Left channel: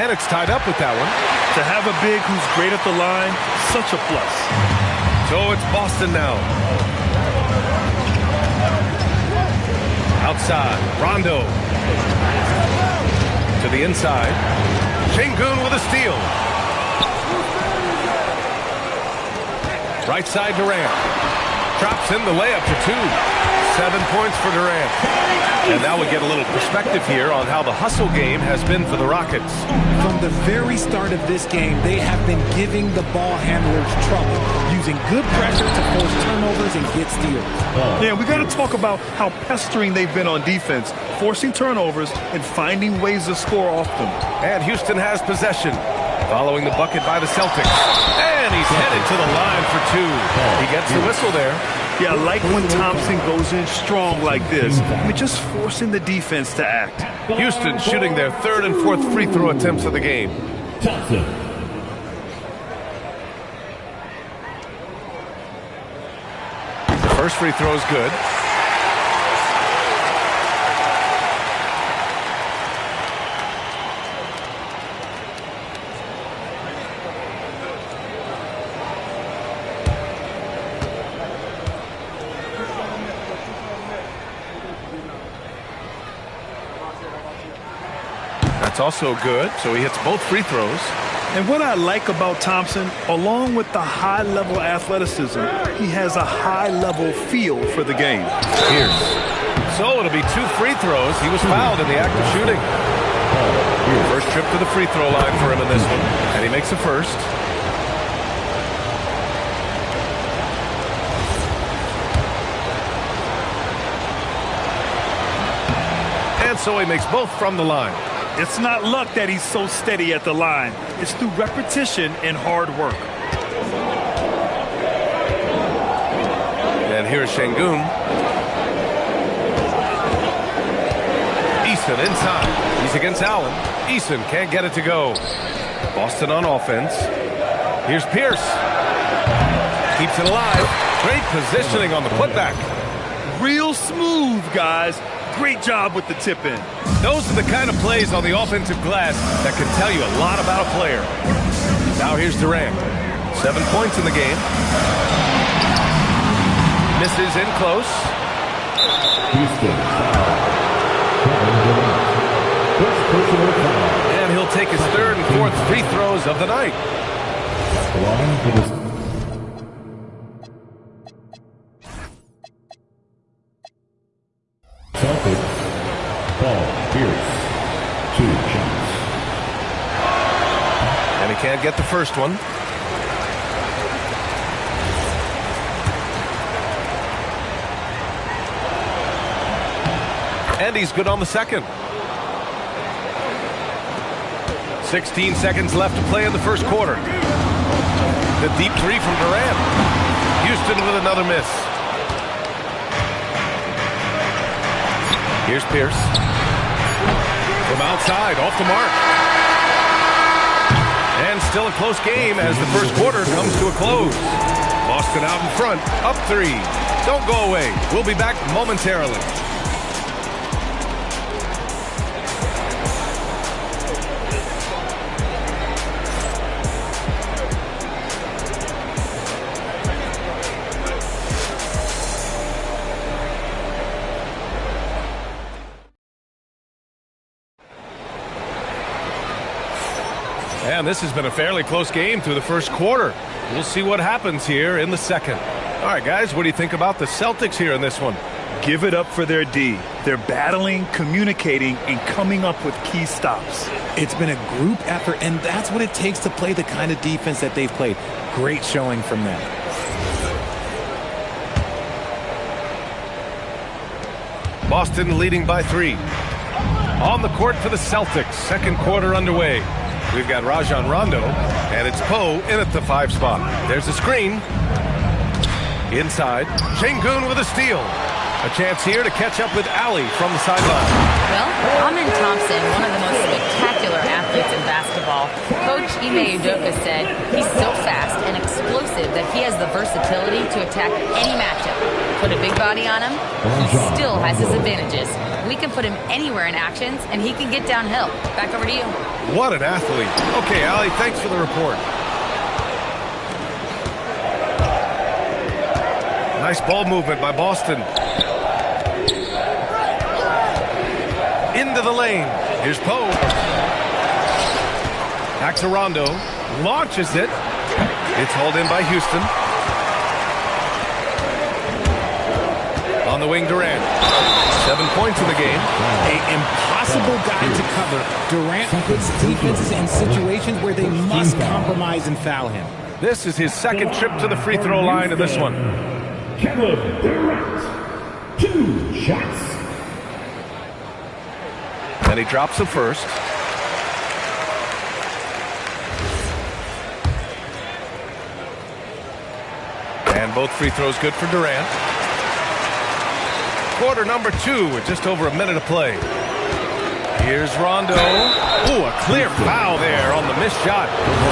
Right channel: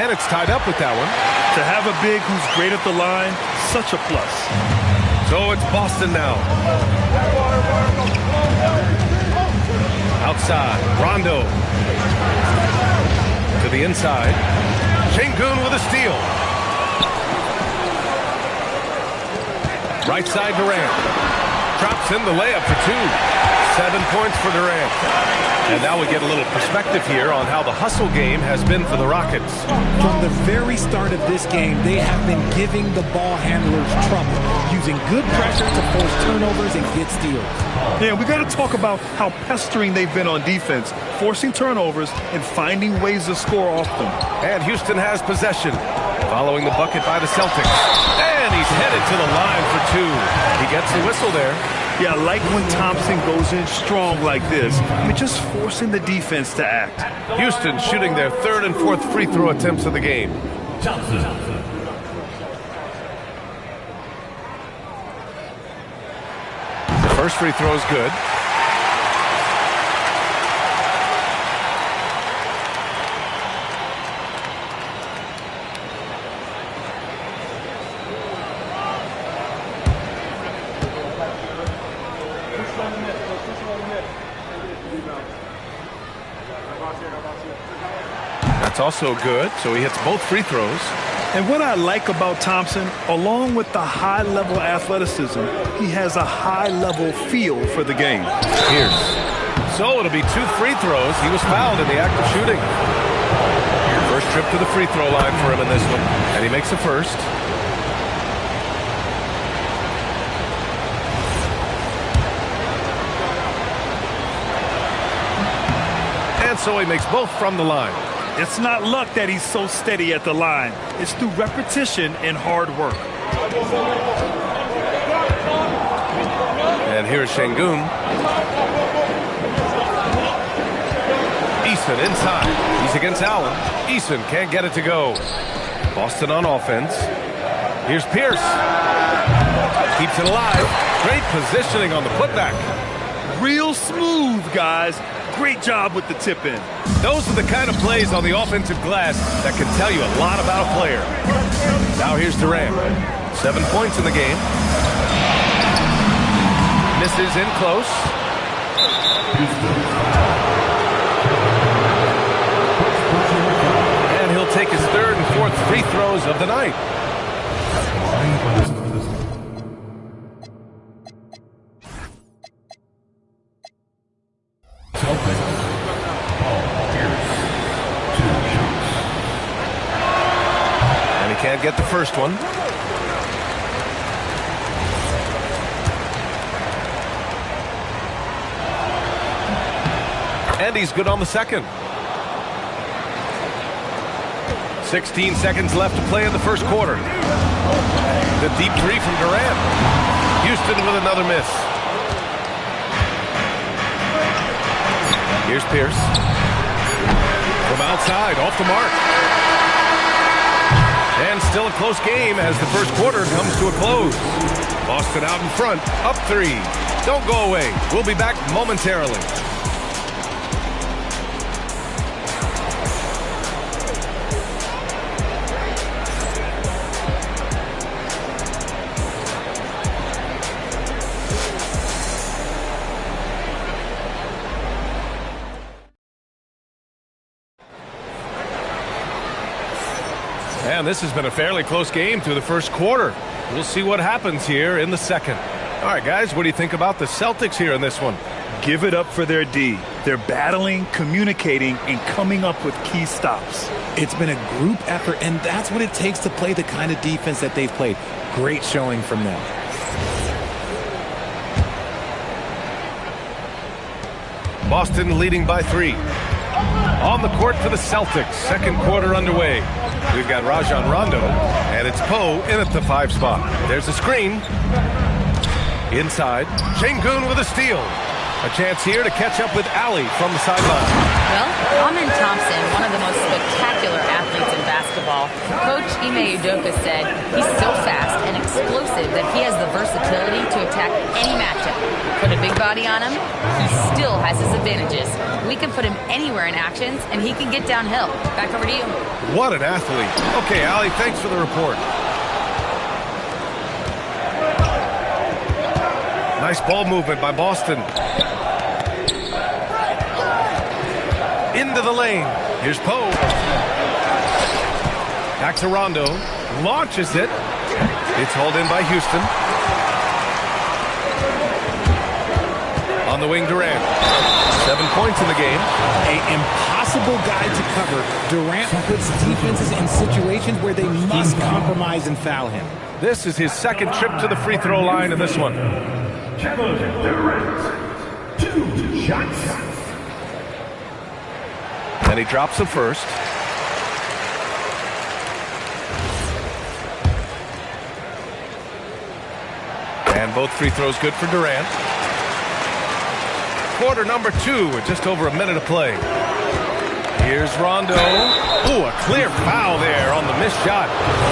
And it's tied up with that one. To have a big who's great at the line, such a plus. So it's Boston now. Outside, Rondo. To the inside. Şengün with a steal. Right side, Durant. Drops in the layup for 2. 7 points for Durant. And now we get a little perspective here on how the hustle game has been for the Rockets. From the very start of this game, they have been giving the ball handlers trouble, using good pressure to force turnovers and get steals. Yeah, we got to talk about how pestering they've been on defense, forcing turnovers and finding ways to score off them. And Houston has possession, following the bucket by the Celtics. And he's headed to the line for 2. He gets the whistle there. Yeah, I like when Thompson goes in strong like this. I mean, just forcing the defense to act. Houston shooting their 3rd and 4th free throw attempts of the game. Thompson. The first free throw is good. That's also good, so he hits both free throws. And what I like about Thompson, along with the high-level athleticism, he has a high-level feel for the game. Pierce. So it'll be 2 free throws. He was fouled in the act of shooting. First trip to the free throw line for him in this one, and he makes the first. And so he makes both from the line. It's not luck that he's so steady at the line. It's through repetition and hard work. And here's Şengün. Eason inside. He's against Allen. Eason can't get it to go. Boston on offense. Here's Pierce. Keeps it alive. Great positioning on the putback. Real smooth, guys. Great job with the tip in. Those are the kind of plays on the offensive glass that can tell you a lot about a player. Now here's Durant. 7 points in the game. Misses in close. And he'll take his 3rd and 4th free throws of the night. Celtics, ball, Pierce, 2 shots. And he can't get the first one. And he's good on the second. 16 seconds left to play in the first quarter. The deep 3 from Durant. Houston with another miss. Here's Pierce. From outside, off the mark. And still a close game as the first quarter comes to a close. Boston out in front, up 3. Don't go away. We'll be back momentarily. And this has been a fairly close game through the first quarter. We'll see what happens here in the second. All right, guys, what do you think about the Celtics here in this one? Give it up for their D. They're battling, communicating, and coming up with key stops. It's been a group effort, and that's what it takes to play the kind of defense that they've played. Great showing from them. Boston leading by 3. On the court for the Celtics. Second quarter underway. We've got Rajon Rondo, and it's Poe in at the 5 spot. There's a screen. Inside, Şengün with a steal. A chance here to catch up with Ali from the sideline. Well, Amin Thompson, one of the most spectacular athletes in basketball. Coach Ime Udoka said he's so fast and explosive that he has the versatility to attack any matchup. Put a big body on him, he still has his advantages. We can put him anywhere in actions, and he can get downhill. Back over to you. What an athlete. Okay, Allie, thanks for the report. Nice ball movement by Boston. Into the lane. Here's Poe. Back to Rondo. Launches it. It's hauled in by Houston. On the wing, Durant. 7 points in the game. An impossible guy to cover. Durant puts defenses in situations where they must compromise and foul him. This is his second trip to the free throw line in this one. Kevin Durant. 2 shots. And he drops the first. And both free throws good for Durant. Quarter number 2 with just over a minute of play. Here's Rondo. Ooh, a clear foul there on the missed shot.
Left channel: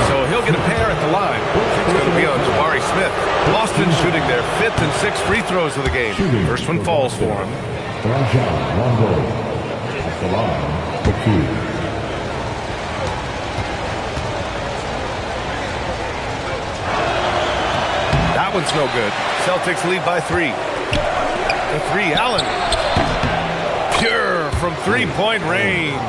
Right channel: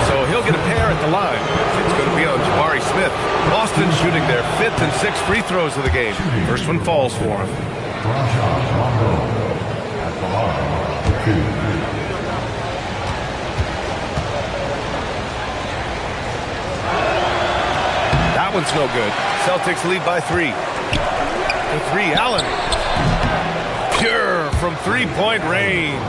So he'll get a pair at the line. It's going to be on Jabari Smith. Boston shooting their 5th and 6th free throws of the game. First one falls for him. Rondo at the line for 2. That one's no good. Celtics lead by 3. The 3, Allen. Pure from three-point range.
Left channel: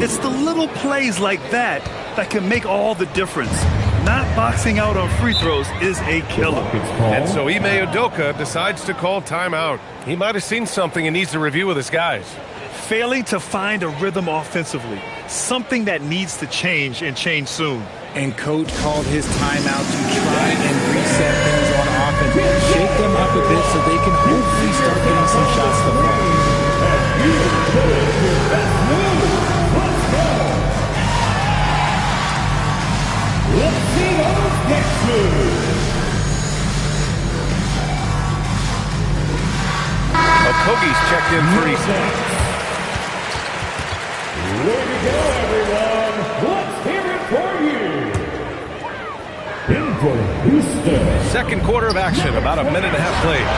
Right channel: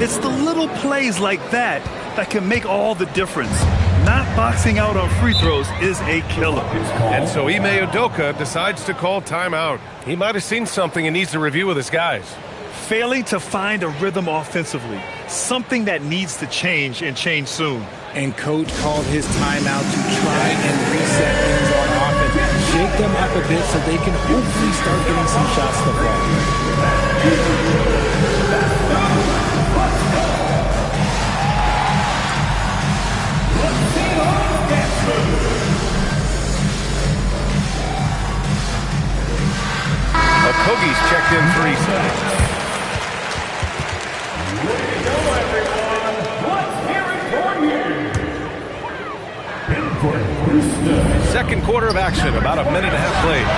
It's the little plays like that that can make all the difference. Not boxing out on free throws is a killer. And so Ime Udoka decides to call timeout. He might have seen something and needs to review with his guys. Failing to find a rhythm offensively. Something that needs to change and change soon. And coach called his timeout to try and reset things on offense. Shake them up a bit so they can hopefully start getting some shots to fall. Okogie's checked in for Easton. Way to go, everyone. Let's hear it for you. In for Houston. Second quarter of action, about a minute and a half played.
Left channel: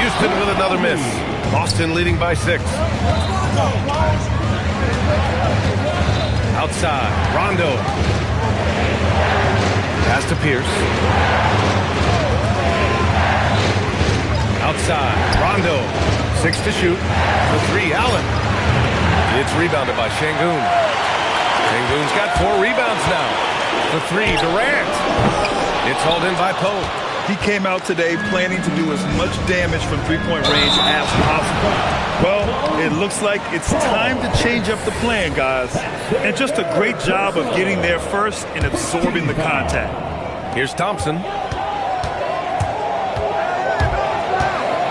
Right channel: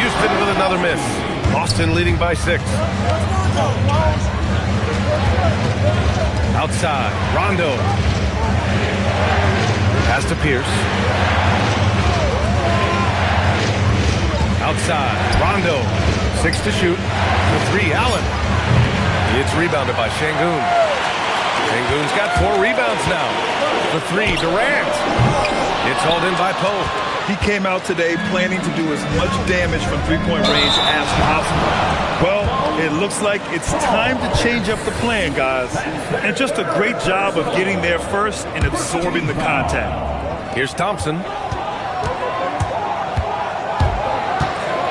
Houston with another miss. Boston leading by 6. Outside, Rondo. Pass to Pierce. Outside, Rondo. 6 to shoot. The 3, Allen. It's rebounded by Şengün. Şengün's got 4 rebounds now. The 3, Durant. It's hauled in by Poe. He came out today planning to do as much damage from three-point range as possible. Well, it looks like it's time to change up the plan, guys. And just a great job of getting there first and absorbing the contact. Here's Thompson.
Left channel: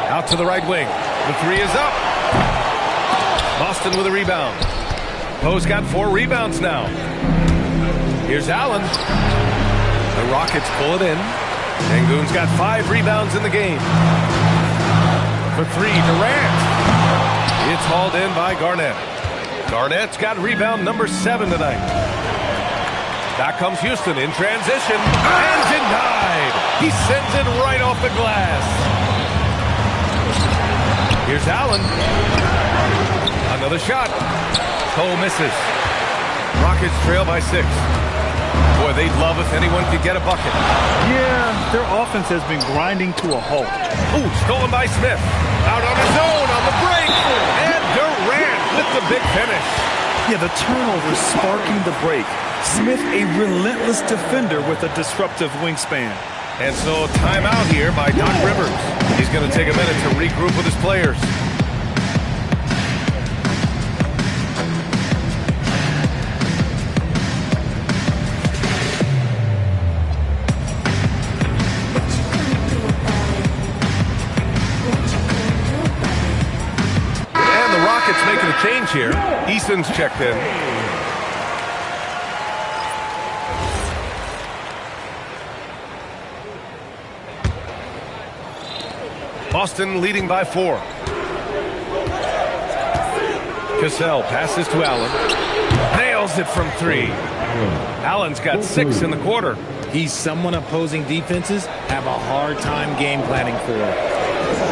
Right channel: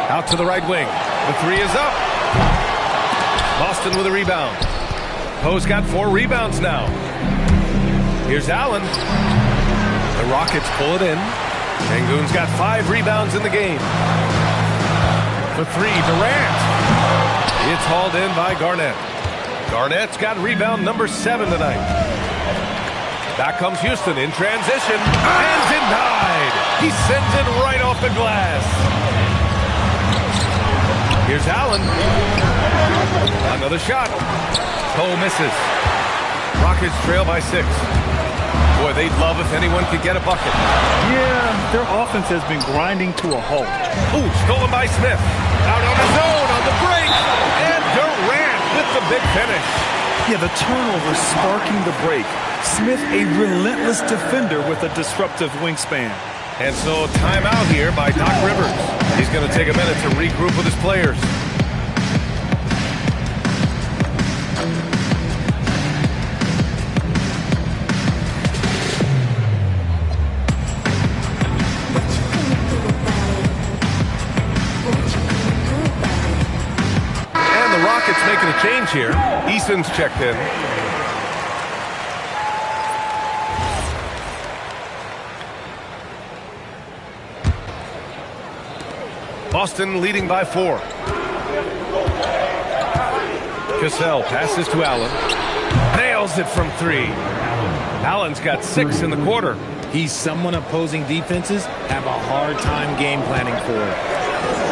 Out to the right wing. The 3 is up. Boston with a rebound. Poe's got 4 rebounds now. Here's Allen. The Rockets pull it in. Şengün's got 5 rebounds in the game. For 3, Durant. It's hauled in by Garnett. Garnett's got rebound number 7 tonight. Back comes Houston in transition. And denied. He sends it right off the glass. Here's Allen. Another shot. Poe misses. Rockets trail by 6. Boy, they'd love if anyone could get a bucket. Yeah, their offense has been grinding to a halt. Ooh, stolen by Smith. Out on his own on the break. And Durant with the big finish. Yeah, the turnover sparking the break. Smith, a relentless defender with a disruptive wingspan. And so timeout here by Doc Rivers. He's going to take a minute to regroup with his players. And the Rockets making a change here. Easton's checked in. Boston leading by 4. Cassell passes to Allen. Nails it from 3. Allen's got 6 in the quarter. He's someone opposing defenses have a hard time game planning for.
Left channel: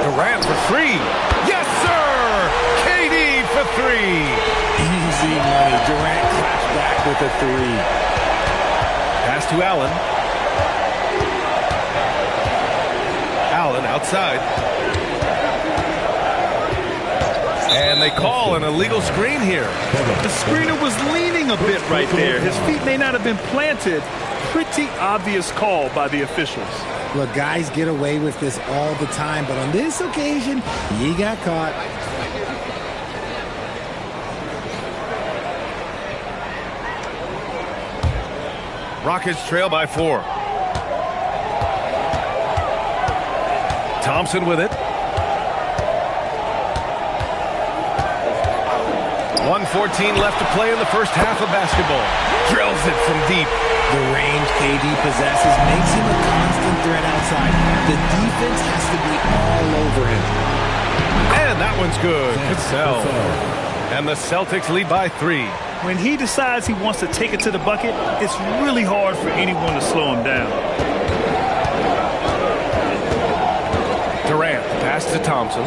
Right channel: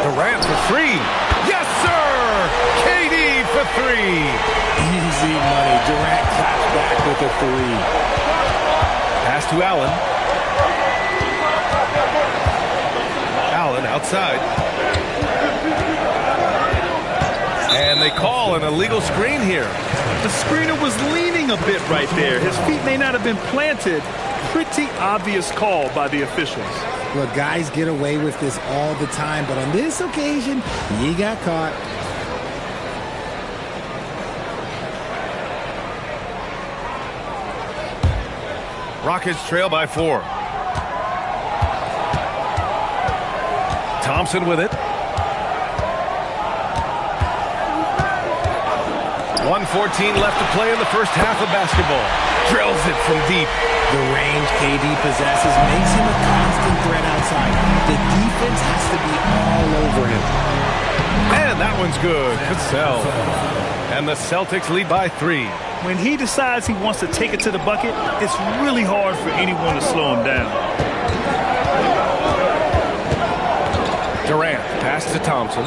Durant for three. Yes, sir! KD for three. Easy money. Durant claps back with a three. Pass to Allen. Allen outside. And they call an illegal screen here. The screener was leaning a bit right there. His feet may not have been planted. Pretty obvious call by the officials. Look, guys get away with this all the time, but on this occasion, he got caught. Rockets trail by 4. Thompson with it. 1:14 left to play in the first half of basketball. Drills it from deep. The range KD possesses makes him a constant threat outside. The defense has to be all over him. And that one's good. Cassell. And the Celtics lead by 3. When he decides he wants to take it to the bucket, it's really hard for anyone to slow him down. Durant, pass to Thompson.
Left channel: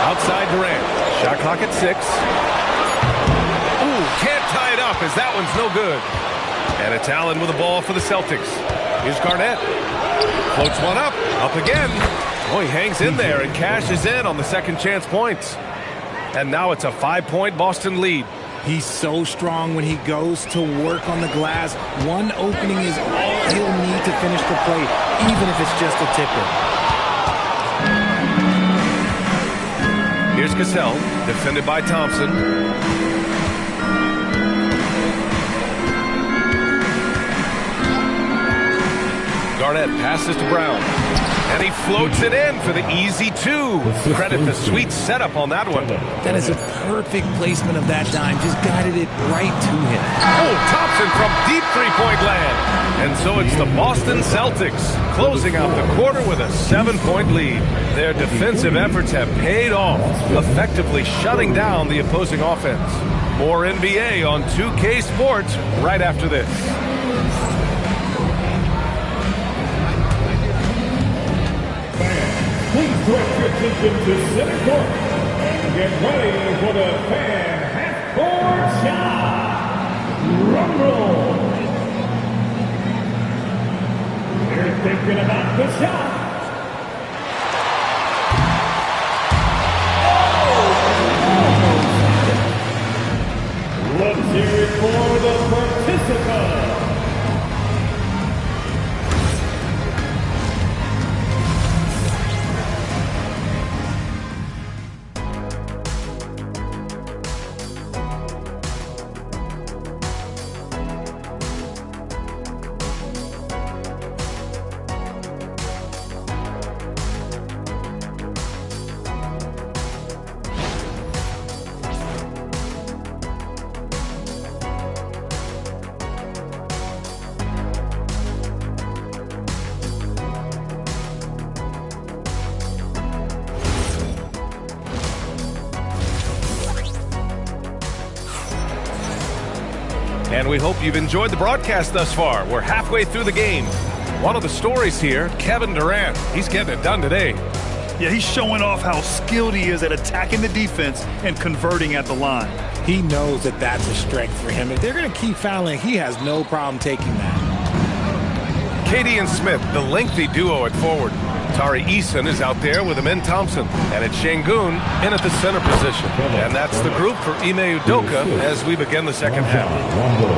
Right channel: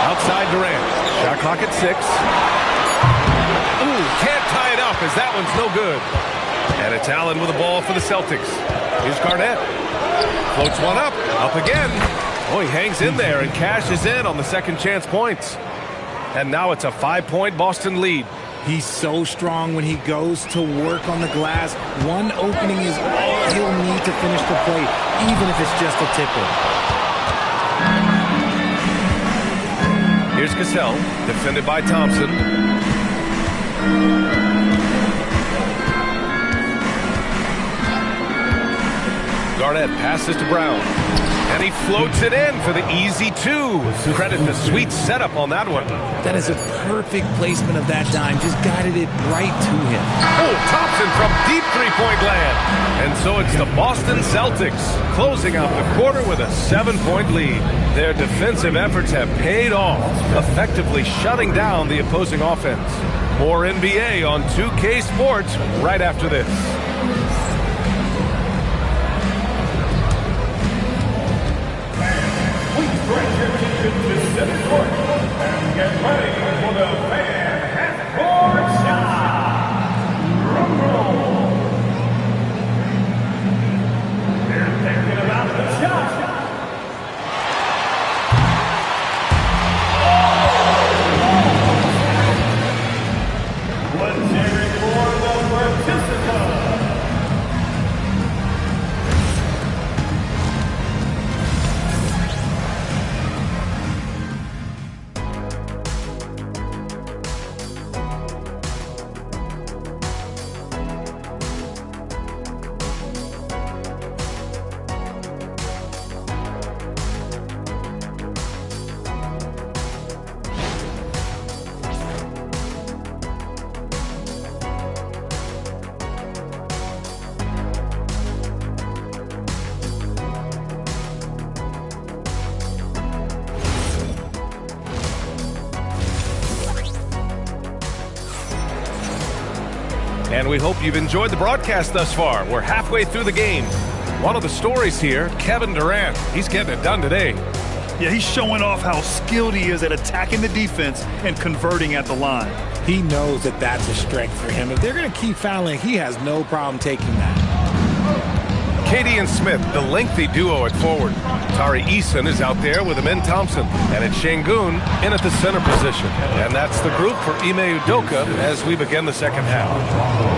Outside Durant. Shot clock at 6. Ooh, can't tie it up as that one's no good. And it's Allen with the ball for the Celtics. Here's Garnett. Floats one up. Up again. Oh, he hangs in there and cashes in on the second chance points. And now it's a 5-point Boston lead. He's so strong when he goes to work on the glass. One opening is all he'll need to finish the play, even if it's just a tip-in. Here's Cassell, defended by Thompson. Garnett passes to Brown. And he floats it in for the easy 2. Credit the sweet setup on that one. That is a perfect placement of that dime. Just guided it right to him. Oh, Thompson from deep three-point land. And so it's the Boston Celtics closing out the quarter with a 7-point lead. Their defensive efforts have paid off, effectively shutting down the opposing offense. More NBA on 2K Sports right after this. Please direct your attention to center court and get ready for the fan half-court shot. Rumble. They're thinking about the shot. Let's hear it for the participant. And we hope you've enjoyed the broadcast thus far. We're halfway through the game. One of the stories here, Kevin Durant. He's getting it done today. Yeah, he's showing off how skilled he is at attacking the defense and converting at the line. He knows that that's a strength for him. If they're going to keep fouling, he has no problem taking that. KD and Smith, the lengthy duo at forward. Tari Eason is out there with Amin Thompson. And it's Şengün in at the center position. And that's the group for Ime Udoka as we begin the second half.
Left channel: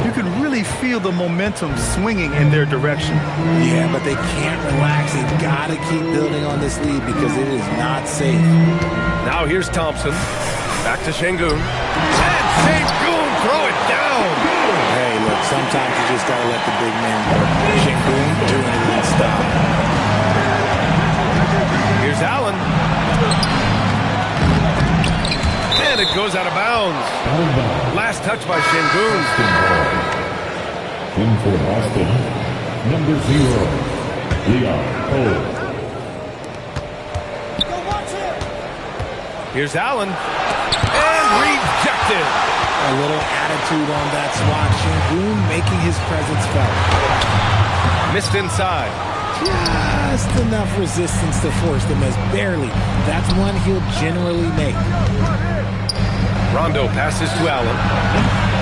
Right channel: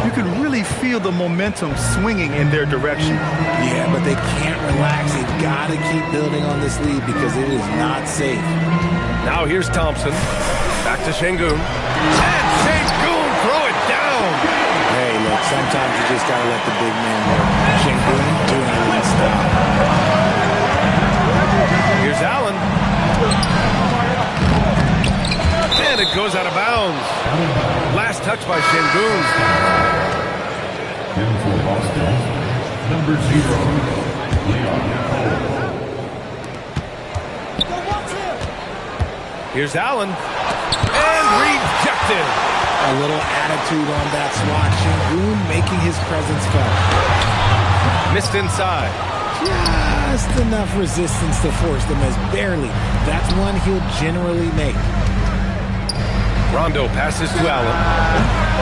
You can really feel the momentum swinging in their direction. Yeah, but they can't relax. They've got to keep building on this lead because it is not safe. Now here's Thompson. Back to Şengün. And Şengün throw it down. Hey, look, sometimes you just got to let the big man work. Şengün doing it in style. Here's Allen. And it goes out of bounds. Last touch by Şengün. In for Boston, number 0, Leon Cole. Here's Allen. And rejected. A little attitude on that swat. Şengün making his presence felt. Missed inside. just enough resistance to force them as barely. That's one he'll generally make. Rondo passes to Allen.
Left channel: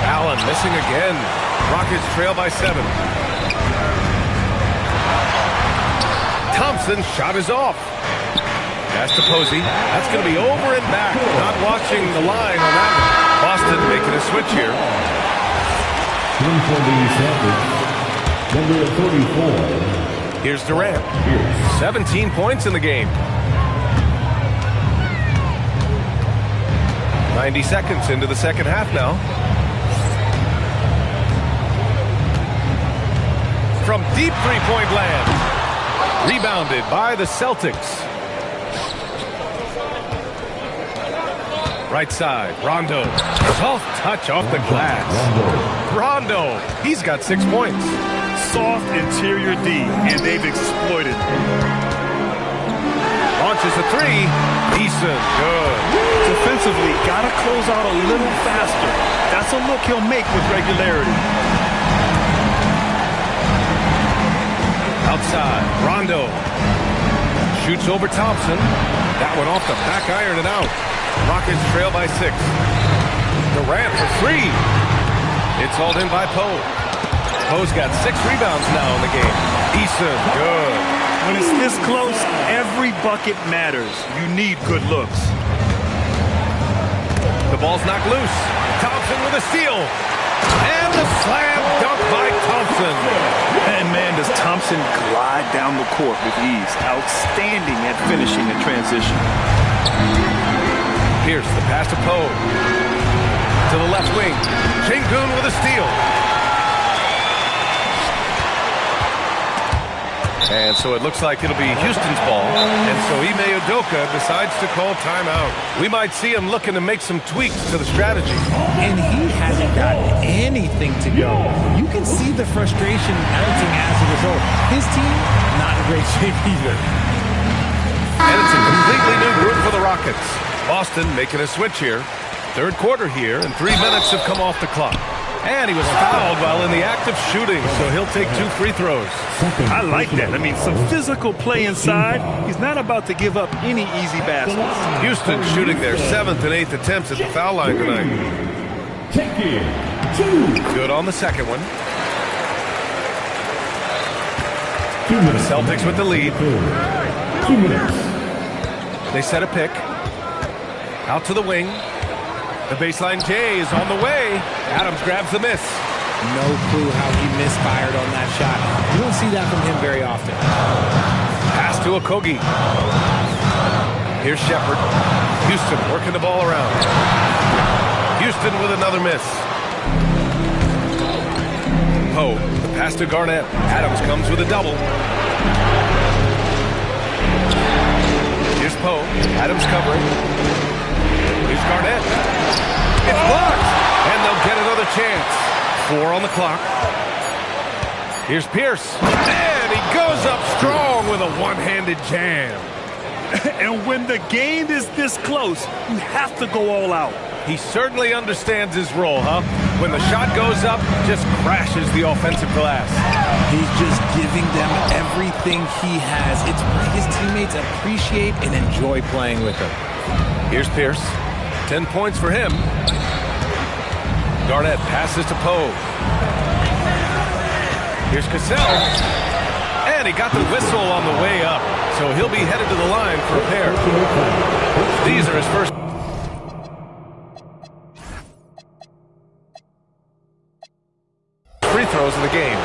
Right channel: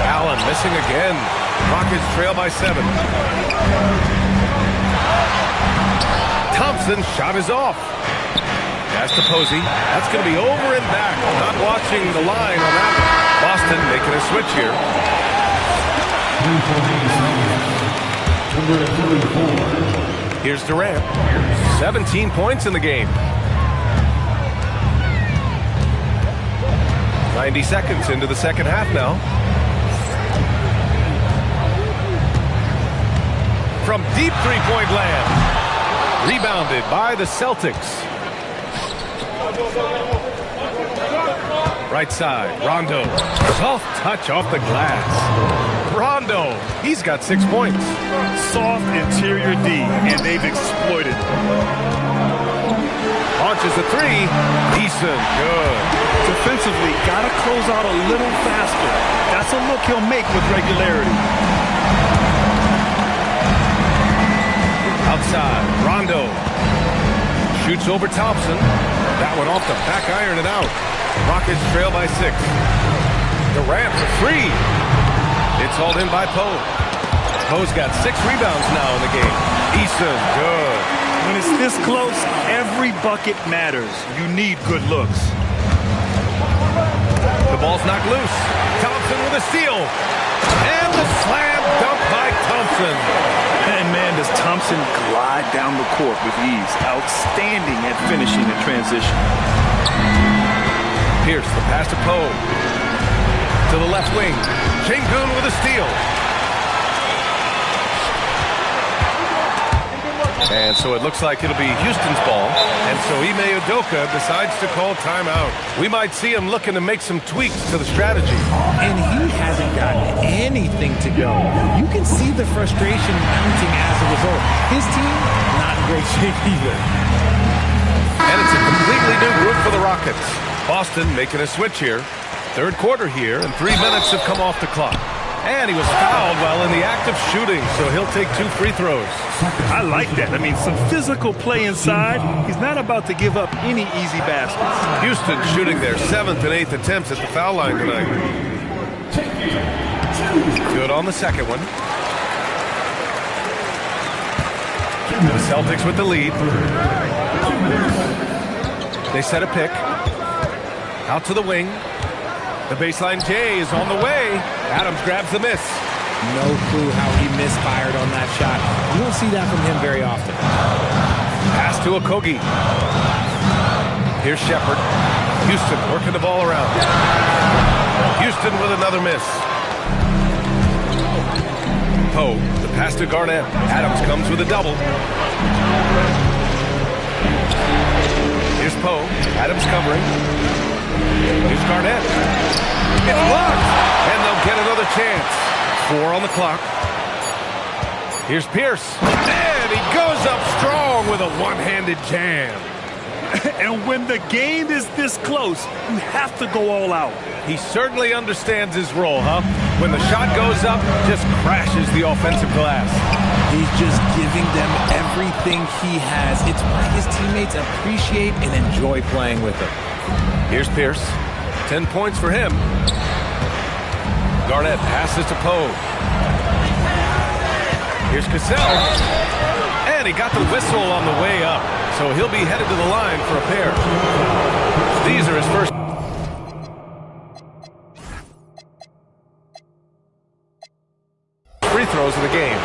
Allen missing again. Rockets trail by 7. Thompson's shot is off. Pass to Posey. That's going to be over and back. Not watching the line on that one. Boston making a switch here. 34. Here's Durant. 17 points in the game. 90 seconds into the second half now. From deep three-point land. Rebounded by the Celtics. Right side, Rondo. Soft touch off the glass. Rondo, he's got 6 points. Soft interior D, and they've exploited it. Launches a 3. Decent, good. Defensively, got to close out a little faster. That's a look he'll make with regularity. Outside, Rondo. Shoots over Thompson. That one off the back iron and out. Rockets trail by 6. Durant for 3. It's hauled in by Poe. Poe's got 6 rebounds now in the game. Decent, good. When it's this close, every bucket matters. You need good looks. The ball's knocked loose. Thompson with a steal. And the slam dunk by Thompson. And man, does Thompson glide down the court with ease. Outstanding at finishing in transition. Pierce, the pass to Poe. To the left wing. Şengün with a steal. And so it looks like it'll be Houston's ball. And so Ime Udoka decides to call timeout. We might see him looking to make some tweaks to the strategy. And he hasn't gotten anything to go. You can see the frustration mounting as a result. His team, not in great shape either. And it's a completely new group for the Rockets. Boston making a switch here. Third quarter here, and 3 minutes have come off the clock. And he was fouled while in the act of shooting, so he'll take 2 free throws. I like that. I mean, some physical play inside. He's not about to give up any easy baskets. Houston shooting their 7th and 8th attempts at the foul line tonight. Good on the second one. The Celtics with the lead. 2 minutes. They set a pick. Out to the wing. The baseline J is on the way. Adams grabs the miss. No clue how he misfired on that shot. You don't see that from him very often. Pass to Okogie. Here's Shepherd. Houston working the ball around. Houston with another miss. Poe, the pass to Garnett. Adams comes with a double. Here's Poe. Adams covering. Here's Garnett. It's blocked. And they'll get another chance. 4 on the clock. Here's Pierce. And he goes up strong with a one-handed jam. And when the game is this close, you have to go all out. He certainly understands his role, huh? When the shot goes up, just crashes the offensive glass. He's just giving them everything he has. It's why his teammates appreciate and enjoy playing with him. Here's Pierce. 10 points for him. Garnett passes to Poe. Here's Cassell. And he got the whistle on the way up. So he'll be headed to the line for a pair. These are his first. Free throws of the game.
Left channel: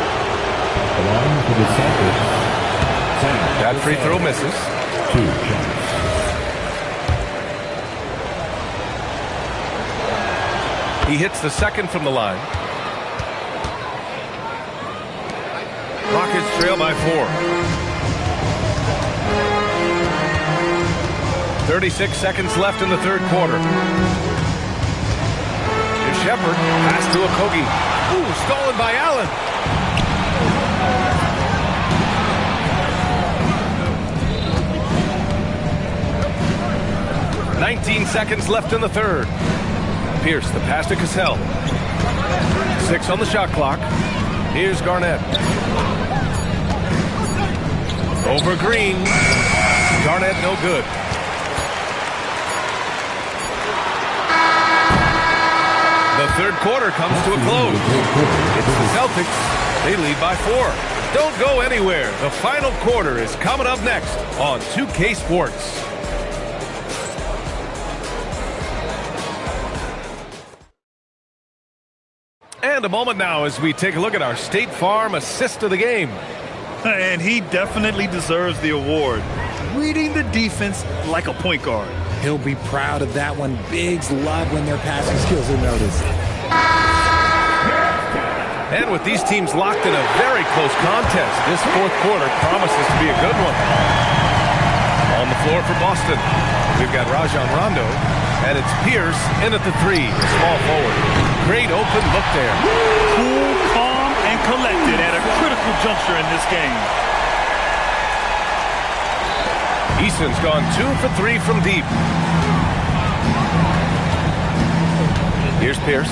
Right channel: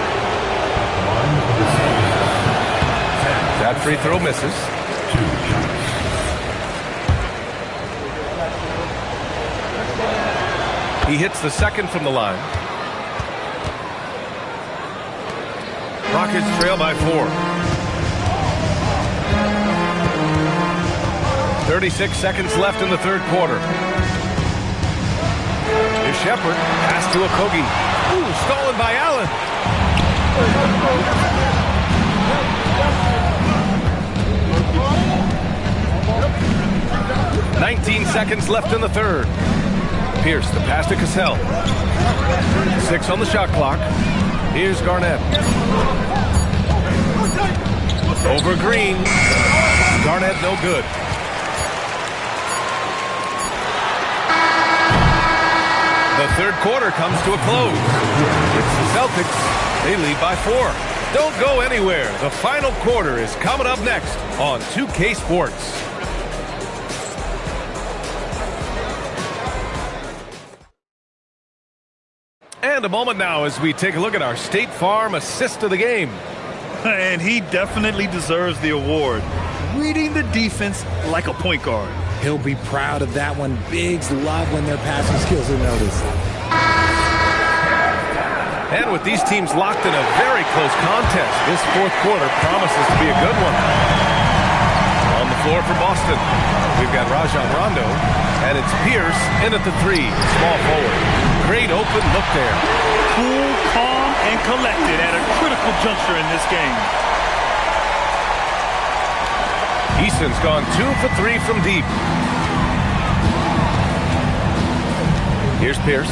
That free throw misses. 2 shots. He hits the second from the line. Rockets trail by 4. 36 seconds left in the third quarter. Here's Shepherd. Pass to Okogie. Ooh, stolen by Allen. $19 seconds left in the third. Pierce, the pass to Cassell. 6 on the shot clock. Here's Garnett. Over Green. Garnett no good. The third quarter comes to a close. It's the Celtics. They lead by 4. Don't go anywhere. The final quarter is coming up next on 2K Sports. And a moment now as we take a look at our State Farm assist of the game. And he definitely deserves the award. Reading the defense like a point guard. He'll be proud of that one. Bigs love when their passing skills are noticed. And with these teams locked in a very close contest, this fourth quarter promises to be a good one. On the floor for Boston, we've got Rajon Rondo, and it's Pierce in at the 3, small forward. Great open look there. Cool, calm, and collected at a critical juncture in this game. Eason's gone 2 for 3 from deep. Here's Pierce.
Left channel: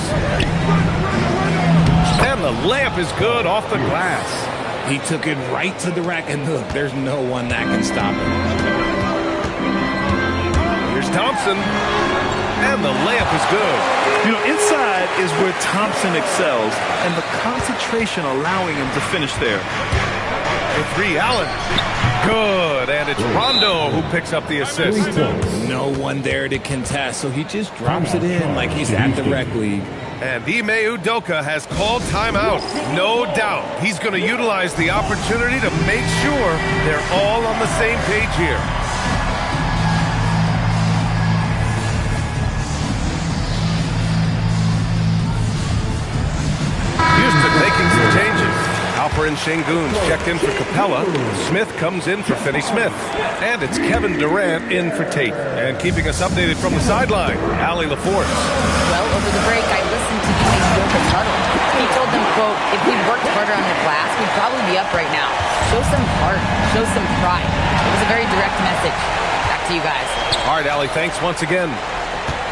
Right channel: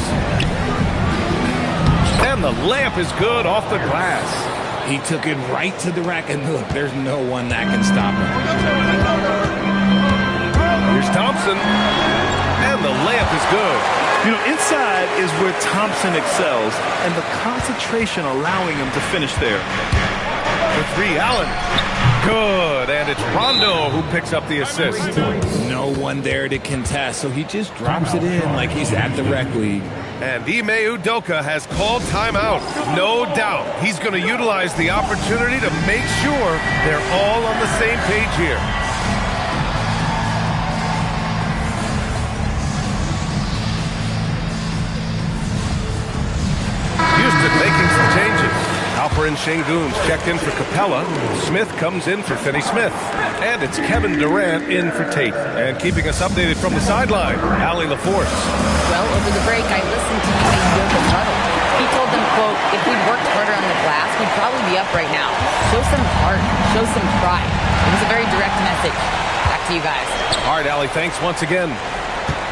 And the layup is good off the glass. He took it right to the rack, and look, there's no one that can stop him. Here's Thompson. And the layup is good. You know, inside is where Thompson excels, and the concentration allowing him to finish there. For 3, Allen. Good, and it's Rondo who picks up the assist. No one there to contest, so he just drops it in like he's at the rec league. And Ime Udoka has called timeout. No doubt he's going to utilize the opportunity to make sure they're all on the same page here. Houston making some changes. Alper and Şengün's checked in for Capella. Smith comes in for Finney-Smith. And it's Kevin Durant in for Tate. And keeping us updated from the sideline, Allie LaForce. Well, over the break, I listened to Ime Udoka's huddle. He told them, quote, if we'd worked harder on the glass, we'd probably be up right now. Show some heart. Show some pride. It was a very direct message. Back to you guys. All right, Allie, thanks once again.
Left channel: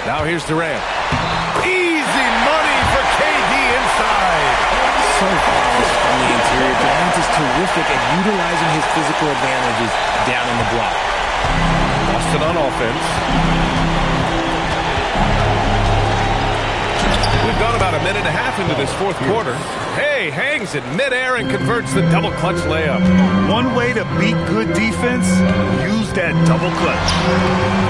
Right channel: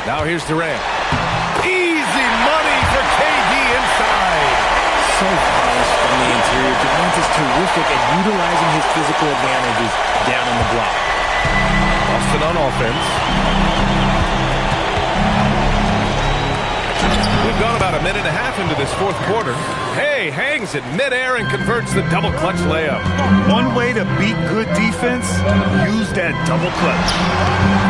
Now here's Durant. Easy money for KD inside. So polished from the interior. Durant is terrific at utilizing his physical advantages down on the block. Boston on offense. We've gone about a minute and a half into this fourth quarter. Hey, hangs it midair and converts the double clutch layup. One way to beat good defense, use that double clutch.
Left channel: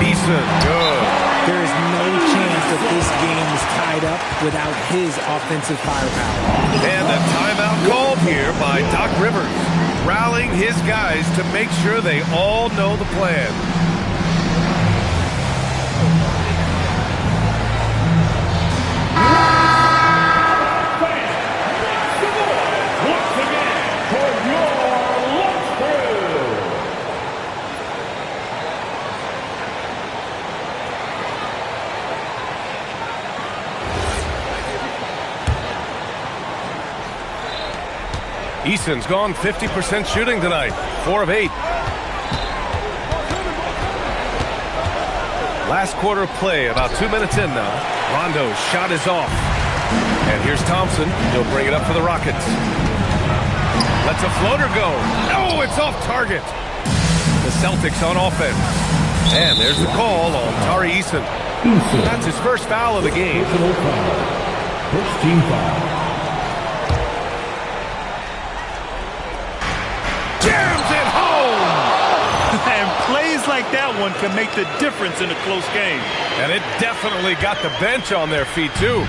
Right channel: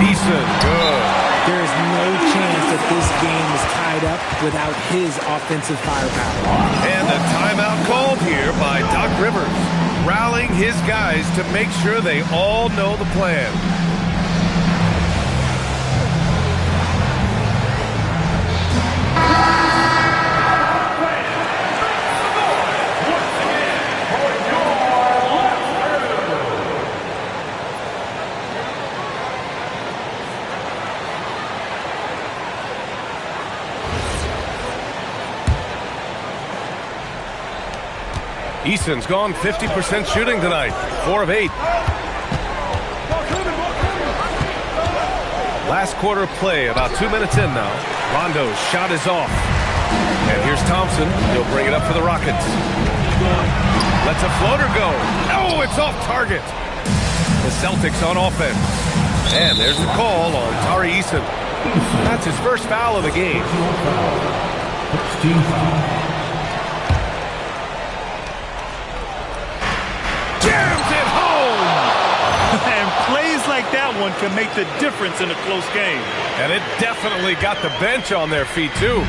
Eason, good. There is no chance that this game is tied up without his offensive firepower. And a timeout called here by Doc Rivers, rallying his guys to make sure they all know the plan. Eason's gone 50% shooting tonight, 4 of 8. Last quarter of play, about 2 minutes in now. Rondo's shot is off. And here's Thompson. He'll bring it up for the Rockets. Lets a floater go. Oh, it's off target. The Celtics on offense. And there's the call on Tari Eason. That's his first foul of the game. First team foul. Jams it home! And plays like that one can make the difference in a close game. And it definitely got the bench on their feet, too.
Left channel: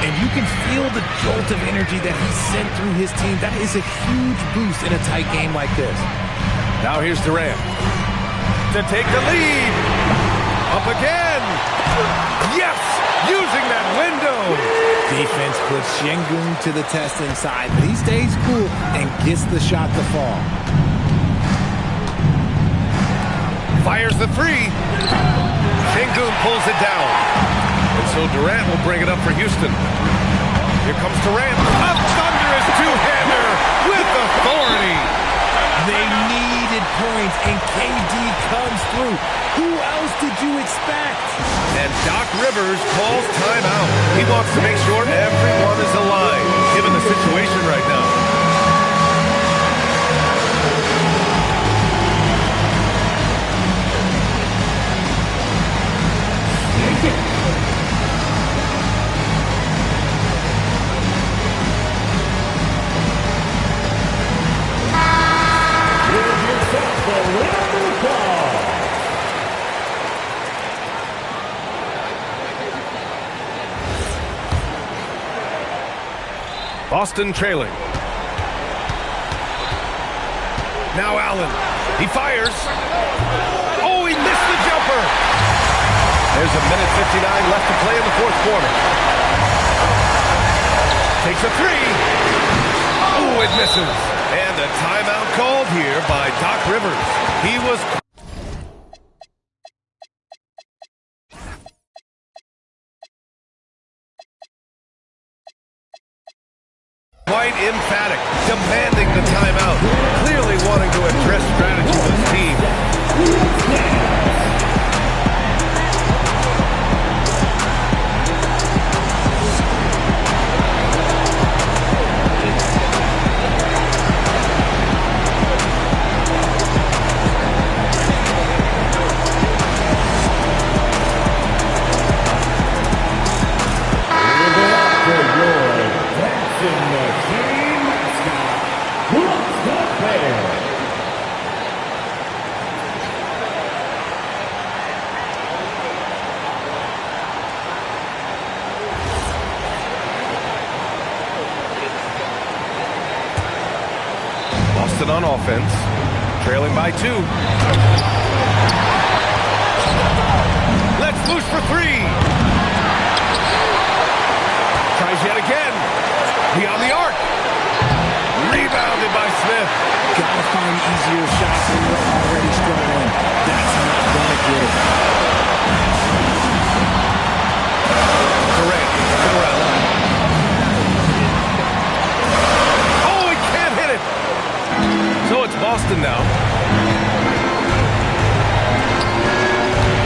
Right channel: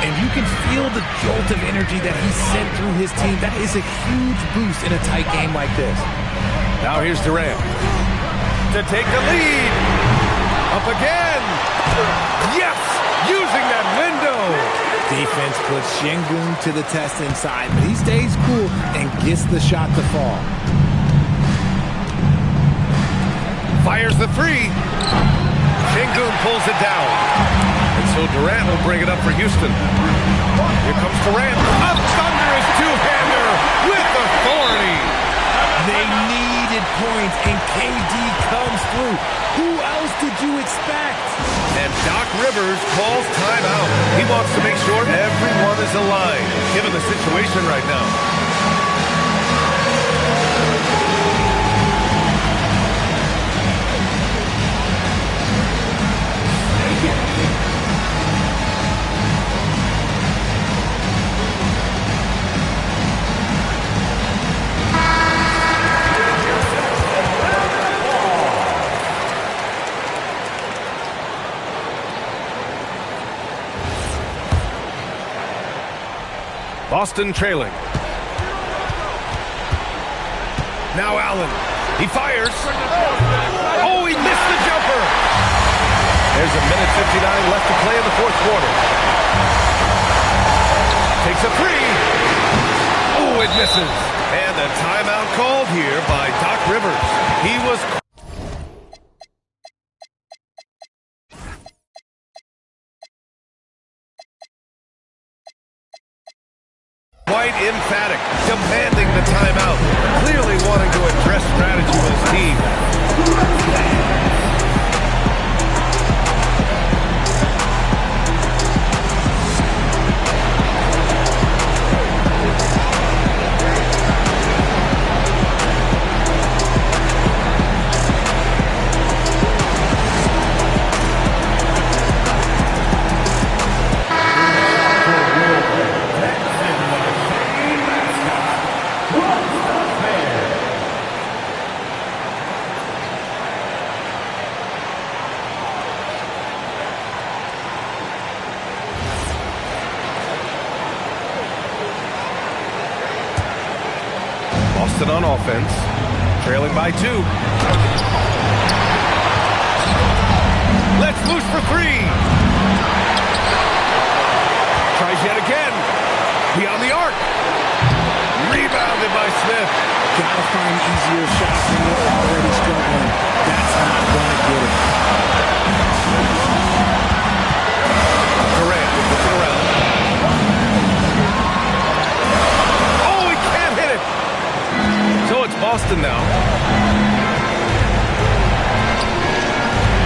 And you can feel the jolt of energy that he sent through his team. That is a huge boost in a tight game like this. Now here's Durant to take the lead. Up again. Yes! Using that window. Defense puts Şengün to the test inside, but he stays cool and gets the shot to fall. Fires the 3. Şengün pulls it down. And so Durant will bring it up for Houston. Here comes Durant. A thunderous two-hander with authority. They needed points, and KD comes through. Who else did you expect? And Doc Rivers calls timeout. He wants to make sure everyone is aligned, given the situation right now. Boston trailing. Now Allen. He fires. Oh, he missed the jumper. There's a minute 59 left to play in the fourth quarter. Takes a three. Oh, it misses. And a timeout called here by Doc Rivers. He was quite emphatic, demanding the timeout, clearly wanting to address strategy with his team. Boston on offense, trailing by 2. Let's loose for 3. Tries yet again. Beyond the arc. Rebounded by Smith. Gotta find easier shots when you're already struggling. That's not gonna get it. Durant looking around. Oh, he can't hit it. So it's Boston now.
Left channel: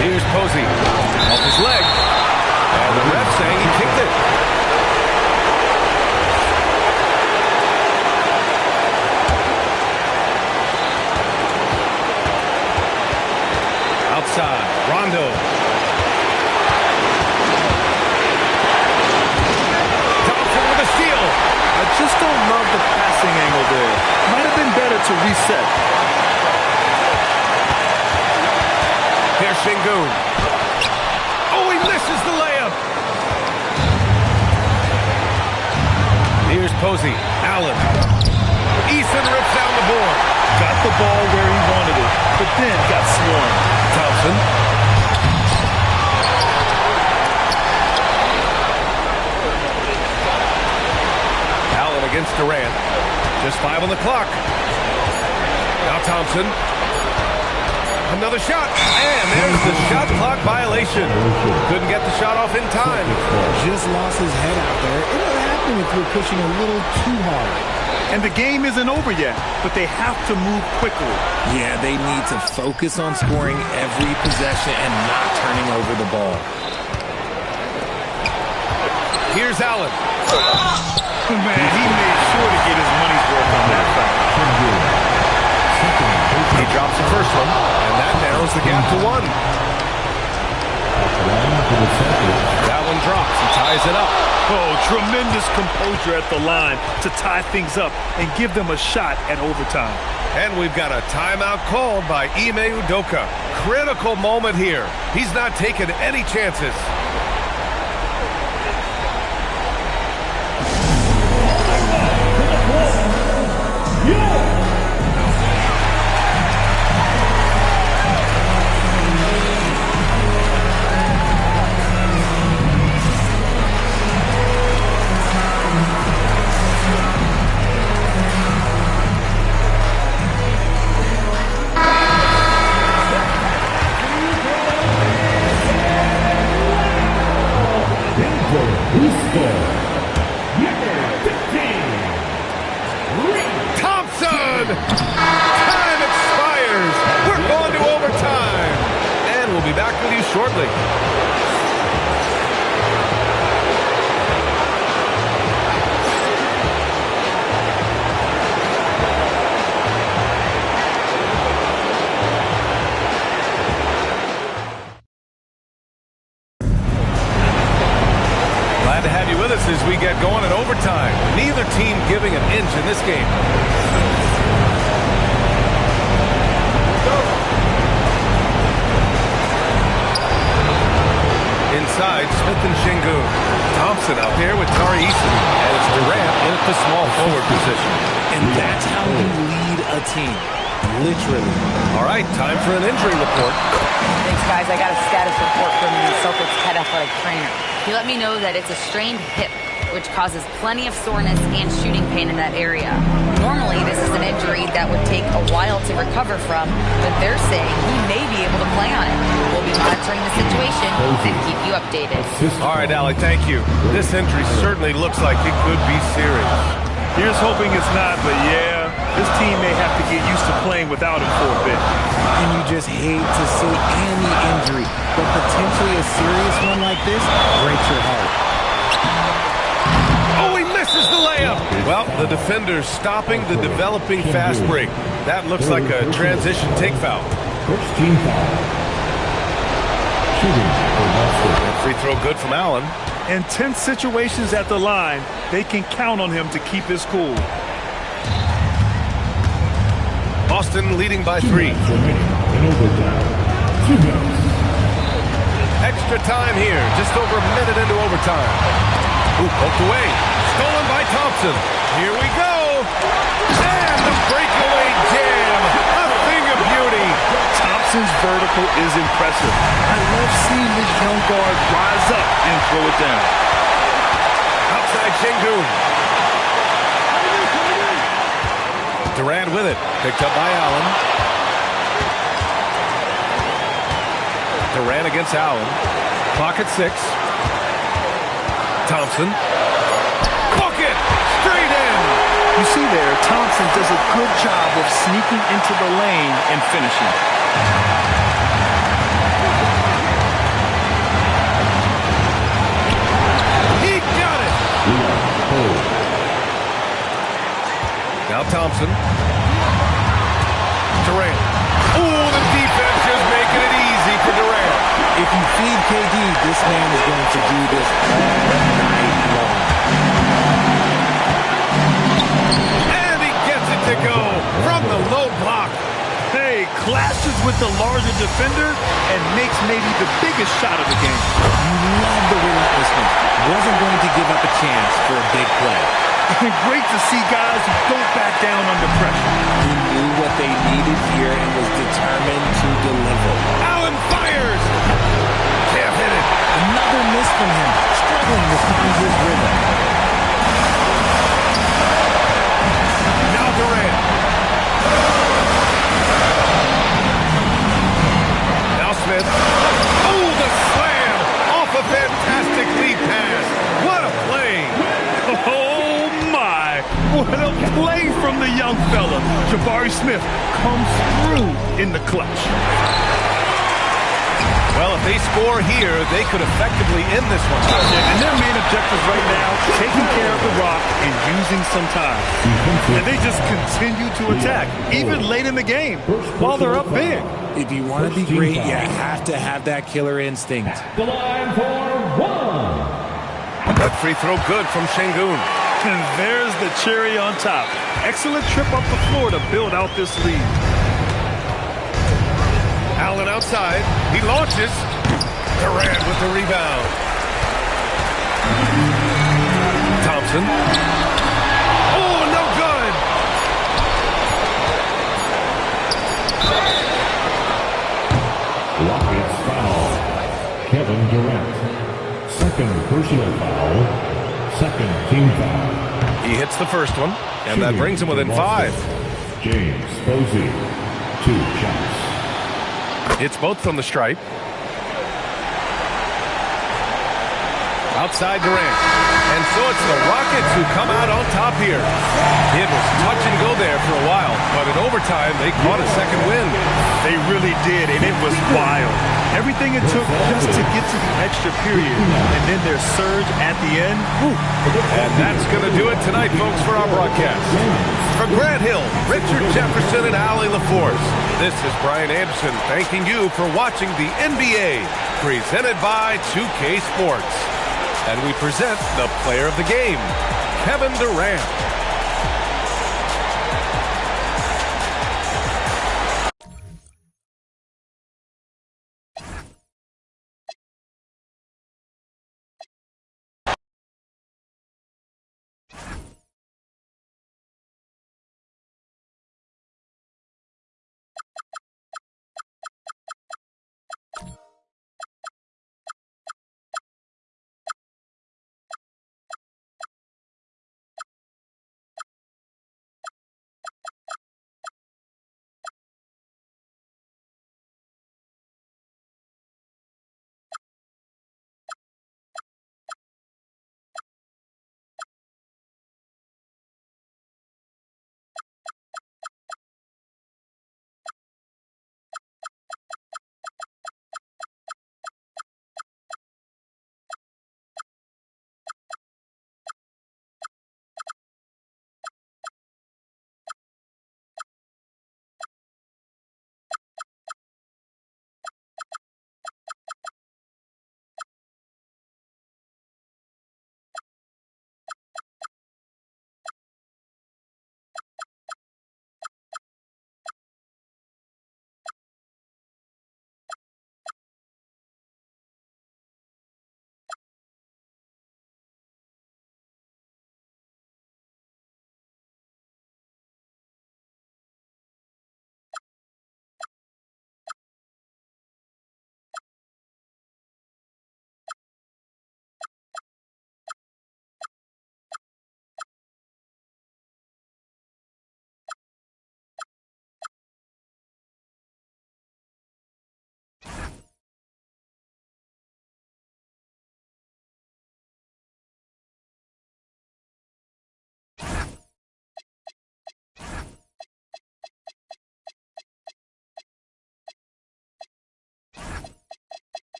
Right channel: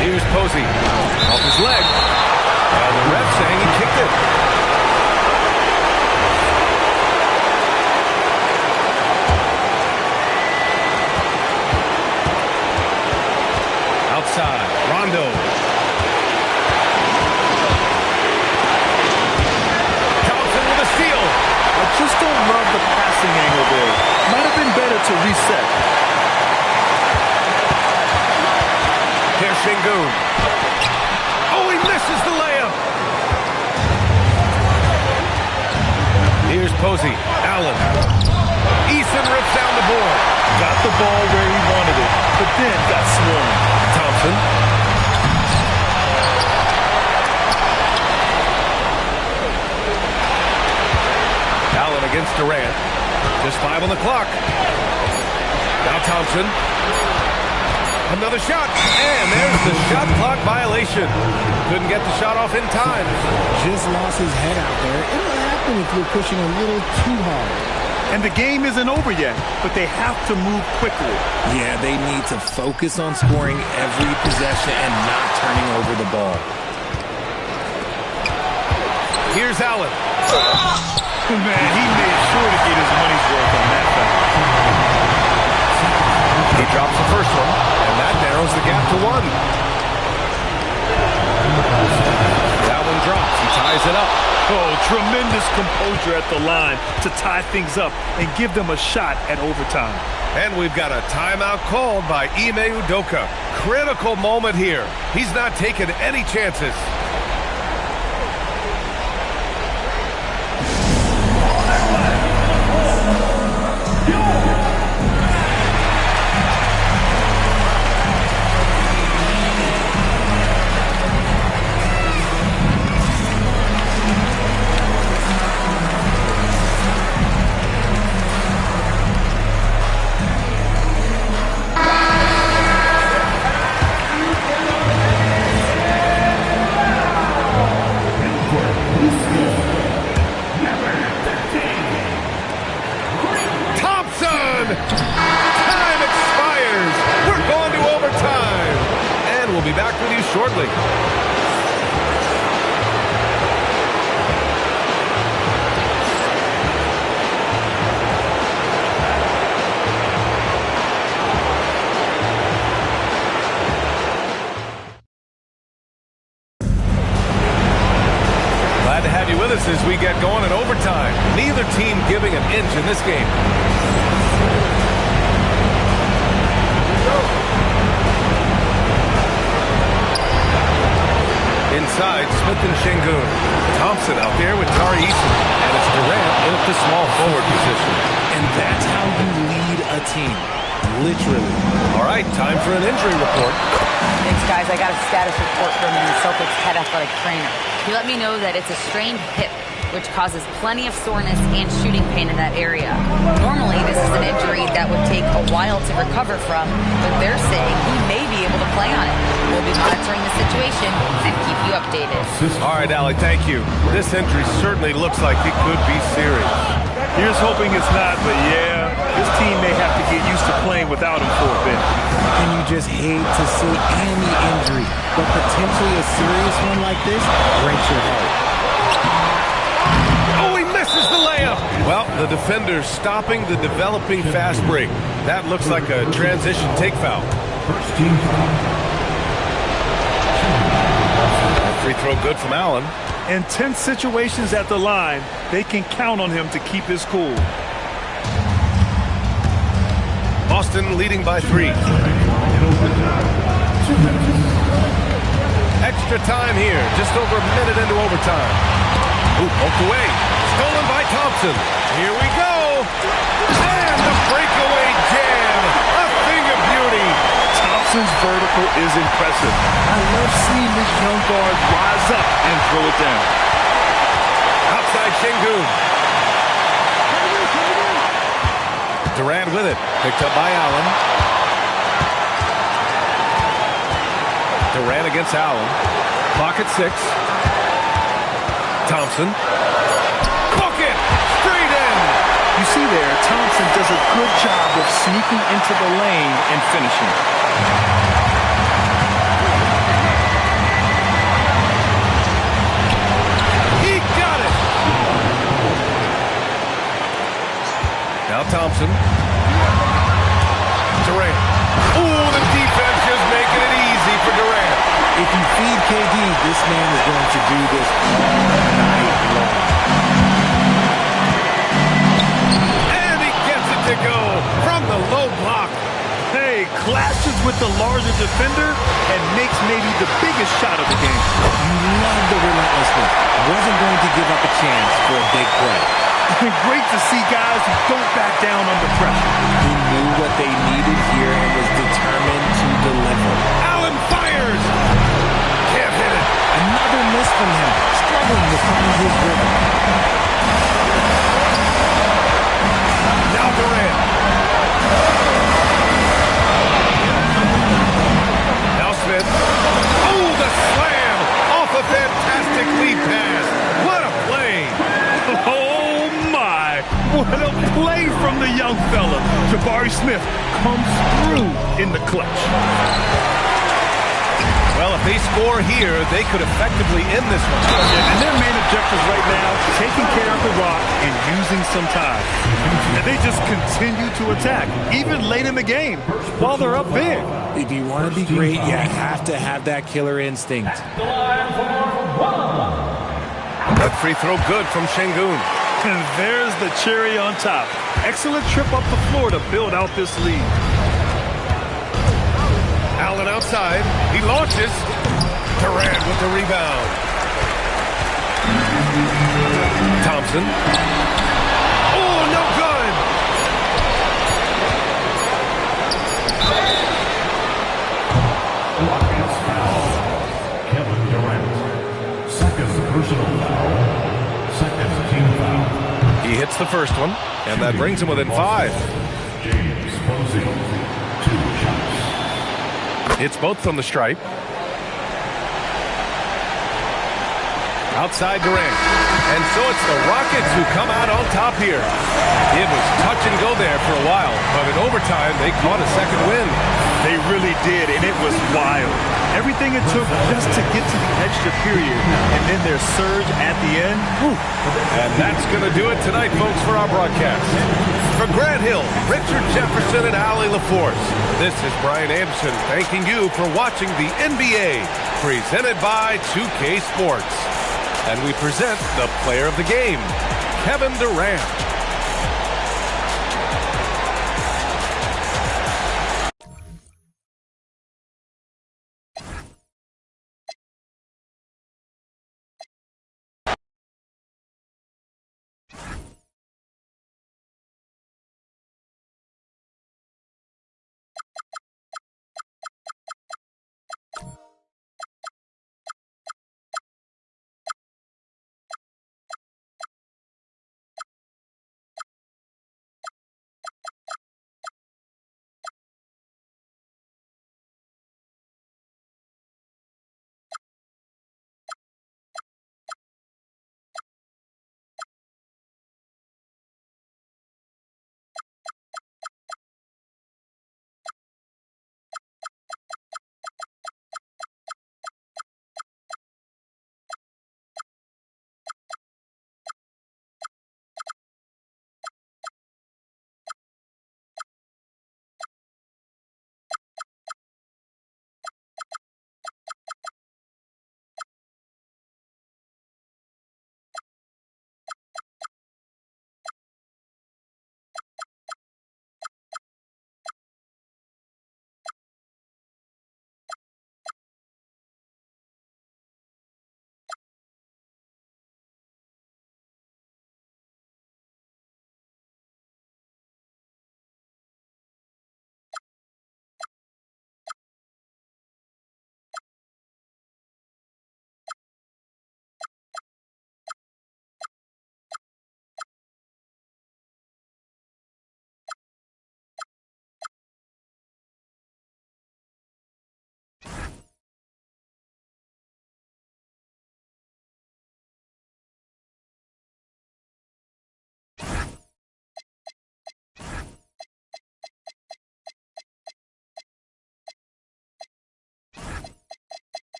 Here's Posey. Off his leg. And the ref saying he kicked it. Outside. Rondo. Thompson with a steal. I just don't love the passing angle there. Might have been better to reset. Here's Şengün. Oh, he misses the layup. Here's Posey. Allen. Eason rips down the board. Got the ball where he wanted it, but then got swarmed. Thompson. Allen against Durant. Just 5 on the clock. Now Thompson. Another shot. And there's the shot clock violation. Couldn't get the shot off in time. Just lost his head out there. It'll happen if you're pushing a little too hard. And the game isn't over yet, but they have to move quickly. Yeah, they need to focus on scoring every possession and not turning over the ball. Here's Allen. Man, he made sure to get his money's worth on that foul. He drops the first one, and that narrows the gap to 1. That one drops. He ties it up. Oh, tremendous composure at the line to tie things up and give them a shot at overtime. And we've got a timeout called by Ime Udoka. Critical moment here. He's not taking any chances. Time expires. We're going to overtime. And we'll be back with you shortly. Glad to have you with us as we get going in overtime. Neither team giving an inch in this game. Inside, Smith and Şengün. Thompson out there with Tari Eason. And it's Durant in at the small forward position. And that's how you lead a team. Literally. All right, time for an injury report. Thanks, guys. I got a status report from the Celtics head athletic trainer. He let me know that it's a strained hip, which causes plenty of soreness and shooting pain in that area. Normally, this is an injury that would take a while to recover from, but they're saying he may be able to play on it. We'll be monitoring the situation and keep you updated. All right, Allie, thank you. This injury certainly looks like it could be serious. Here's hoping it's not, but yeah, this team may have to get used to playing without him for a bit. And you just hate to see any injury, but potentially a serious one like this breaks your heart. Oh, he misses the layup. Well, the defender's stopping the developing fast break. That looks like a transition take foul. First team foul. That free throw good from Allen. In tense situations at the line, they can count on him to keep his cool. Boston leading by 3. Extra time here, just over a minute into overtime. Ooh, poked away. Stolen by Thompson. Here we go. And the breakaway jam. A thing of beauty. Thompson's vertical is impressive. I love seeing this young guard rise up and throw it down. Outside Şengün. Durant with it. Picked up by Allen. Durant against Allen. Clock at 6. Thompson. Bucket! Straight in! You see there, Thompson does a good job of sneaking into the lane and finishing. He got it! Now Thompson. Durant. Oh, the defense just making it easy for Durant. If you feed KD, this man is going to do this all night long. And he gets it to go from the low block. Hey, clashes with the larger defender and makes maybe the biggest shot of the game. You love the relentlessness. Wasn't going to give up a chance for a big play. Great to see guys who don't back down under pressure. He knew what they needed here and was determined to deliver. Allen fires. Can't hit it. Another miss from him, struggling to find his rhythm. Now Durant. Now Smith. Oh, the slam off a fantastic lead pass. What a play. Oh, my. What a play from the young fella. Jabari Smith comes through in the clutch. Well, if they score here, they could effectively end this one. And their main objectives right now, taking care of the rock and using some time. And they just continue to attack, even late in the game, while they're up big. If you want to be great, you have to have that killer instinct. The line for one. That free throw good from Şengün. And there's the cherry on top. Excellent trip up the floor to build out this lead. Allen outside. He launches. Durant with the rebound. Thompson. Oh, no good. Rockets foul. Kevin Durant. Second personal foul. Second team foul. He hits the first one, and that brings him within 5. James Posey. 2 shots. It's both from the stripe. Outside Durant. And so it's the Rockets who come out on top here. It was touch and go there for a while, but in overtime, they caught a second win. They really did, and it was wild. Everything it took just to get to the extra period, and then their surge at the end. Whew. And that's going to do it tonight, folks, for our broadcast. For Grant Hill, Richard Jefferson, and Allie LaForce, this is Brian Anderson thanking you for watching the NBA, presented by 2K Sports. And we present the player of the game, Kevin Durant.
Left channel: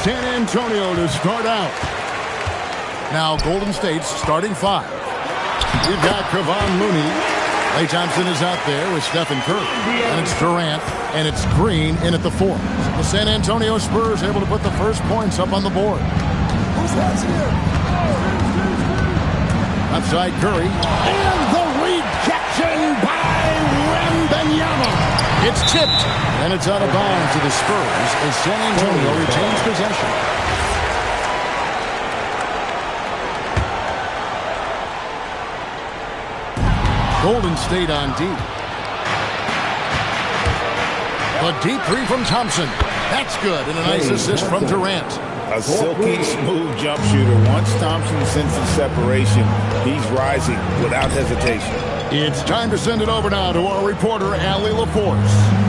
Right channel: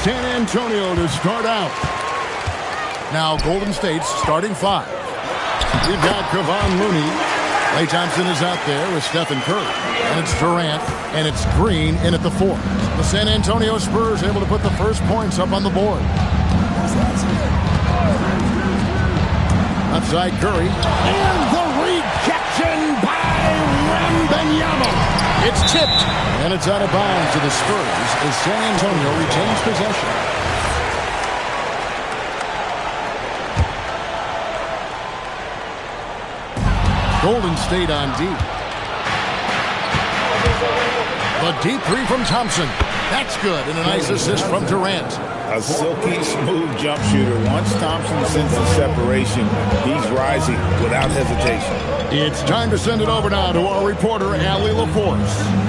San Antonio to start out. Now Golden State's starting 5. We've got Kevon Looney. Klay Thompson is out there with Stephen Curry. And it's Durant, and it's Green in at the 4. The San Antonio Spurs able to put the first points up on the board. Left side Curry. And the rejection by Wembanyama. It's tipped. And it's out of bounds to the Spurs as San Antonio retains possession. Golden State on D. The deep 3 from Thompson. That's good, and a nice assist from Durant. A silky smooth jump shooter. Once Thompson senses separation, he's rising without hesitation. It's time to send it over now to our reporter, Allie LaForce.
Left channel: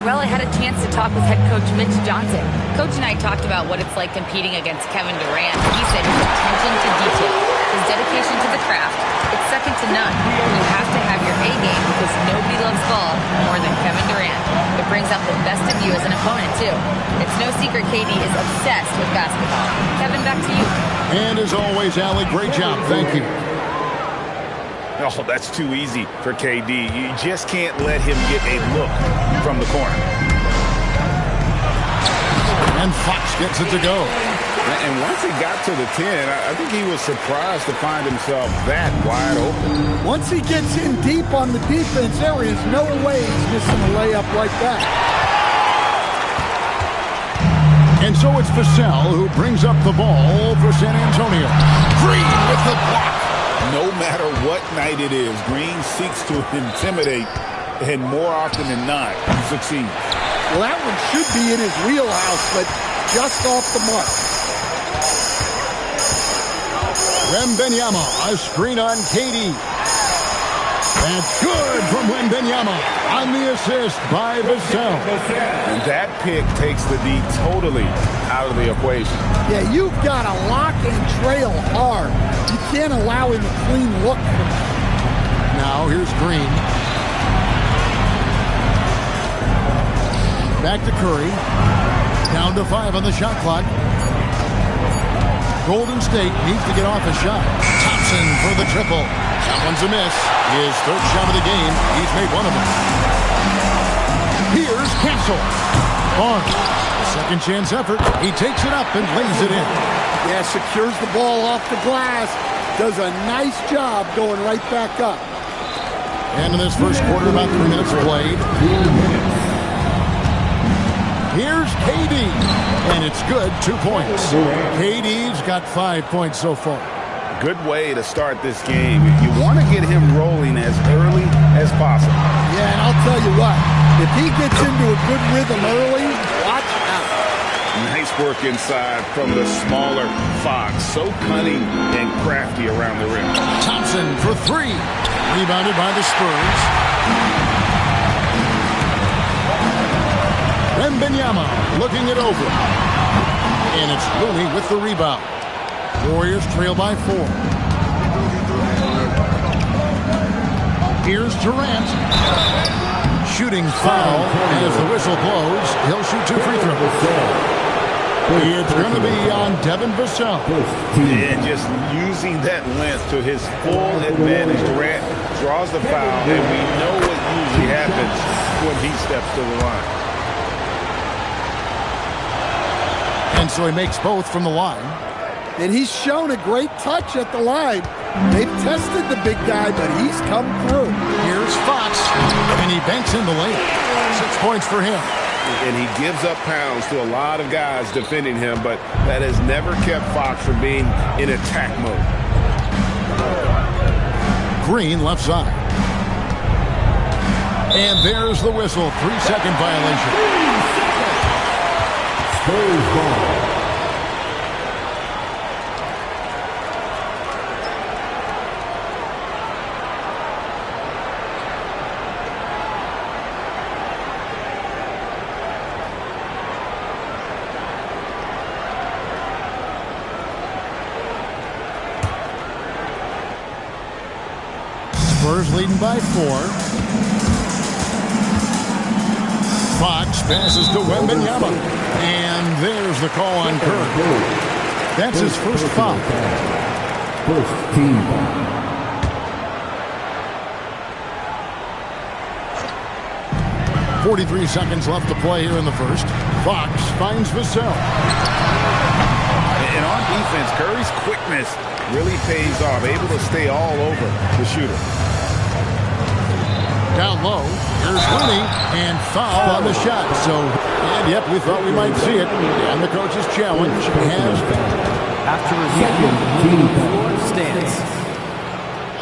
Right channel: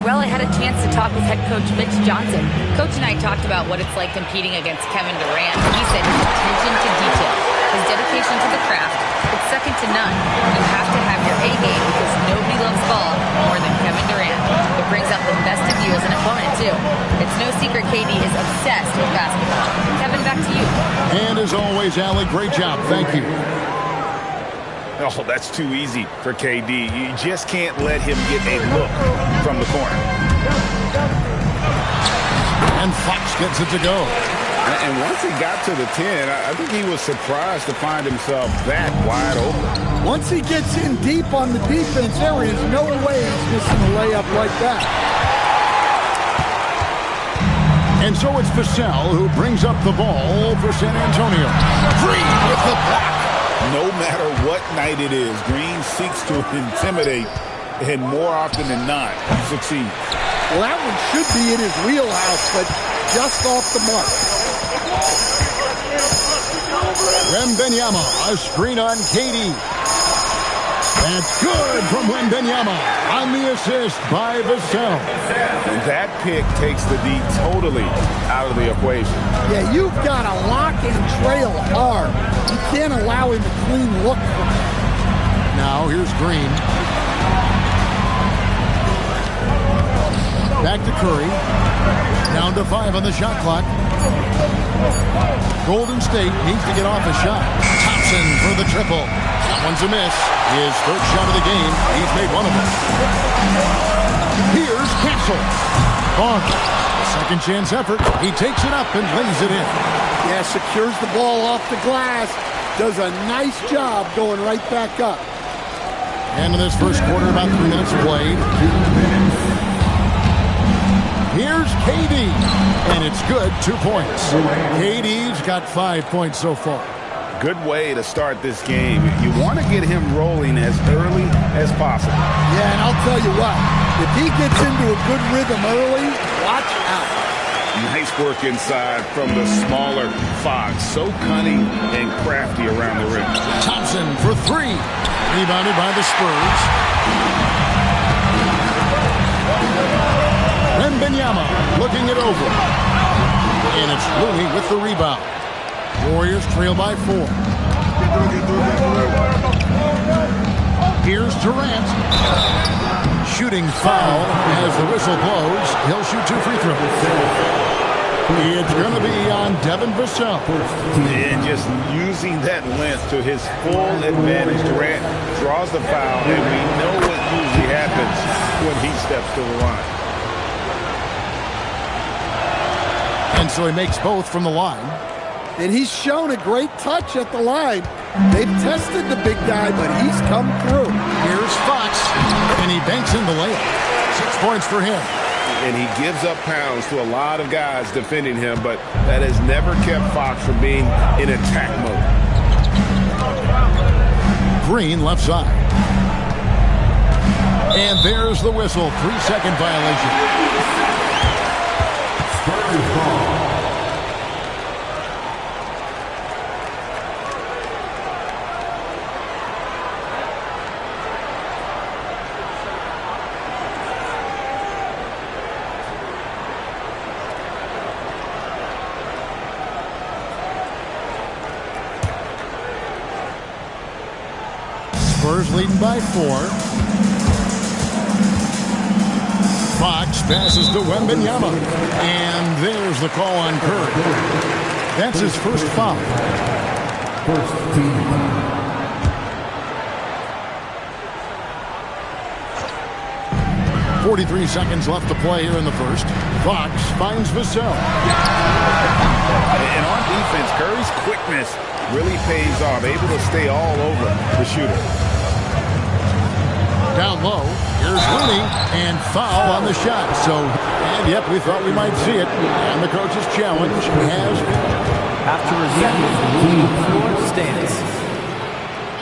Well, I had a chance to talk with head coach Mitch Johnson. Coach and I talked about what it's like competing against Kevin Durant. He said his attention to detail, his dedication to the craft, it's second to none. You have to have your A game because nobody loves ball more than Kevin Durant. It brings out the best of you as an opponent, too. It's no secret KD is obsessed with basketball. Kevin, back to you. And as always, Allie, great job. Thank you. Oh, that's too easy for KD. You just can't let him get a look from the corner. And Fox gets it to go. And once he got to the 10, I think he was surprised to find himself that wide open. Once he gets in deep on the defense, there is no way he's missing a layup like that. And so it's Vassell who brings up the ball for San Antonio. Green with the block. No matter what night it is, Green seeks to intimidate, and more often than not, he succeeds. Well, that one should be in his wheelhouse, but just off the mark. Wembanyama, a screen on KD. That's good from Wembanyama on the assist by Vassell. And that pick takes the D totally out of the equation. Yeah, you've got to lock and trail hard. You can't allow him a clean look from that. Now here's Green. Back to Curry. Down to 5 on the shot clock. Golden State needs to get off a shot. Thompson for the triple. That one's a miss. His third shot of the game. He's made one of them. Here's Castle. Barnes. A second chance effort. He takes it up and lays it in. Yeah, secures the ball off the glass. Does a nice job going right back up. And in this first quarter, about 3 minutes played. Here's KD. And it's good, 2 points. KD's got 5 points so far. Good way to start this game. You want to get him rolling as early as possible. Yeah, and I'll tell you what. If he gets into a good rhythm early, watch out. Nice work inside from the smaller Fox. So cunning and crafty around the rim. Thompson for 3. Rebounded by the Spurs. Wembanyama looking it over. And it's Looney with the rebound. Warriors trail by 4. Here's Durant. Shooting foul as the whistle blows. He'll shoot 2 free throws. It's going to be on Devin Vassell. And just using that length to his full advantage. Durant draws the foul, and we know what usually happens when he steps to the line. And so he makes both from the line. And he's shown a great touch at the line. They've tested the big guy, but he's come through. Here's Fox, and he banks in the layup. 6 points for him. And he gives up pounds to a lot of guys defending him, but that has never kept Fox from being in attack mode. Green left side. And there's the whistle. 3-second violation. Spurs ball. Spurs leading by 4. Fox passes to Wembanyama. And there's the call on Curry. That's his first foul. First team foul. .43 seconds left to play here in the first. Fox finds Vassell. And on defense, Curry's quickness really pays off. Able to stay all over the shooter. Down low, here's Looney, and foul on the shot. So, and yep, we thought we might see it. And the coach's challenge has been. After review, the floor stands.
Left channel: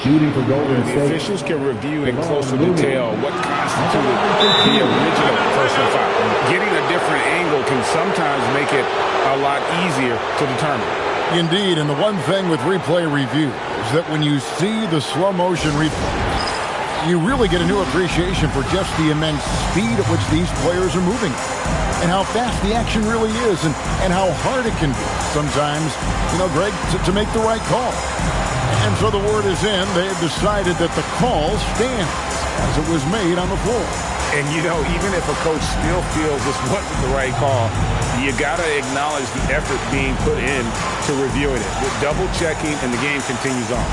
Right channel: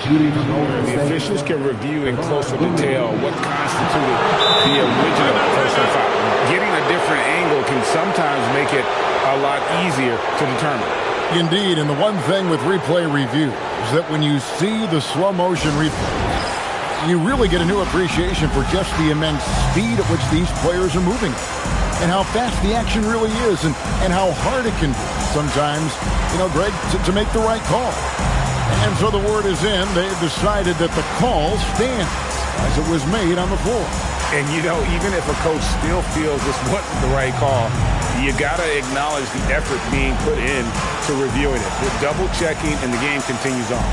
Shooting for Golden The State. officials can review in closer detail what constituted the original personal foul. Getting a different angle can sometimes make it a lot easier to determine. Indeed, and the one thing with replay review is that when you see the slow motion replay, you really get a new appreciation for just the immense speed at which these players are moving and how fast the action really is and how hard it can be sometimes, Greg, to make the right call. And so the word is in. They've decided that the call stands as it was made on the floor. And, even if a coach still feels this wasn't the right call, you got to acknowledge the effort being put in to reviewing it. They're double-checking, and the game continues on.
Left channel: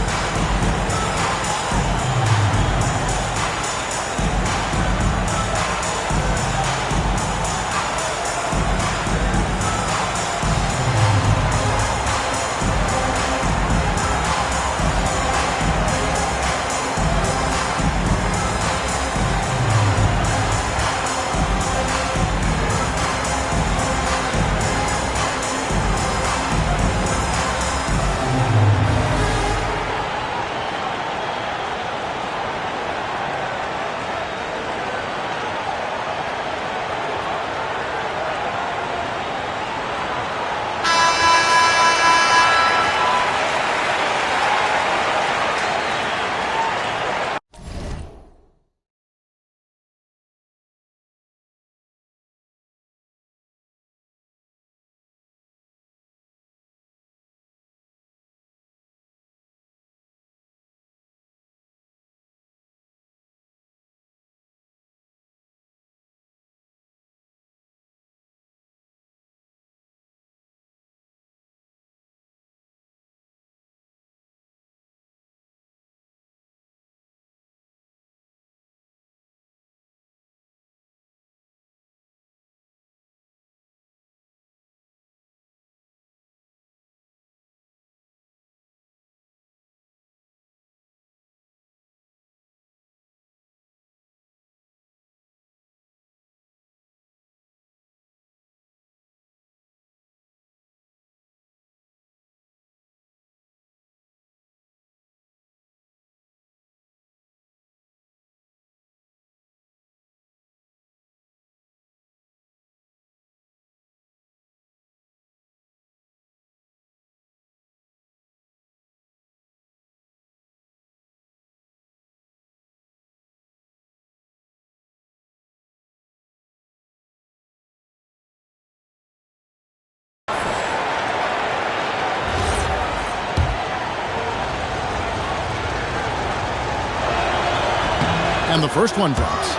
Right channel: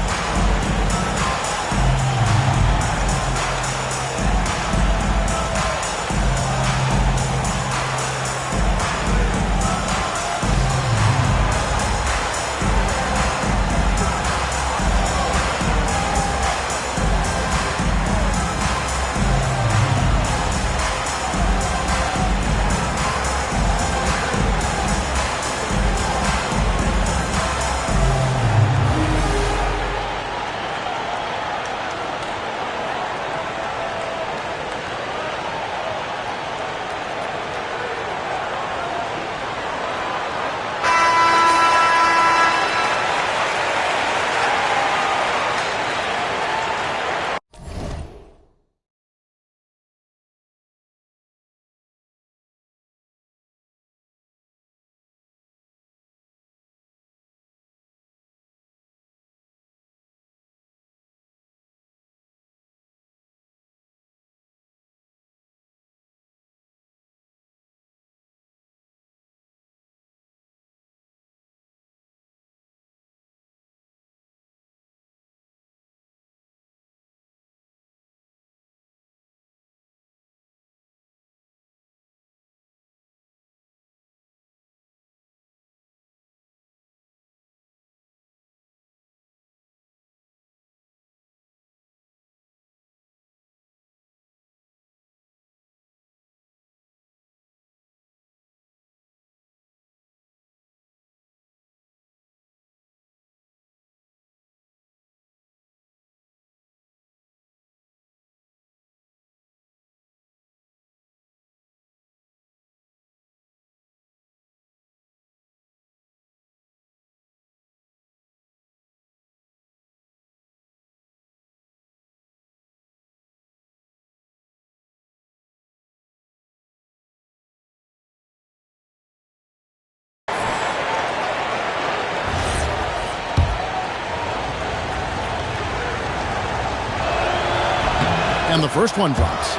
And the first one drops.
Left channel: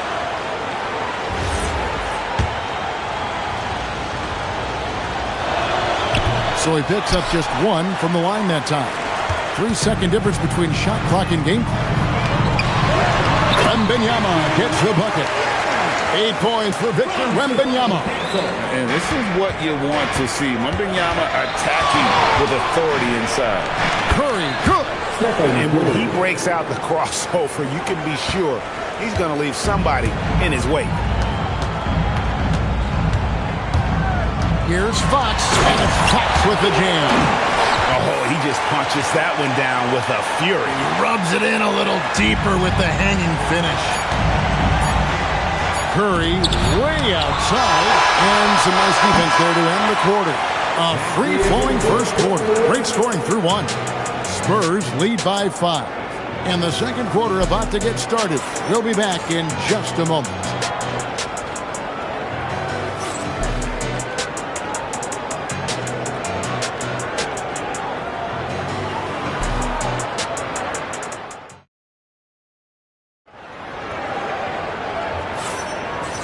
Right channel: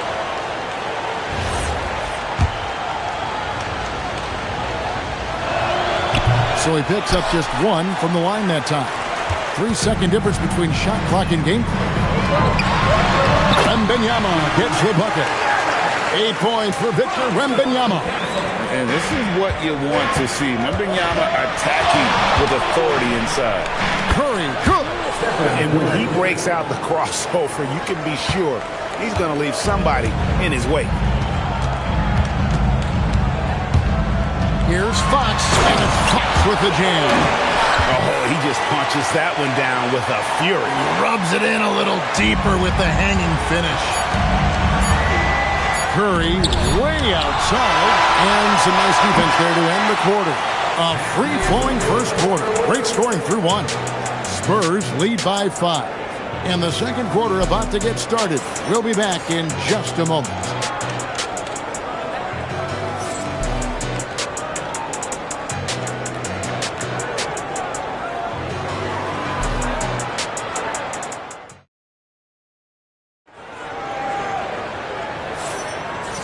So he picks up just one from the line that time. 3-second difference between shot clock and game clock. Wembanyama gets the bucket. 8 points for Victor Wembanyama. And this is what you want to see. Wembanyama attacking with authority inside. Curry, good. And when he breaks out the crossover, you can be sure he's going to leave somebody in his wake. Here's Fox, and it's Fox with the jam. Oh, he just punches that one down with a fury. He rubs it in a little deeper with the hanging finish. Curry way outside, and some nice defense there to end the quarter. A free-flowing first quarter. Great scoring through one. Spurs lead by 5. And the second quarter about to get started. We'll be back in just a moment.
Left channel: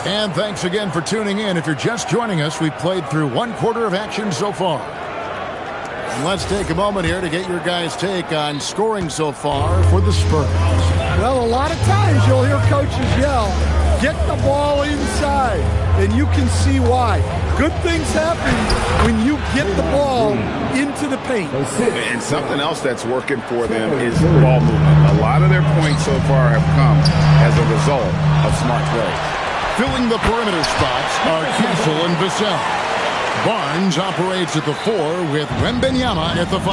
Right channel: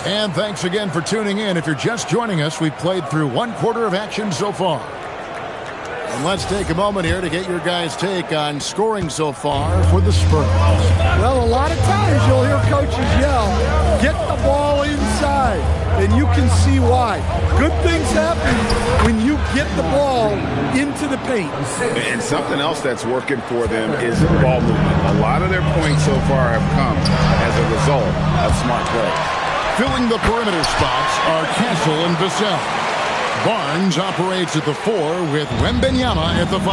And thanks again for tuning in. If you're just joining us, we've played through one quarter of action so far. And let's take a moment here to get your guys' take on scoring so far for the Spurs. Well, a lot of times you'll hear coaches yell, get the ball inside, and you can see why. Good things happen when you get the ball into the paint. And something else that's working for them is ball movement. A lot of their points so far have come as a result of smart plays. Filling the perimeter spots are Castle and Vassell. Barnes operates at the 4 with Wembanyama at the 5.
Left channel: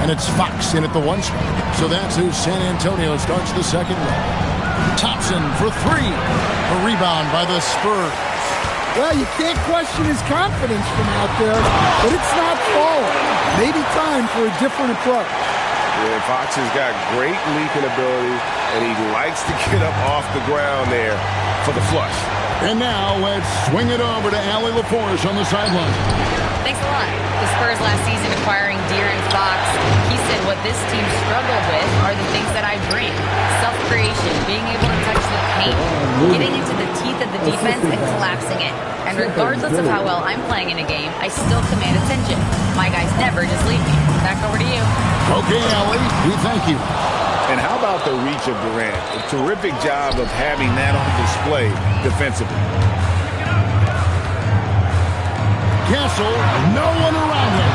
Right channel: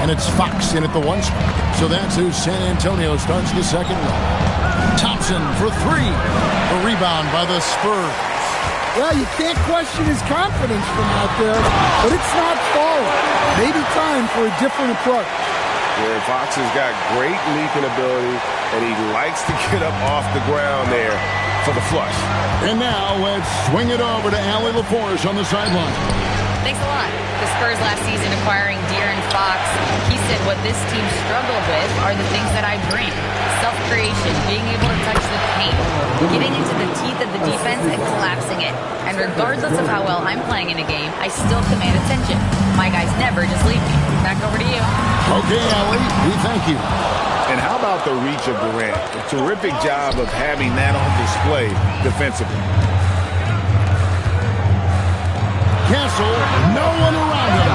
And it's Fox in at the 1 spot. So that's who San Antonio starts the second leg. Thompson for 3. A rebound by the Spurs. Well, you can't question his confidence from out there, but it's not falling. Maybe time for a different approach. Yeah, Fox has got great leaping ability. and he likes to get up off the ground there for the flush. And now let's swing it over to Allie LaForce on the sideline. Thanks a lot. The Spurs last season acquiring De'Aaron Fox, he said what this team struggled with are the things that I bring. Self-creation, being able to touch the paint, getting into the teeth of the defense and collapsing it. And regardless of how well I'm playing in a game, I still command attention. My guys never just leave me. Back over to you. Okay, Allie, we thank you. And how about the reach of Durant? A terrific job of having that on display defensively. Castle, no one around him.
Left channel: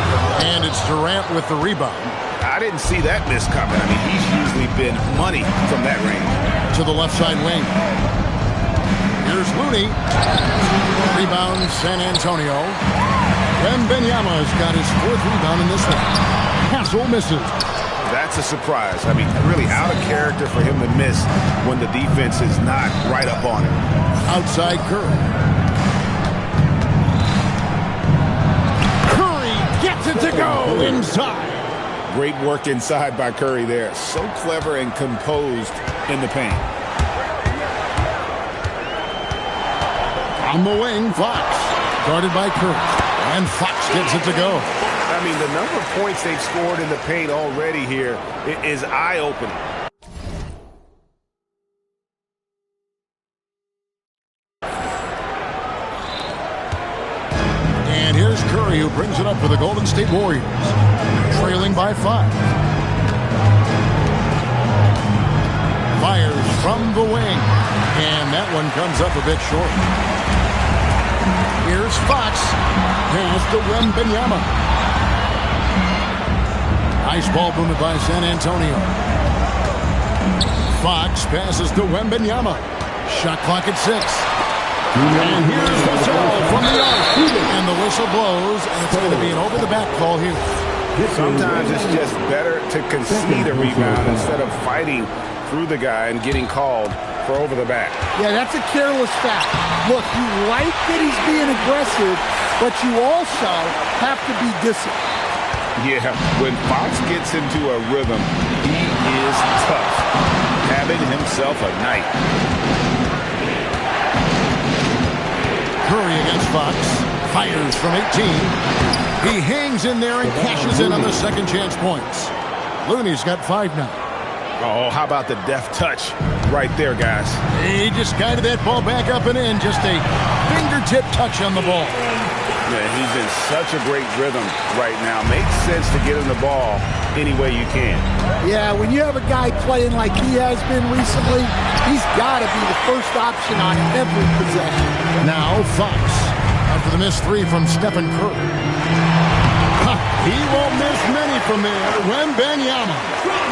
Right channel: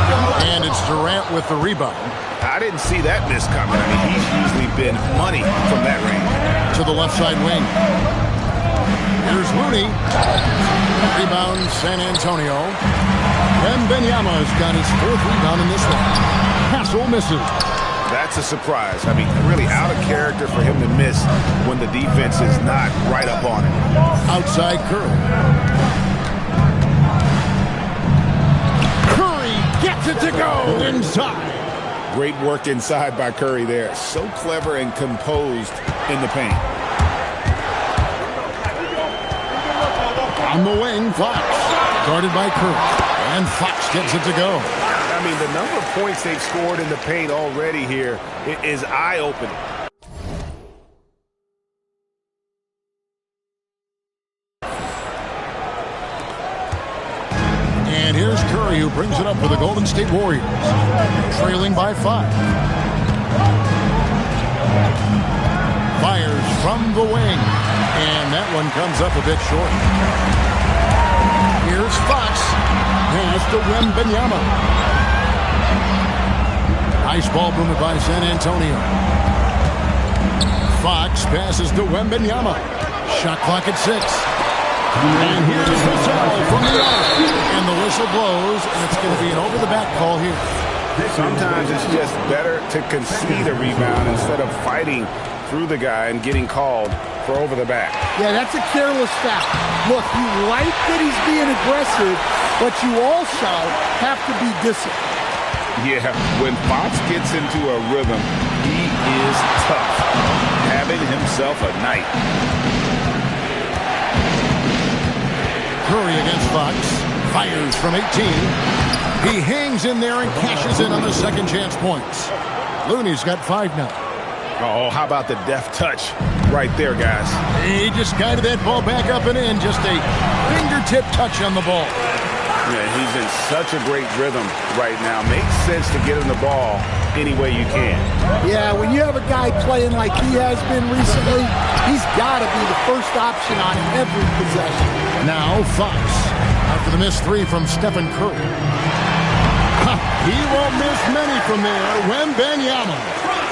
And it's Durant with the rebound. I didn't see that miss coming. I mean, he's usually been money from that range. To the left side wing. Here's Looney. Rebound, San Antonio. Wembanyama's got his 4th rebound in this one. Castle misses. That's a surprise. I mean, really out of character for him to miss when the defense is not right up on him. Outside Curry. Curry gets it to go inside. Great work inside by Curry there. So clever and composed in the paint. On the wing, Fox. Guarded by Curry. And Fox gets it to go. I mean, the number of points they've scored in the paint already here is eye-opening. And here's Curry, who brings it up for the Golden State Warriors. Trailing by 5. Fires from the wing. And that one comes up a bit short. Here's Fox. Pass to Wembanyama. Nice ball movement by San Antonio. Fox passes to Wembanyama. Shot clock at 6. And here's Vassell from the arc. And the whistle blows, and it's going to be an over-the-back call here. Sometimes it's just better to concede a rebound instead of fighting through the guy and getting called for over the back. Yeah, that's a careless foul. Look, you like that he's being aggressive, but you also have to be disciplined. Yeah, when Fox gets into a rhythm, he is tough. Having himself a night. Curry against Fox. Fires from 18. He hangs in there and cashes in on the second chance points. Looney's got 5 now. Oh, how about the deft touch right there, guys? He just guided that ball back up and in. Just a fingertip touch on the ball. Yeah, he's in such a great rhythm right now. Makes sense to get him the ball any way you can. Yeah, when you have a guy playing like he has been recently, he's got to be the first option on every possession. Now Fox, after the missed 3 from Stephen Curry. He won't miss many from there. Wembanyama.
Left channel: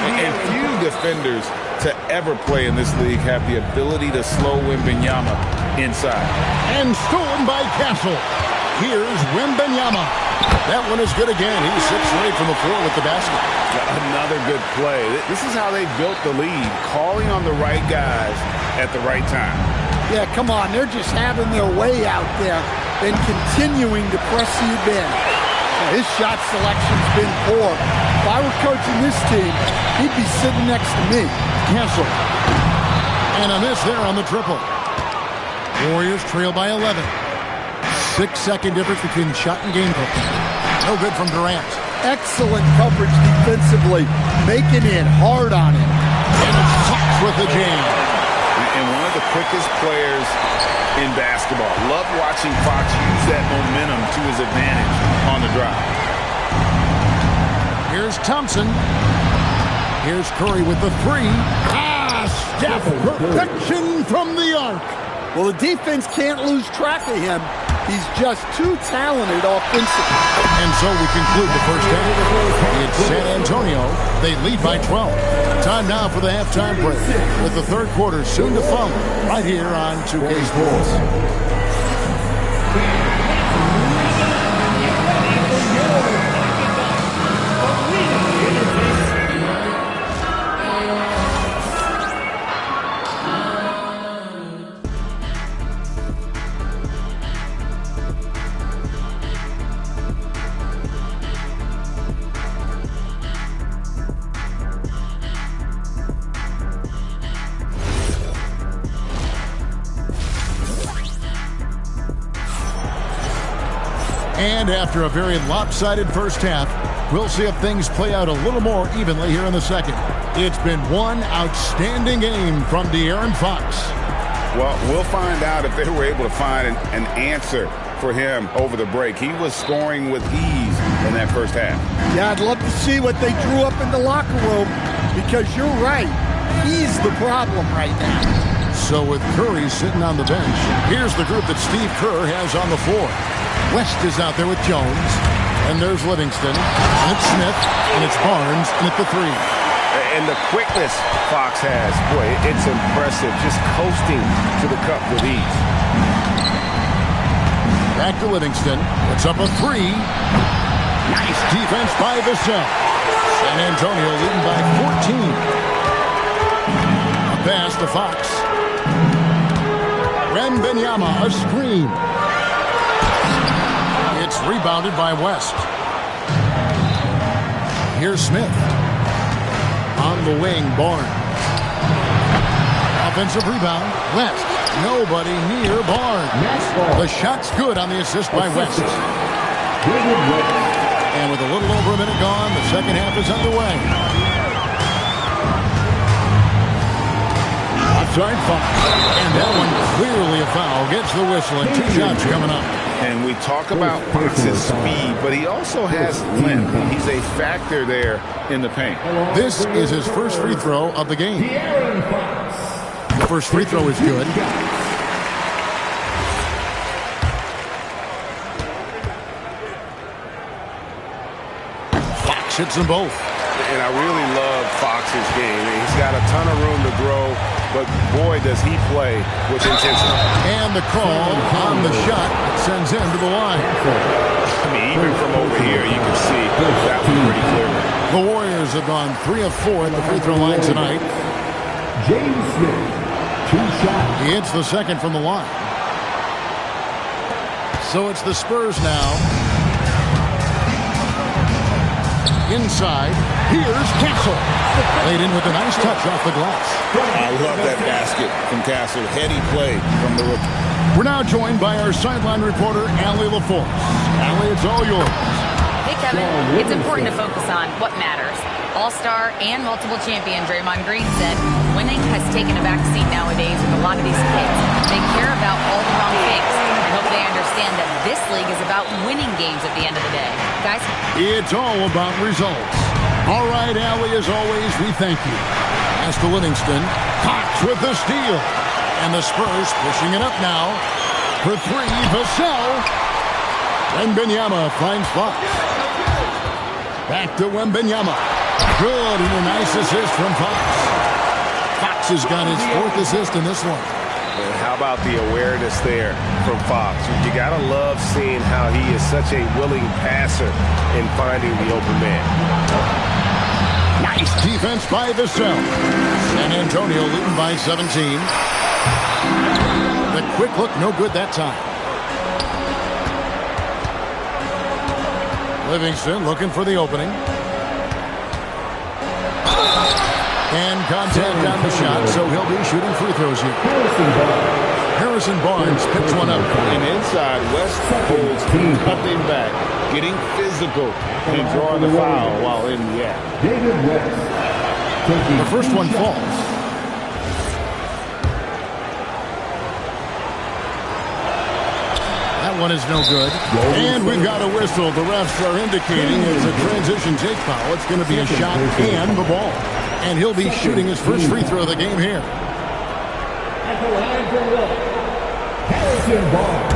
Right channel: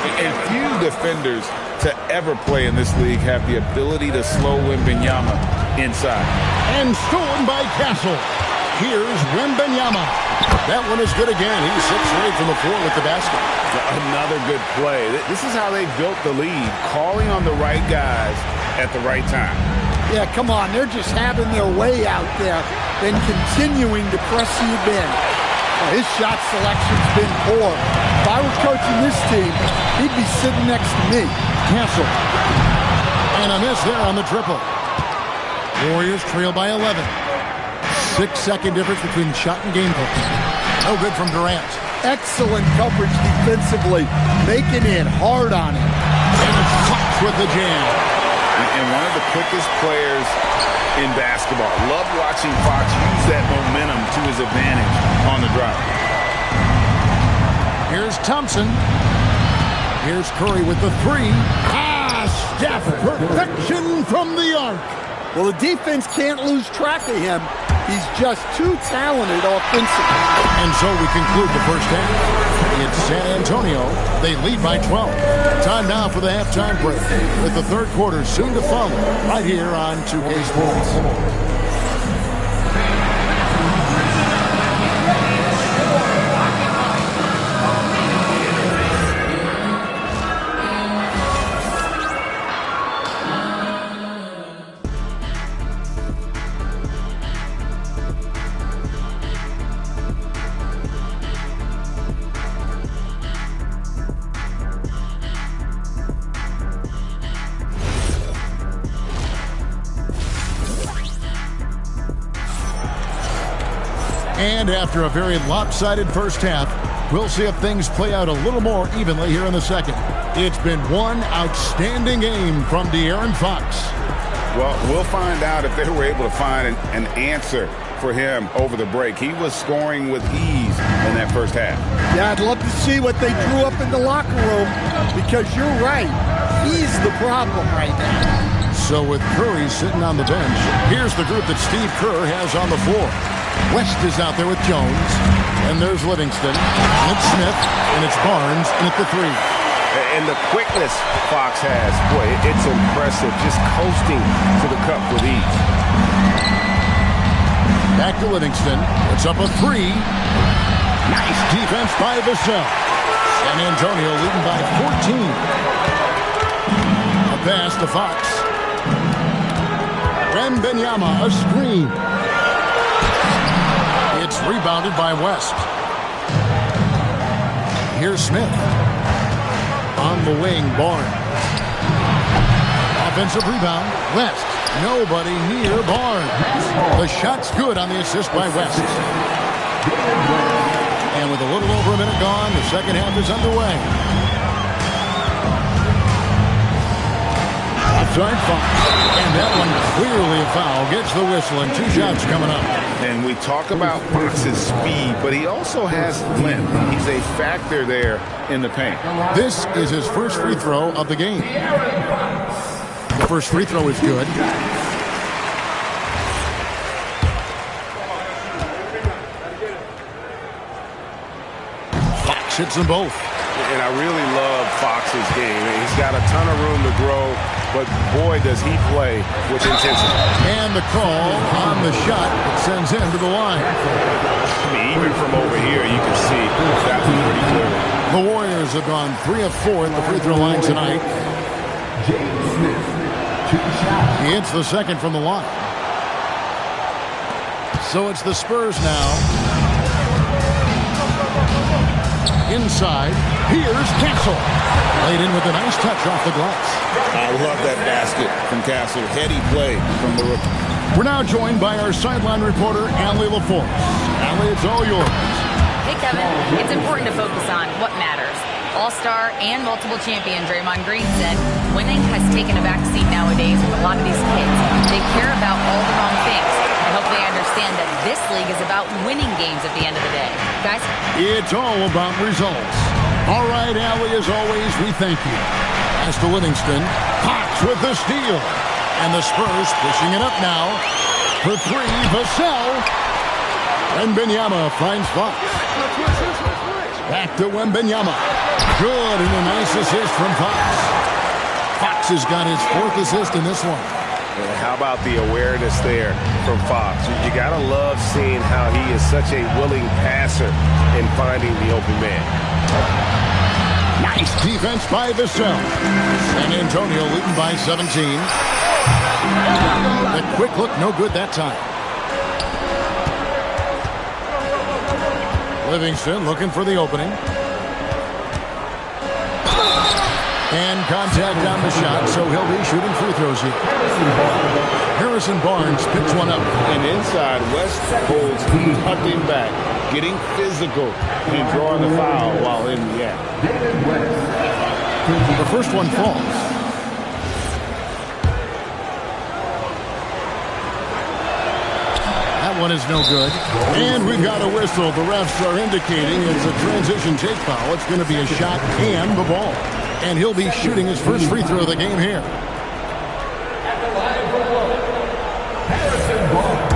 And few defenders to ever play in this league have the ability to slow Wembanyama inside. And stolen by Castle. Here's Wembanyama. That one is good again. He's 6 for 8 from the floor with the basket. Another good play. This is how they built the lead, calling on the right guys at the right time. Yeah, come on. They're just having their way out there and continuing to press you in. Well, his shot selection's been poor. If I were coaching this team, he'd be sitting next to me. Castle. And a miss there on the triple. Warriors trail by 11. 6-second difference between shot and game clock. No good from Durant. Excellent coverage defensively. Making it hard on him. And it's Fox with the jam. And one of the quickest players in basketball. Love watching Fox use that momentum to his advantage on the drive. Here's Thompson. Here's Curry with the 3. Steph, perfection from the arc. Well, the defense can't lose track of him. He's just too talented offensively. And so we conclude the first half. It's San Antonio. They lead by 12. Time now for the halftime break, with the third quarter soon to follow right here on 2K Sports. And after a very lopsided first half, we'll see if things play out a little more evenly here in the second. It's been one outstanding game from De'Aaron Fox. Well, we'll find out if they were able to find an answer for him over the break. He was scoring with ease in that first half. Yeah, I'd love to see what they drew up in the locker room, because you're right. He's the problem right now. So with Curry sitting on the bench, here's the group that Steve Kerr has on the floor. West is out there with Jones, and there's Livingston, and it's Smith, and it's Barnes, and at the three. And the quickness Fox has, boy, it's impressive. Just coasting to the cup with ease. Back to Livingston. Puts up a three. Nice defense by Vassell. San Antonio leading by 14. A pass to Fox. Wembanyama, a screen. It's rebounded by West. Here's Smith. On the wing, Barnes. Offensive rebound, West. Nobody near Barnes. The shot's good on the assist by West. And with a little over a minute gone, the second half is underway. Outside Fox. And that one clearly a foul. Gets the whistle, and 2 shots coming up. And we talk about Fox's speed, but he also has length. He's a factor there in the paint. This is his first free throw of the game. The first free throw is good. Fox hits them both. And I really love Fox's game. He's got a ton of room to grow, but boy, does he play with intensity. And the call on the shot that sends him to the line. I mean, even from over here, you can see that one pretty clearly. The Warriors have gone 3 of 4 at the free throw line tonight. James Smith, 2 shots. He hits the second from the line. So it's the Spurs now. Inside, here's Castle. Laid in with a nice touch off the glass. I love that basket from Castle. Heady play from the rookie. We're now joined by our sideline reporter, Allie LaForce. Allie, it's all yours. Hey, Kevin. It's important to focus on what matters. All-star and multiple champion Draymond Green said winning has taken a back seat nowadays with a lot of these kids. They care about all the wrong things. I hope they understand that this league is about winning games at the end of the day. Guys? It's all about results. All right, Allie, as always, we thank you. As to Livingston, Fox with the steal. And the Spurs pushing it up now. For 3, Vassell. Wembanyama finds Fox. Back to Wembanyama. Good, and a nice assist from Fox. Fox has got his 4th assist in this one. And how about the awareness there from Fox? You got to love seeing how he is such a willing passer in finding the open man. Nice defense by Vassell. San Antonio leading by 17. The quick look, no good that time. Livingston looking for the opening. And contact on the shot, so he'll be shooting free throws here. Harrison Barnes picks one up. And inside, West holds nothing back, getting physical and drawing the foul while in the act. The first one falls. That one is no good. And we've got a whistle. The refs are indicating it's a transition take foul. It's going to be a shot and the ball. And he'll be shooting his first free throw of the game here. At the line for the low, Harrison Barnes.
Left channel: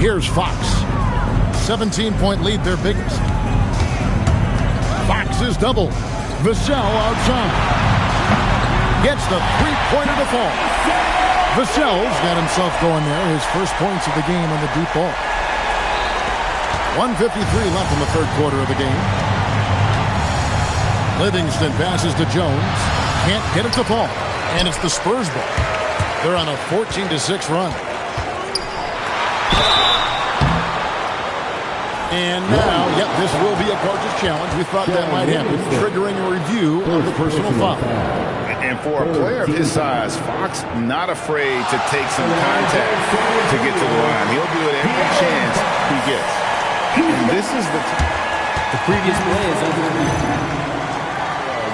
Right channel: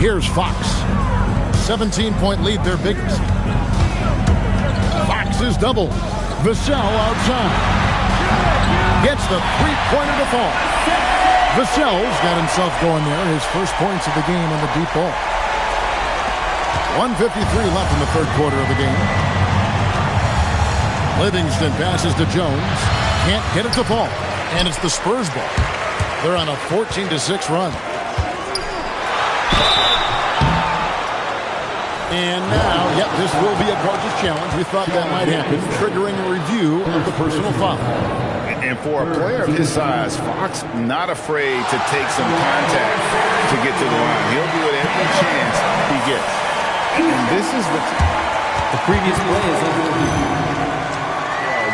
Here's Fox. 17-point lead, their biggest. Fox is double. Vassell outside. Gets the three-pointer to fall. Vassell's got himself going there. His first points of the game on the deep ball. 1:53 left in the third quarter of the game. Livingston passes to Jones. Can't get it to fall. And it's the Spurs ball. They're on a 14-6 run. And now, yep, this will be a coach's challenge. We thought that might happen, triggering a review of the personal foul. And for a player of his size, Fox not afraid to take some contact to get to the line. He'll do it every chance he gets. And this is the previous play is under review.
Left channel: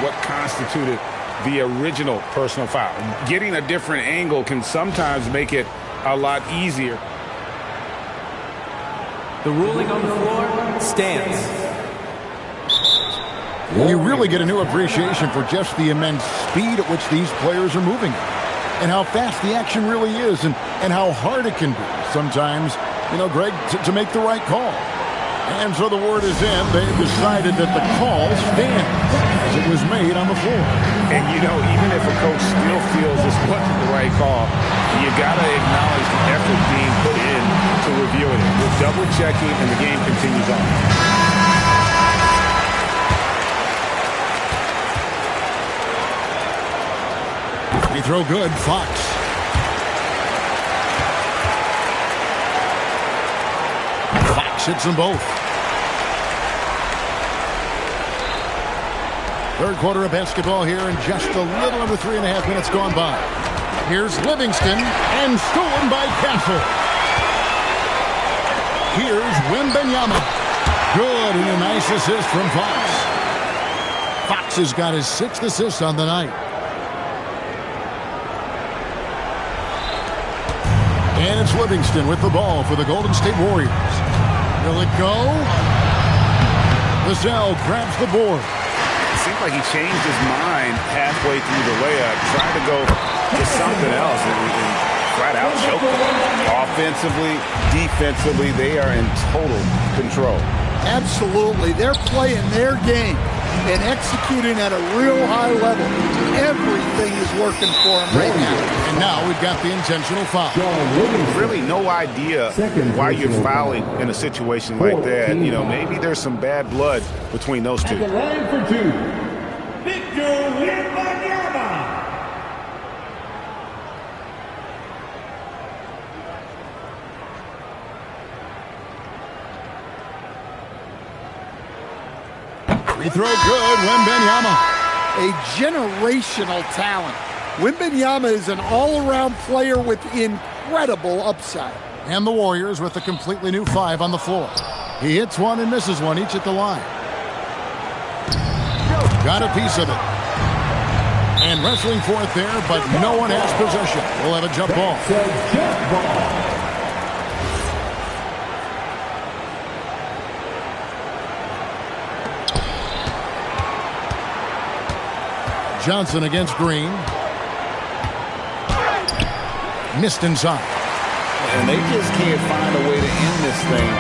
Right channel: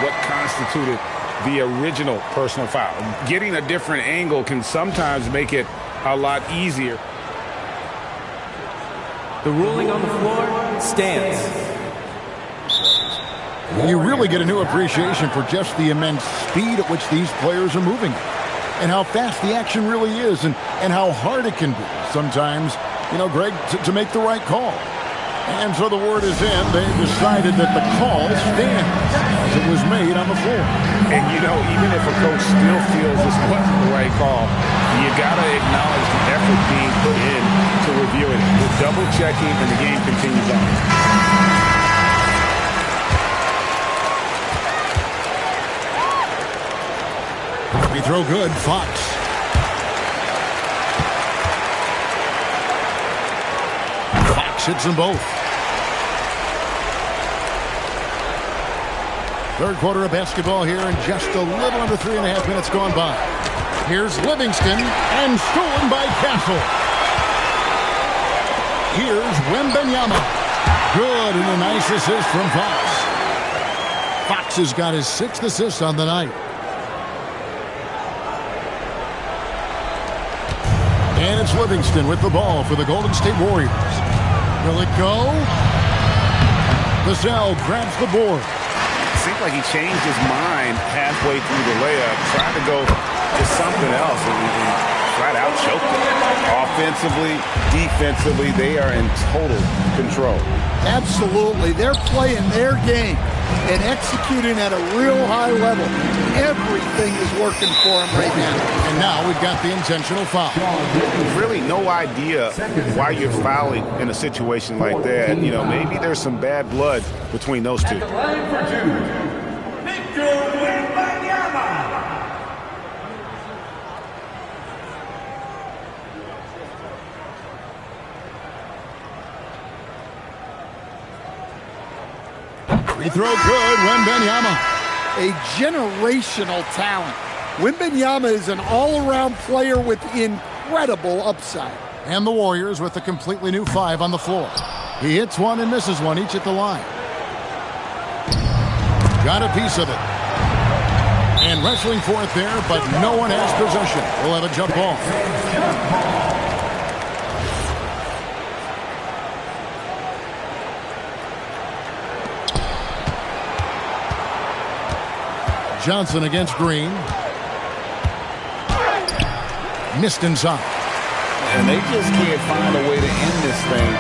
What constituted the original personal foul. Getting a different angle can sometimes make it a lot easier. The ruling on the floor stands. You really get a new appreciation for just the immense speed at which these players are moving and how fast the action really is and how hard it can be sometimes, you know, Greg, to make the right call. And so the word is in. They've decided that the call stands as it was made on the floor. And, you know, even if a coach still feels this wasn't the right call, you got to acknowledge the effort being put in to reviewing it. With double checking, and the game continues on. Free throw good, Fox. Fox hits them both. Third quarter of basketball here, and just a little under 3.5 minutes gone by. Here's Livingston, and stolen by Castle. Here's Wembanyama. Good, and a nice assist from Fox. Fox has got his 6th assist on the night. And it's Livingston with the ball for the Golden State Warriors. Will it go? Vassell grabs the board. It seemed like he changed his mind halfway through the layup, tried to go to something else, and flat out choked it. Offensively, defensively, they are in total control. Absolutely. They're playing their game and executing at a real high level. Everything is working for them right now. And now we've got the intentional foul. Really no idea why you're fouling in a situation like that. You know, maybe there's some bad blood between those two. At the line for two, Victor Wembanyama. Free throw good, Wembanyama. A generational talent. Wembanyama is an all-around player with incredible upside. And the Warriors with a completely new 5 on the floor. He hits one and misses one, each at the line. Got a piece of it. And wrestling for it there, but no one has possession. We'll have a jump ball. Johnson against Green. Missed inside. And they just can't find a way to end this thing.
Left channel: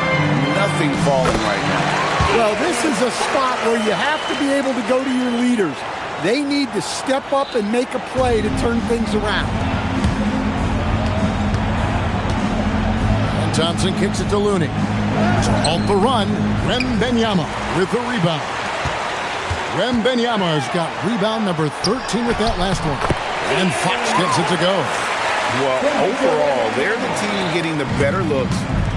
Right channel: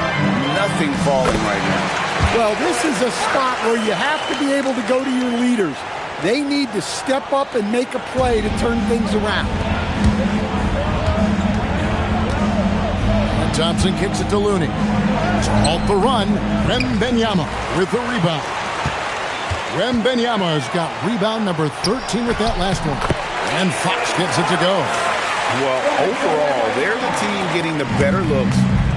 Nothing falling right now. Well, this is a spot where you have to be able to go to your leaders. They need to step up and make a play to turn things around. And Thompson kicks it to Looney. To halt the run, Wembanyama with the rebound. Wembanyama has got rebound number 13 with that last one. And Fox gets it to go. Well, overall, they're the team getting the better looks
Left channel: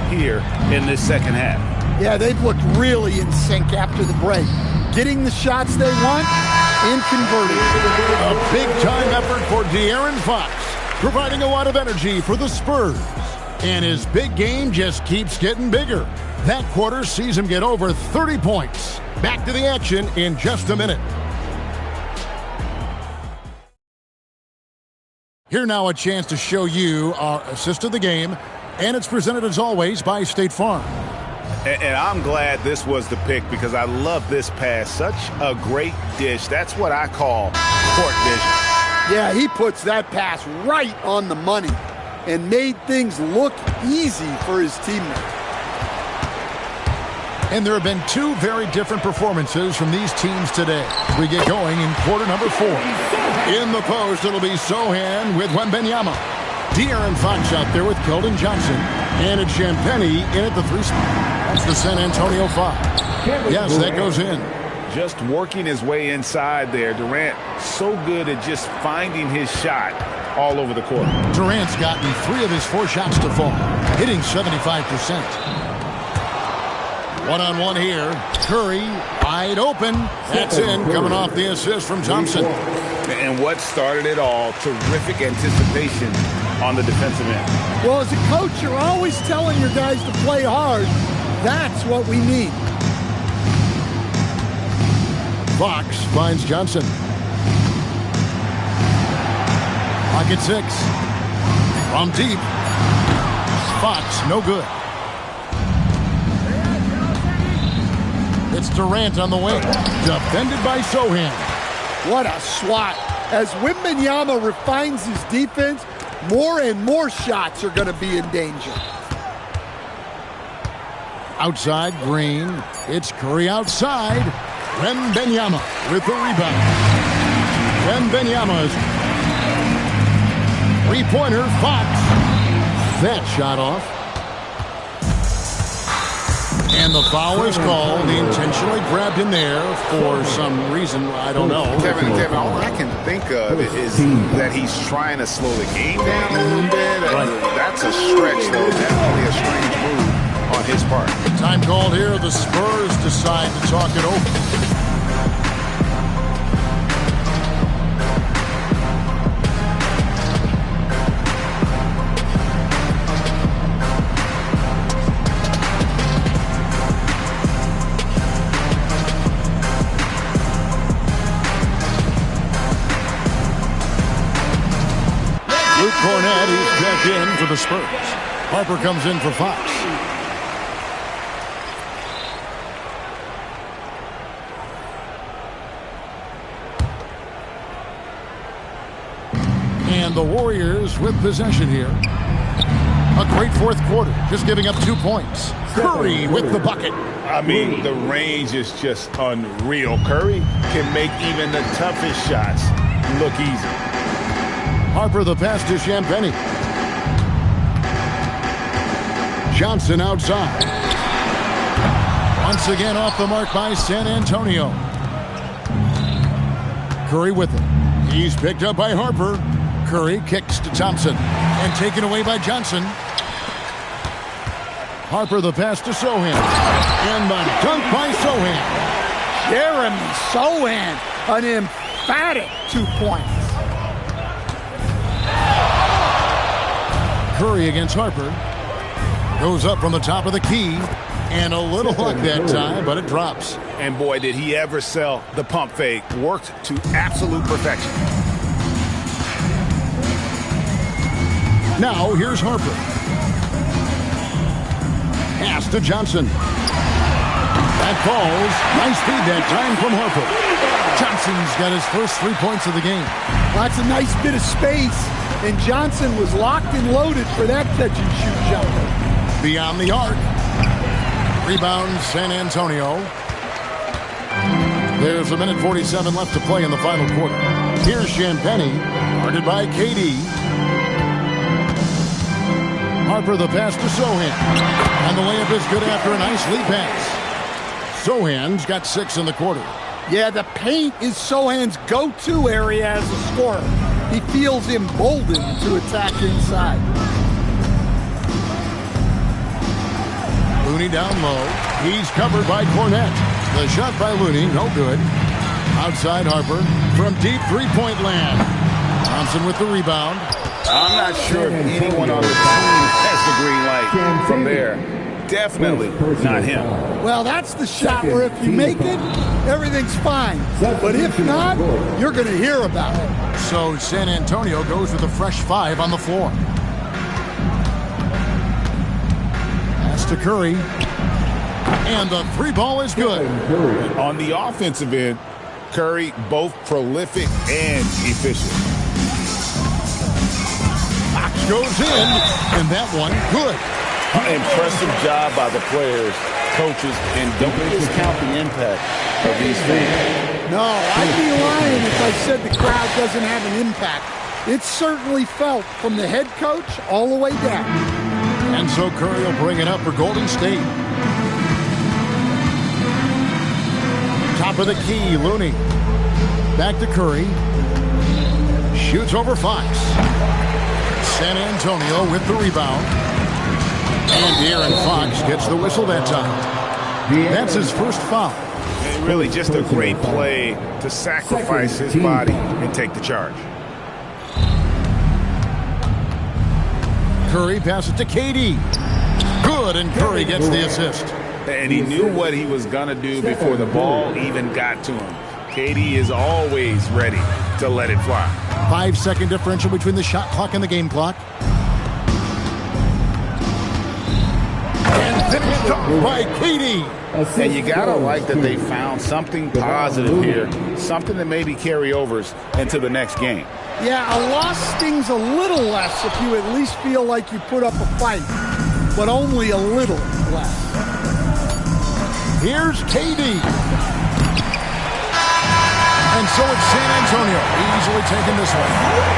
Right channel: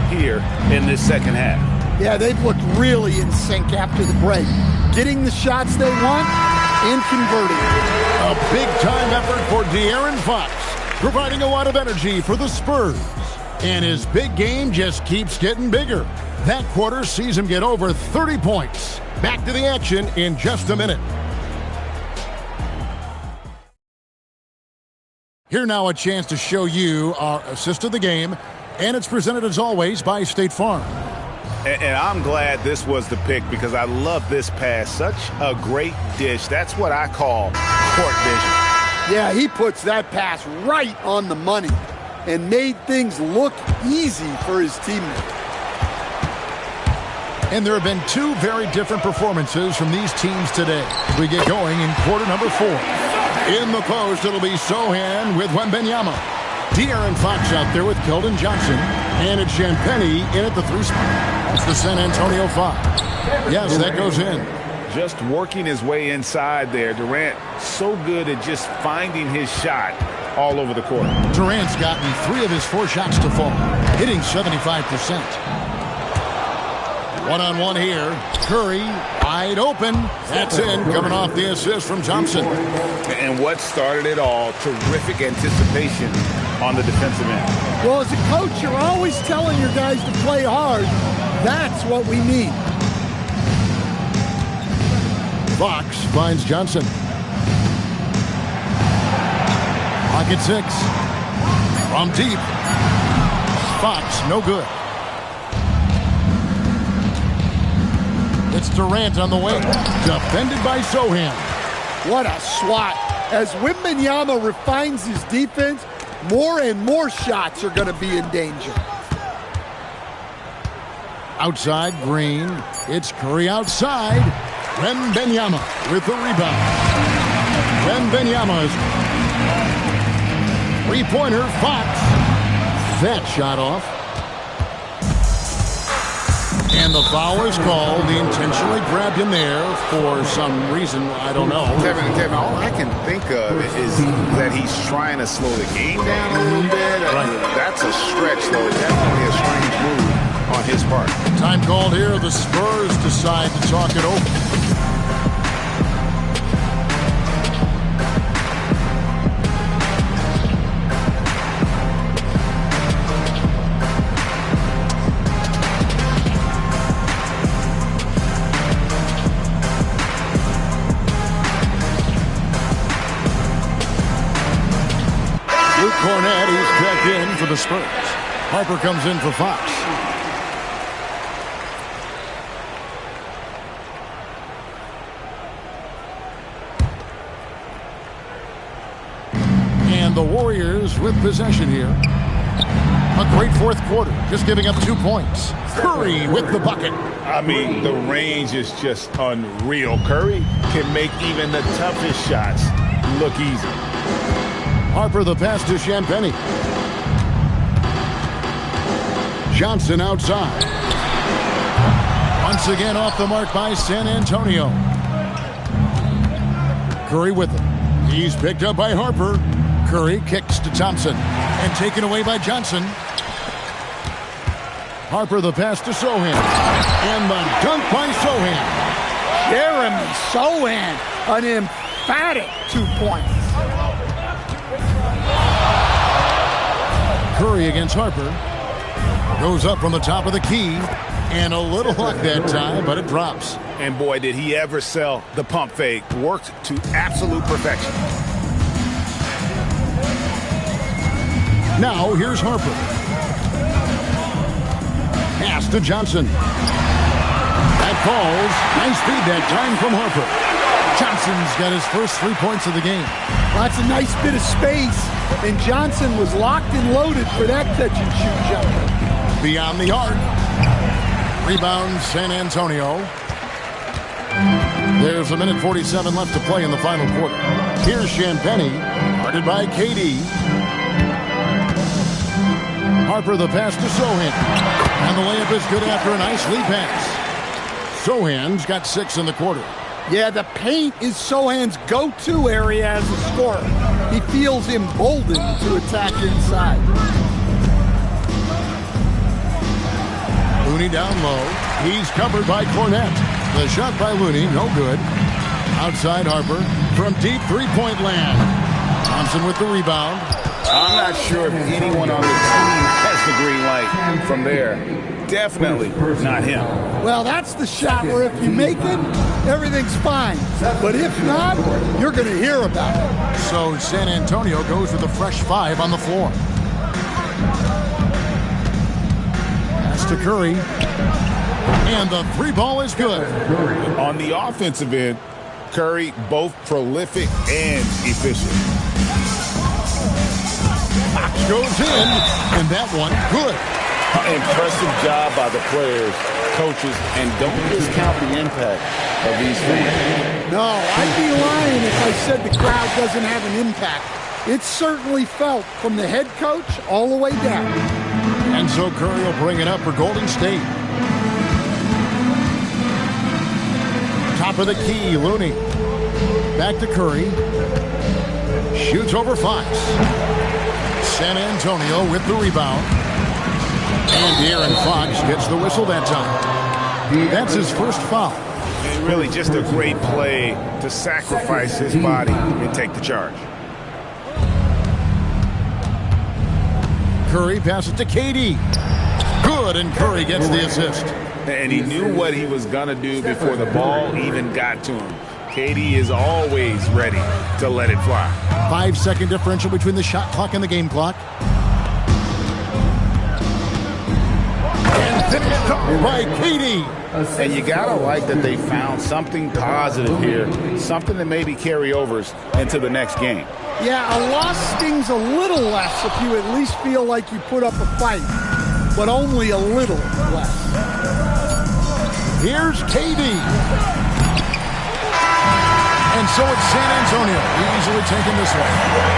here in this second half. Yeah, they've looked really in sync after the break. Getting the shots they want and converting. A big-time effort for De'Aaron Fox, providing a lot of energy for the Spurs. And his big game just keeps getting bigger. That quarter sees him get over 30 points. Back to the action in just a minute. Here now a chance to show you our assist of the game, and it's presented as always by State Farm. And I'm glad this was the pick because I love this pass. Such a great dish. That's what I call court vision. Yeah, he puts that pass right on the money and made things look easy for his teammate. And there have been 2 very different performances from these teams today. We get going in quarter number 4. In the post, it'll be Sohan with Wembanyama. De'Aaron Fox out there with Keldon Johnson. And it's Champagnie in at the 3 spot. That's the San Antonio 5. Yes, that goes in. Just working his way inside there. Durant so good at just finding his shot all over the court. Durant's gotten 3 of his 4 shots to fall, hitting 75%. One-on-one here. Curry wide open. That's in, coming off the assist from Thompson. And what started it all, terrific anticipation on the defensive end. Well, as a coach, you're always telling your guys to play hard. That's what we need. Fox finds Johnson. Pocket 6. From deep. Fox, no good. It's Durant on the wing. Defended by Sohan. What a swat. As Wembanyama refines his defense, more and more shots are going to be in danger. Outside, Green. It's Curry outside. Wembanyama with the rebound. Wembanyama's three-pointer, Fox. That shot off. And the foul is called. He intentionally grabbed him there for some reason. I don't know. Kevin, all I can think of is that he's trying to slow the game down a little bit. Right. That's a stretch, though. Definitely a strange move on his part. Time called here. The Spurs decide to talk it over. Cornette, he's checked in for the Spurs. Harper comes in for Fox. And the Warriors with possession here. A great fourth quarter, just giving up 2 points. Curry with the bucket. I mean, the range is just unreal. Curry can make even the toughest shots look easy. Harper the pass to Champagnie. Johnson outside. Once again off the mark by San Antonio. Curry with it. He's picked up by Harper. Curry kicks to Thompson and taken away by Johnson. Harper the pass to Sohan. And the dunk by Sohan. Jeremy Sohan, an emphatic 2 points. Curry against Harper. Goes up from the top of the key. And a little luck that time, but it drops. And boy, did he ever sell the pump fake. Worked to absolute perfection. Now, here's Harper. Pass to Johnson. That falls. Nice feed that time from Harper. Johnson's got his first 3 points of the game. Well, that's a nice bit of space. And Johnson was locked and loaded for that catch-and-shoot jumper. Beyond the arc. Rebound, San Antonio. There's 1:47 left to play in the final quarter. Here's Champagnie, guarded by KD. Harper the pass to Sohan. And the layup is good after a nice lead pass. Sohan's got 6 in the quarter. Yeah, the paint is Sohan's go-to area as a scorer. He feels emboldened to attack inside. Looney down low. He's covered by Cornette. The shot by Looney, no good. Outside Harper from deep three-point land. Thompson with the rebound. I'm not sure if anyone on the team has the green light from there. Definitely not him. Well, that's the shot where if you make it, everything's fine. But if not, you're going to hear about it. So San Antonio goes with a fresh 5 on the floor. Pass to Curry. And the 3 ball is good. On the offensive end, Curry both prolific and efficient. Fox goes in, and that one good. Impressive job by the players, coaches, and don't discount the impact of these fans. No, I'd be lying if I said the crowd doesn't have an impact. It's certainly felt from the head coach all the way down. And so Curry will bring it up for Golden State. Top of the key, Looney. Back to Curry. Shoots over Fox. San Antonio with the rebound. And De'Aaron Fox gets the whistle that time. That's his first foul. And really just a great play to sacrifice his body and take the charge. Curry passes to KD. Good, and Curry gets the assist. And he knew what he was going to do before the ball even got to him. KD is always ready to let it fly. 5-second differential between the shot clock and the game clock. And finished off by KD. And you got to like that they found something positive here, something that maybe carry overs into the next game. Yeah, a loss stings a little less if you at least feel like you put up a fight, but only a little less. Here's KD. And so it's San Antonio, easily taking this one.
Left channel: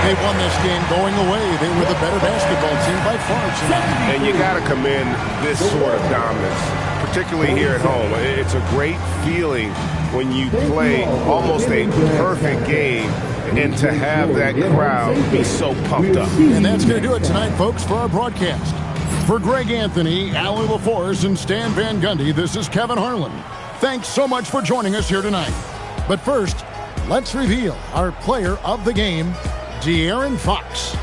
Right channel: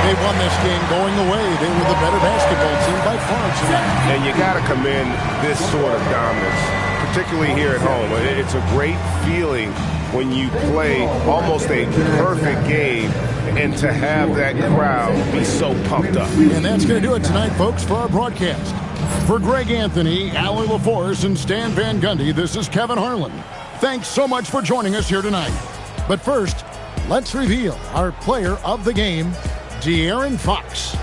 They won this game going away. They were the better basketball team by far tonight. And you got to commend this sort of dominance, particularly here at home. It's a great feeling when you play almost a perfect game and to have that crowd be so pumped up. And that's going to do it tonight, folks, for our broadcast. For Greg Anthony, Allie LaForce, and Stan Van Gundy, this is Kevin Harlan. Thanks so much for joining us here tonight. But first, let's reveal our player of the game, De'Aaron Fox.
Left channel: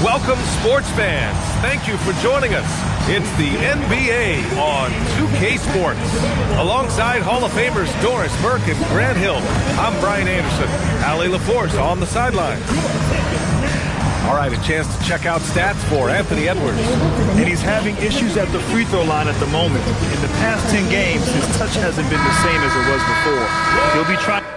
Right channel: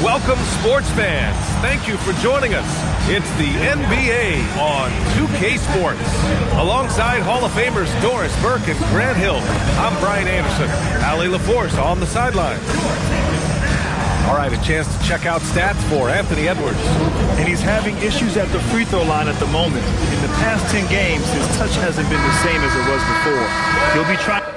Welcome, sports fans. Thank you for joining us. It's the NBA on 2K Sports. Alongside Hall of Famers Doris Burke and Grant Hill, I'm Brian Anderson. Allie LaForce on the sideline. All right, a chance to check out stats for Anthony Edwards. And he's having issues at the free throw line at the moment. In the past 10 games, his touch hasn't been the same as it was before. He'll be trying to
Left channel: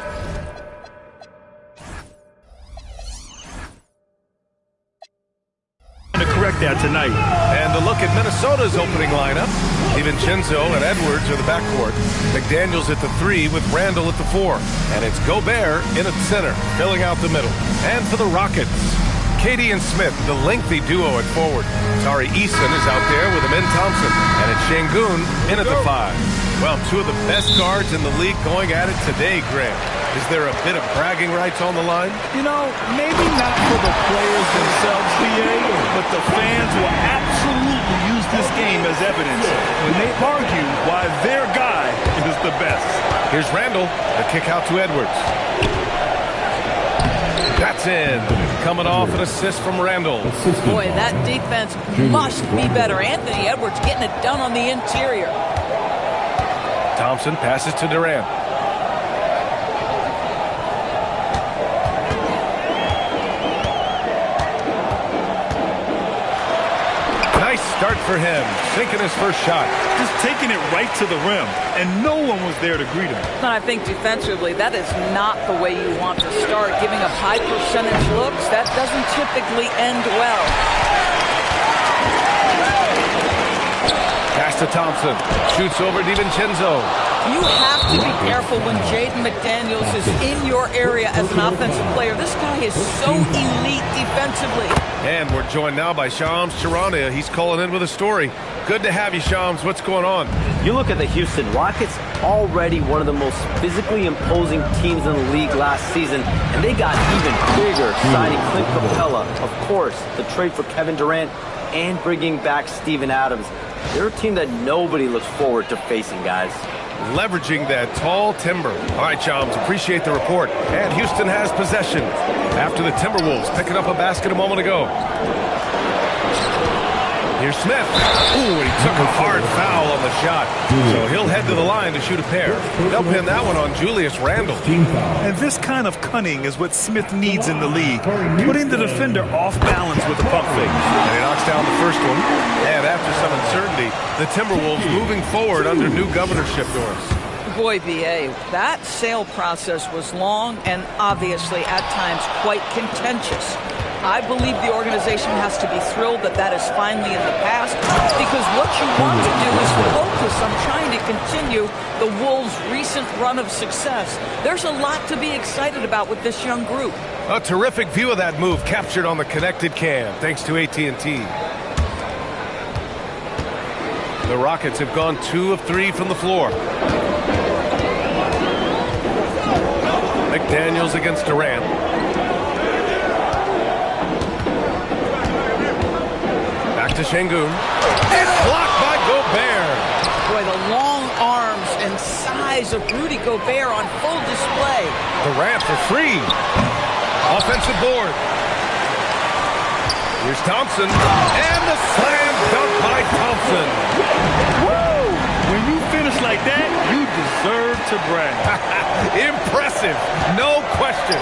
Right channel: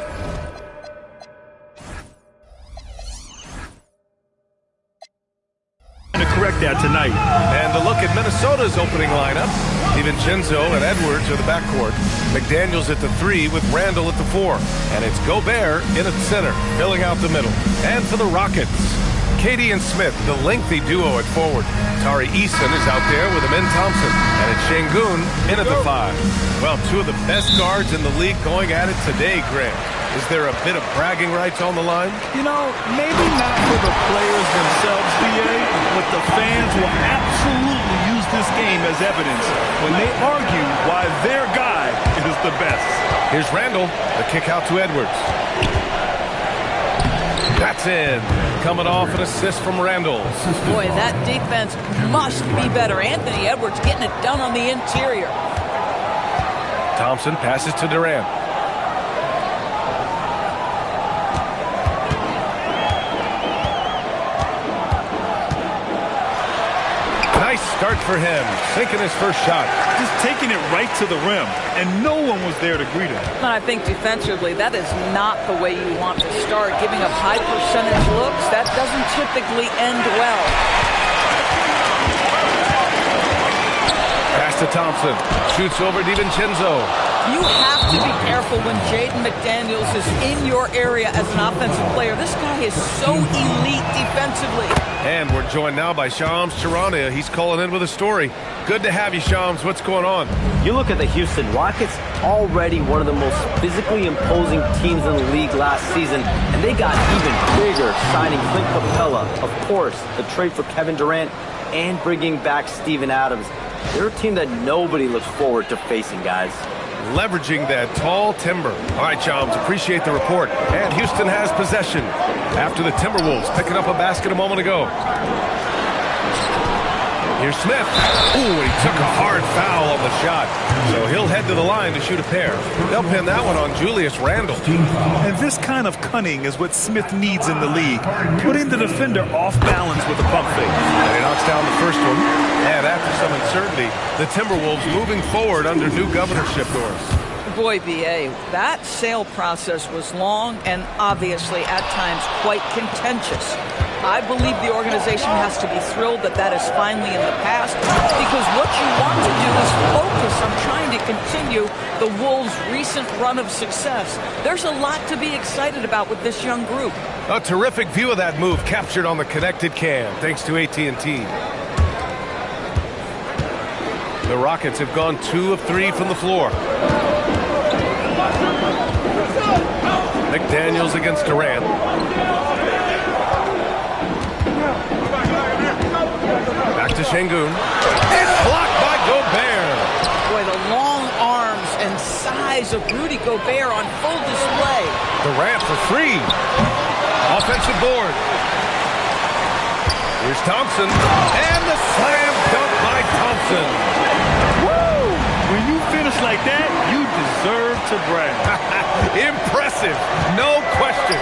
correct that tonight. And a look at Minnesota's opening lineup. DiVincenzo and Edwards are the backcourt. McDaniels at the 3 with Randall at the 4. And it's Gobert in at center, filling out the middle. And for the Rockets, Katie and Smith, the lengthy duo at forward. Tari Eason is out there with Amin Thompson. And it's Şengün in at the 5. Well, two of the best guards in the league going at it today, Grant. Is there a bit of bragging rights on the line? You know, maybe not for the players themselves, BA, but the fans will absolutely use this game as evidence when they argue why their guy is the best. Here's Randall, the kick out to Edwards. That's in. Coming off an assist from Randall. Boy, that defense must be better. Anthony Edwards getting it done on the interior. Thompson passes to Durant. Nice start for him, sinking his first shot. Just taking it right to the rim, and no one was there to greet him. And I think defensively, that is not the way you want to start. Giving up high percentage looks, that doesn't typically end well. Pass to Thompson. Shoots over DiVincenzo. You have to be careful when Jaden McDaniels is in your area as an offensive player. This guy is so elite defensively. And we're joined now by Shams Charania. He's calling in with a story. Good to have you, Shams. What's going on? You look at the Houston Rockets, already one of the most physically imposing teams in the league last season, and they got even bigger signing Clint Capella, of course, the trade for Kevin Durant, and bringing back Steven Adams. They're a team that nobody looks forward to facing, guys. Leveraging that tall timber. All right, Shams, appreciate the report. And Houston has possession after the Timberwolves picking up a basket a moment ago. Here's Smith. Ooh, and he took a hard foul on the shot. So he'll head to the line to shoot a pair. They'll pin that one on Julius Randle. And this kind of cunning is what Smith needs in the league. Putting the defender off balance with a pump fake. And he knocks down the first one. And after some uncertainty, the Timberwolves moving forward under new governorship doors. Boy, BA, that sale process was long and obviously at times quite contentious. I believe the organization has to be thrilled that that is finally in the past, because what you want to do is focus on trying to continue the Wolves' recent run of success. There's a lot to be excited about with this young group. A terrific view of that move captured on the connected cam, thanks to AT&T. The Rockets have gone 2 of 3 from the floor. McDaniels against Durant. Back to Şengün. It's blocked by Gobert. Boy, the long arms and size of Rudy Gobert on full display. Durant for 3. Offensive board. Here's Thompson. And the slam dunk by Thompson. Woo! When you finish like that, you deserve to brag. Impressive. No question.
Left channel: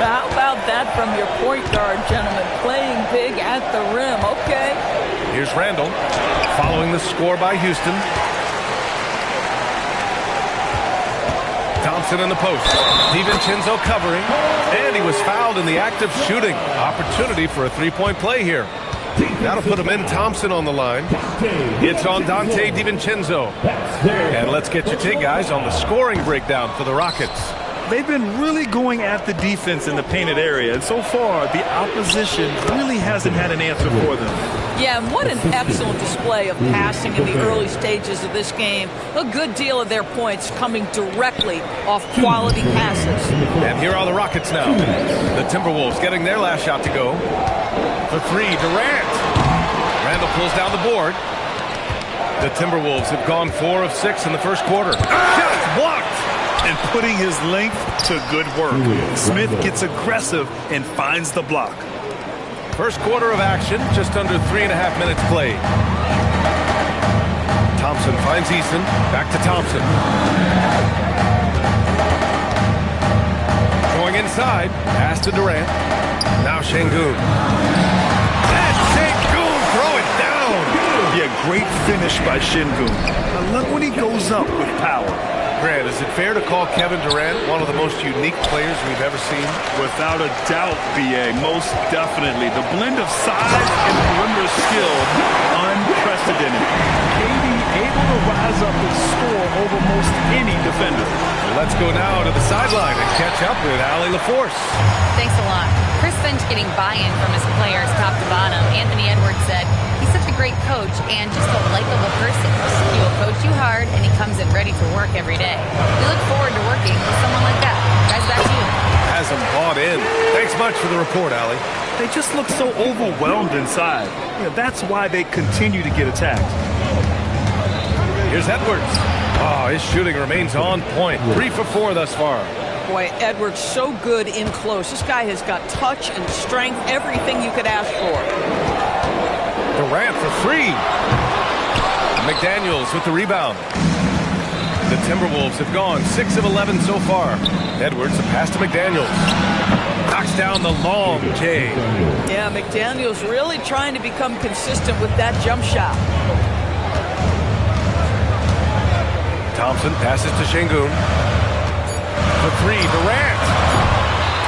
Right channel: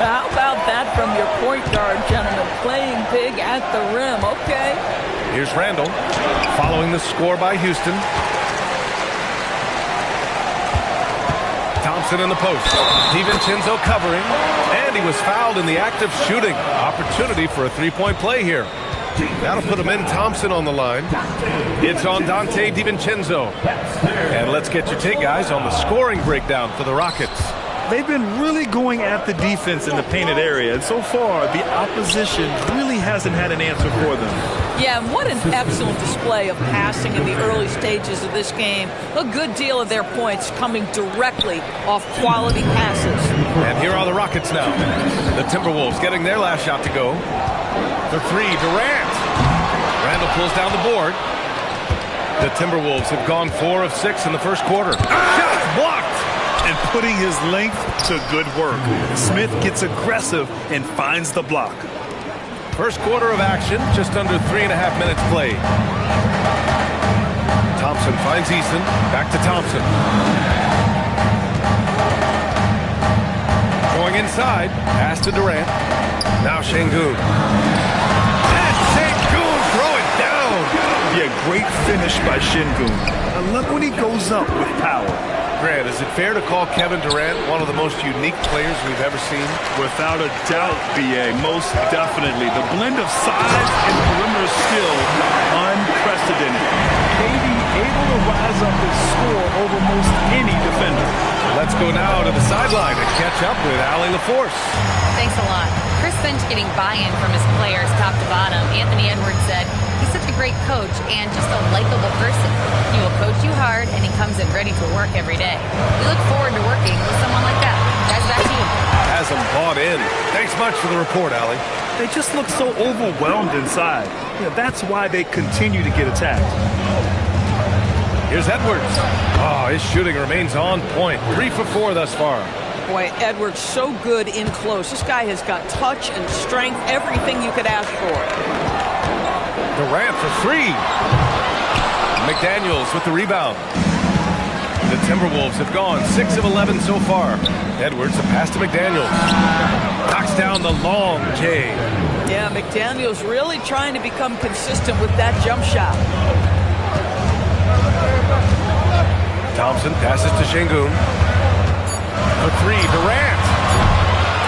How about that from your point guard, gentlemen? Playing big at the rim. Okay. Here's Randle following the score by Houston. Thompson in the post. DiVincenzo covering. And he was fouled in the act of shooting. Opportunity for a three-point play here. That'll put him in. Thompson on the line. It's on Dante DiVincenzo. And let's get your take, guys, on the scoring breakdown for the Rockets. They've been really going at the defense in the painted area, and so far the opposition really hasn't had an answer for them. Yeah, and what an excellent display of passing in the early stages of this game. A good deal of their points coming directly off quality passes. And here are the Rockets now. The Timberwolves getting their last shot to go. For 3, Durant. Randle pulls down the board. The Timberwolves have gone 4 of 6 in the first quarter. Shots blocked. And putting his length to good work. Smith gets aggressive and finds the block. First quarter of action, just under 3.5 minutes played. Thompson finds Easton. Back to Thompson. Going inside. Pass to Durant. Now Şengün. And Şengün throw it down. Yeah, great finish by Şengün. And look when he goes up with power. Grant, is it fair to call Kevin Durant one of the most unique players we've ever seen? Without a doubt, BA, most definitely. The blend of size and perimeter skill, unprecedented. KD able to rise up his score over most any defender. Let's go now to the sideline and catch up with Allie LaForce. Thanks a lot. Chris Finch getting buy-in from his players top to bottom. Anthony Edwards said he's such a great coach and just a likable person. He will coach you hard, and he comes in ready to work every day. We look forward to working with someone like that. Guys, back to you. Has them bought in. Thanks much for the report, Allie. They just look so overwhelmed inside. You know, that's why they continue to get attacked. Here's Edwards. Oh, his shooting remains on point. 3 for 4 thus far. Boy, Edwards so good in close. This guy has got touch and strength, everything you could ask for. Durant for 3. McDaniels with the rebound. The Timberwolves have gone 6 of 11 so far. Edwards, a pass to McDaniels. Knocks down the long J. Yeah, McDaniel's really trying to become consistent with that jump shot. Thompson passes to Şengün. For three, Durant.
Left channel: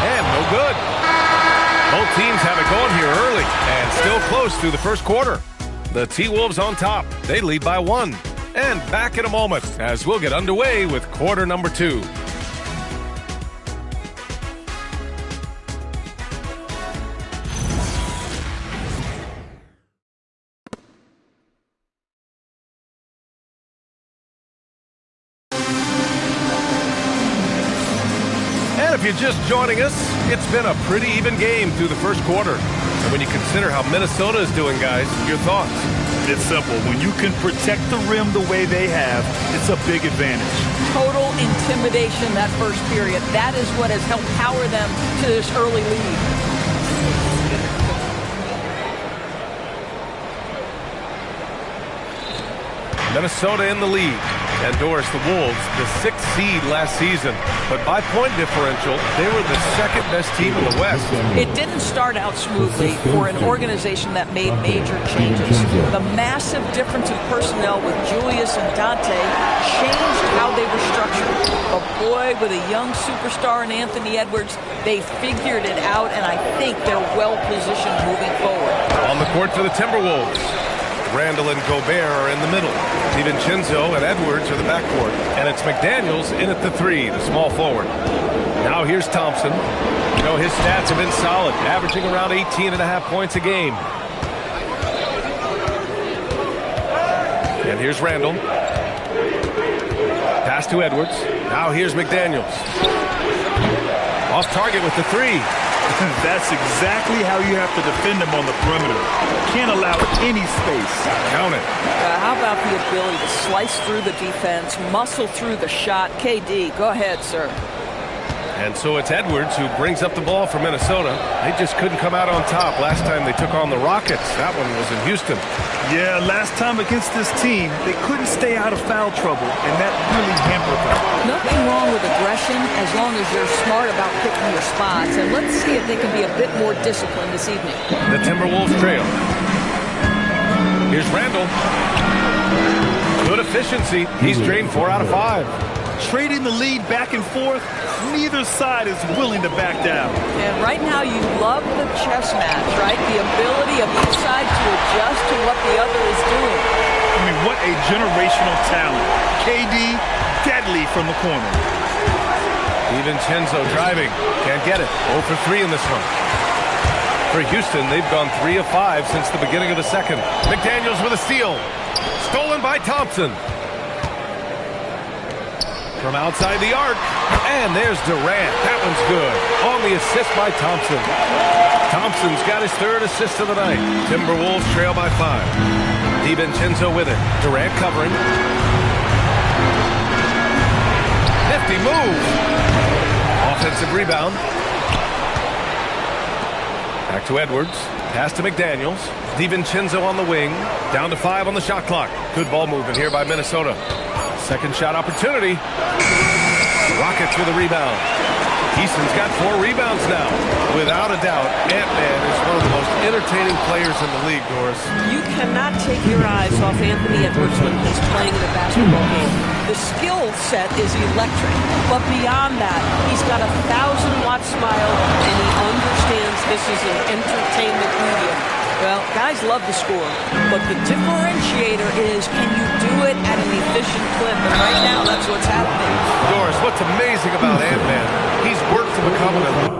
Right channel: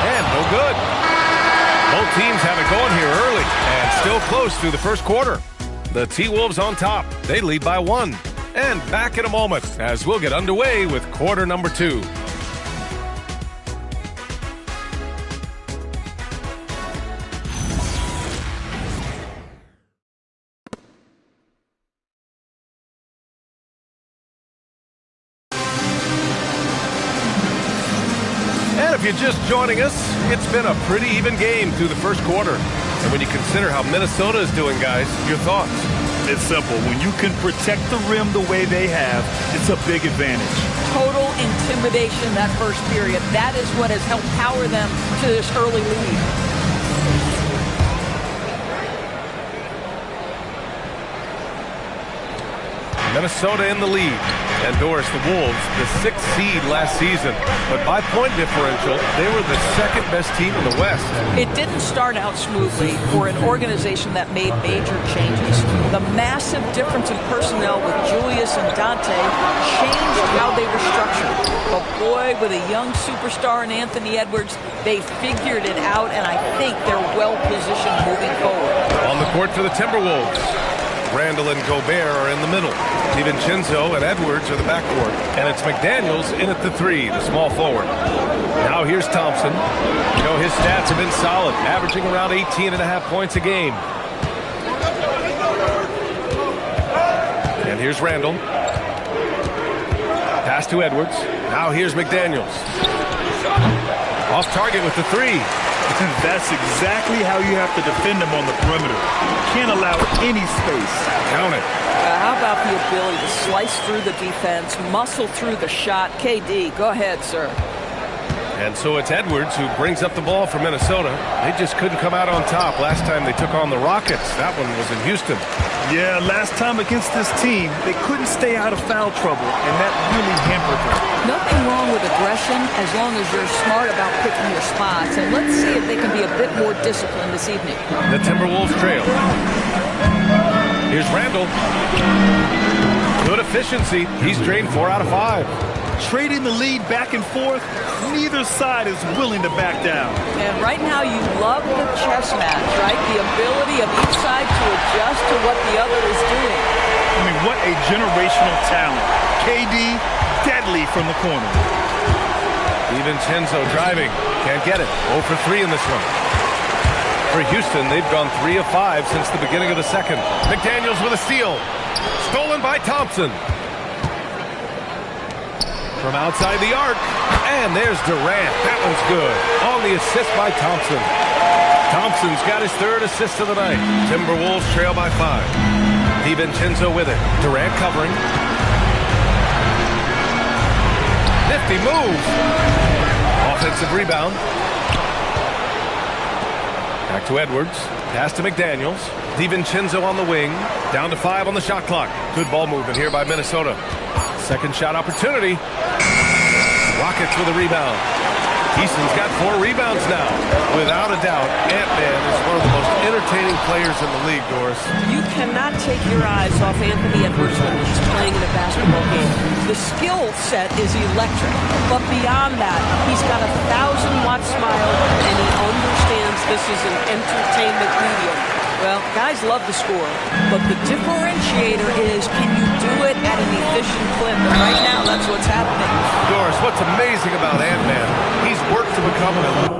And no good. Both teams have it going here early and still close through the first quarter. The T-Wolves on top. They lead by 1. And back in a moment as we'll get underway with quarter number 2. And if you're just joining us, it's been a pretty even game through the first quarter. And when you consider how Minnesota is doing, guys, your thoughts? It's simple. When you can protect the rim the way they have, it's a big advantage. Total intimidation that first period. That is what has helped power them to this early lead. Minnesota in the lead. And Doris, the Wolves, the 6th seed last season. But by point differential, they were the second best team in the West. It didn't start out smoothly for an organization that made major changes. The massive difference in personnel with Julius and Dante changed how they were structured. But boy, with a young superstar in Anthony Edwards, they figured it out, and I think they're well-positioned moving forward. On the court for the Timberwolves, Randall and Gobert are in the middle. DiVincenzo and Edwards are the backcourt. And it's McDaniels in at the 3, the small forward. Now here's Thompson. You know, his stats have been solid, averaging around 18.5 points a game. And here's Randall. Pass to Edwards. Now here's McDaniels. Off target with the 3. That's exactly how you have to defend them on the perimeter. Can't allow any space. Count it. How about the ability to slice through the defense, muscle through the shot? KD, go ahead, sir. And so it's Edwards who brings up the ball for Minnesota. They just couldn't come out on top last time they took on the Rockets. That one was in Houston. Yeah, last time against this team, they couldn't stay out of foul trouble, and that really hampered them. Nothing wrong with aggression as long as you're smart about picking your spots. And let's see if they can be a bit more disciplined this evening. The Timberwolves trail. Here's Randall. Good efficiency. He's drained 4 out of 5. Trading the lead back and forth, neither side is willing to back down. And right now you love the chess match, right? The ability of each side to adjust to what the other is doing. I mean, what a generational talent. KD, deadly from the corner. DiVincenzo driving. Can't get it. 0 for 3 in this one. For Houston, they've gone 3 of 5 since the beginning of the second. McDaniels with a steal. Stolen by Thompson. From outside the arc. And there's Durant. That one's good. On the assist by Thompson. Thompson's got his 3rd assist of the night. Timberwolves trail by 5. DiVincenzo with it. Durant covering. Nifty move. Offensive rebound. Back to Edwards. Pass to McDaniels. DiVincenzo on the wing. Down to 5 on the shot clock. Good ball movement here by Minnesota. Second shot opportunity. Rockets with a rebound. Easton's got 4 rebounds now. Without a doubt, Ant-Man is one of the most entertaining players in the league, Doris. You cannot take your eyes off Anthony Edwards when he's playing in a basketball game. The skill set is electric, but beyond that, He's got a 1,000-watt smile, and he understands this is an entertainment medium. well, guys love to score, but the differentiator is, can you do it at an efficient clip? And right now, that's what's happening. Doris, what's amazing about Ant-Man, he's worked to become an elite.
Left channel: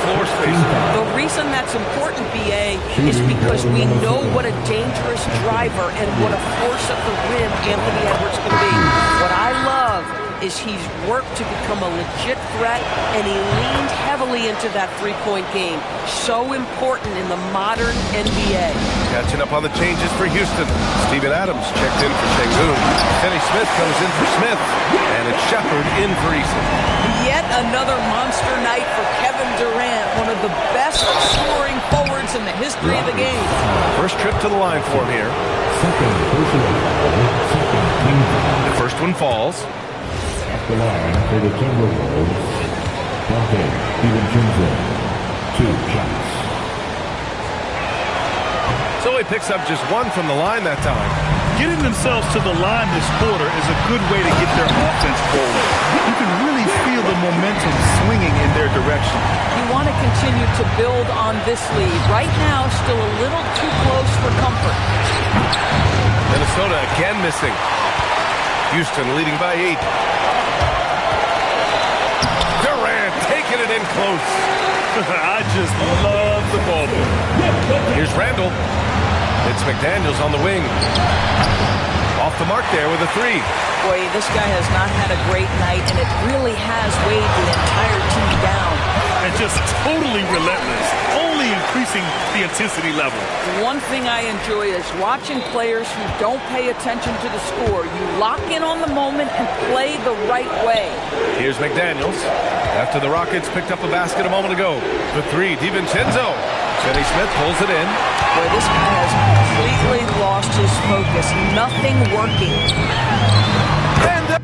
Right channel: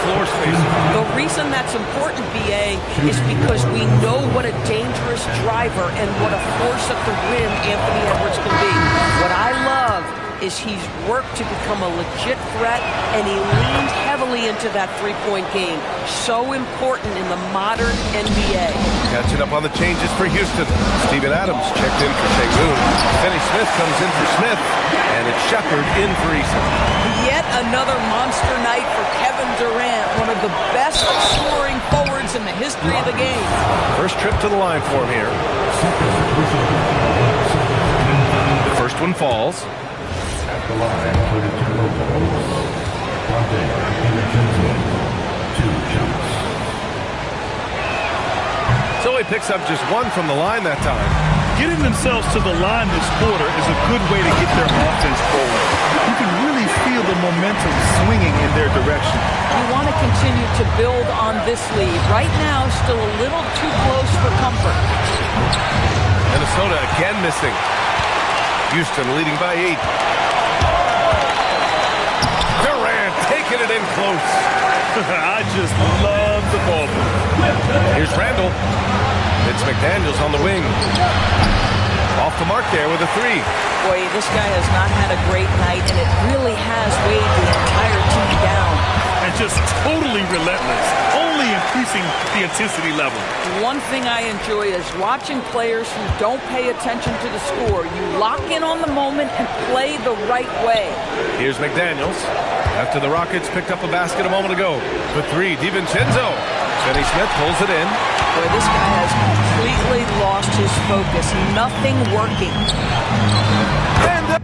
Floor spacer. The reason that's important, BA, is because we know what a dangerous driver and what a force at the rim Anthony Edwards can be. What I love is he's worked to become a legit threat, and he leaned heavily into that three-point game. So important in the modern NBA. Catching up on the changes for Houston. Steven Adams checked in for Şengün. Finney Smith comes in for Smith. And it's Shepard in for Eason. Yet another monster night for Kevin Durant, one of the best scoring forwards in the history of the game. First trip to the line for him here. The first one falls. At the line for the Timberwolves, Dante DiVincenzo, 2 shots. So he picks up just one from the line that time. Getting themselves to the line this quarter is a good way to get their offense rolling. You can really feel the momentum swinging in their direction. You want to continue to build on this lead. Right now, still a little too close for comfort. Minnesota again missing. Houston leading by 8. Durant taking it in close. I just love the ball move. Here's Randall. It's McDaniels on the wing. Off the mark there with a 3. Boy, this guy has not had a great night, and it really has weighed the entire team down. And just totally relentless, only increasing the intensity level. One thing I enjoy is watching players who don't pay attention to the score. You lock in on the moment and play the right way. Here's McDaniels. After the Rockets picked up a basket a moment ago. The 3, DiVincenzo. Finney Smith pulls it in. Boy, this guy has completely lost his focus. Nothing working. And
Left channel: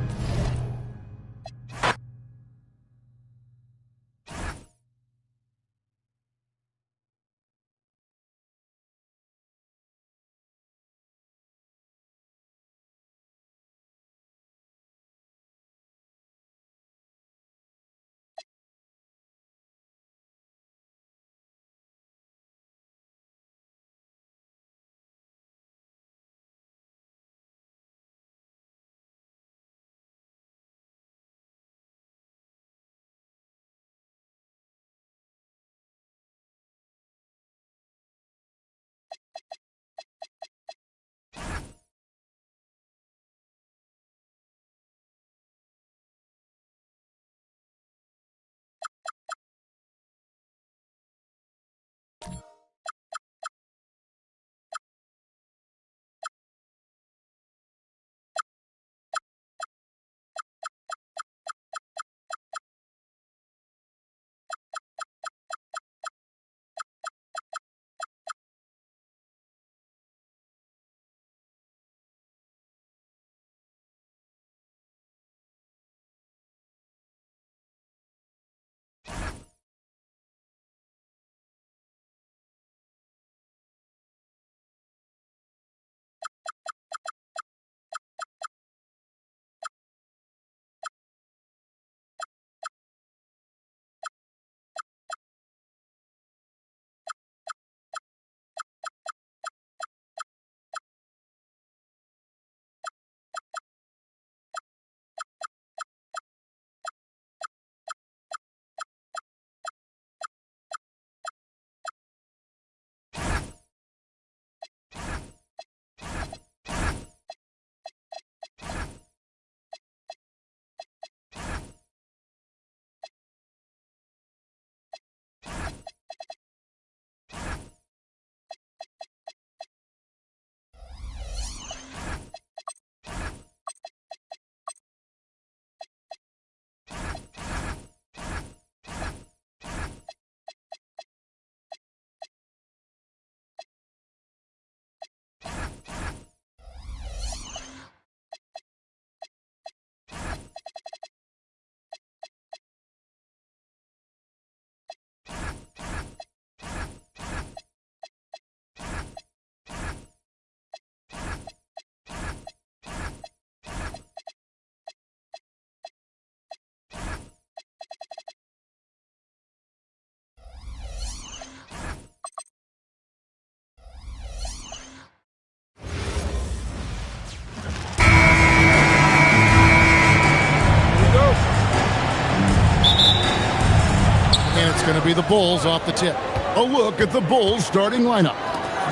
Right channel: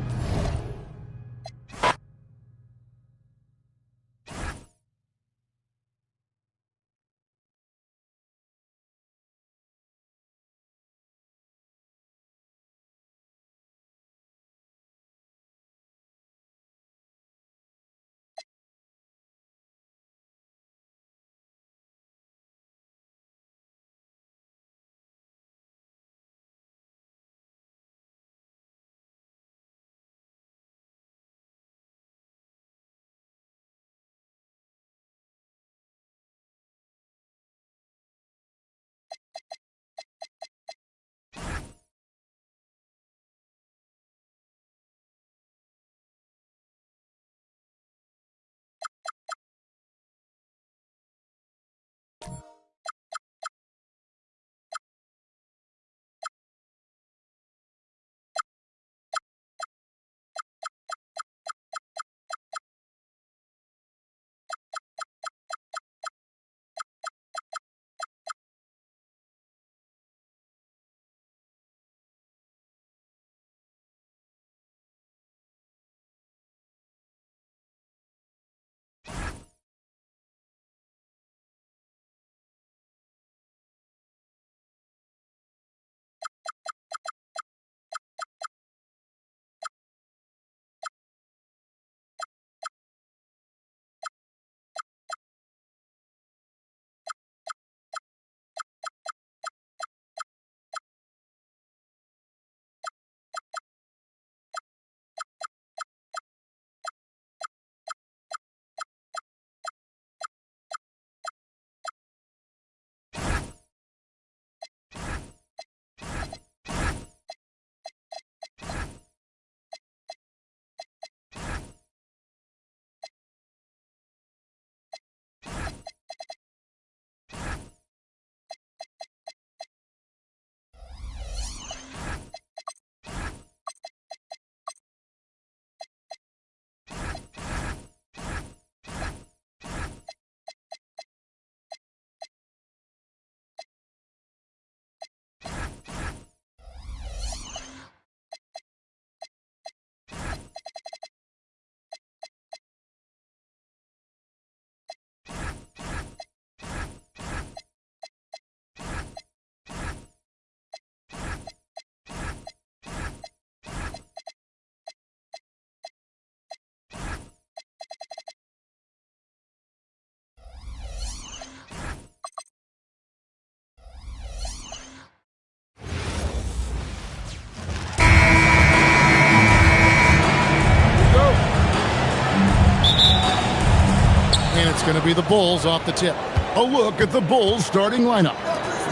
It's going to be the Bulls off the tip. A look at the Bulls starting lineup.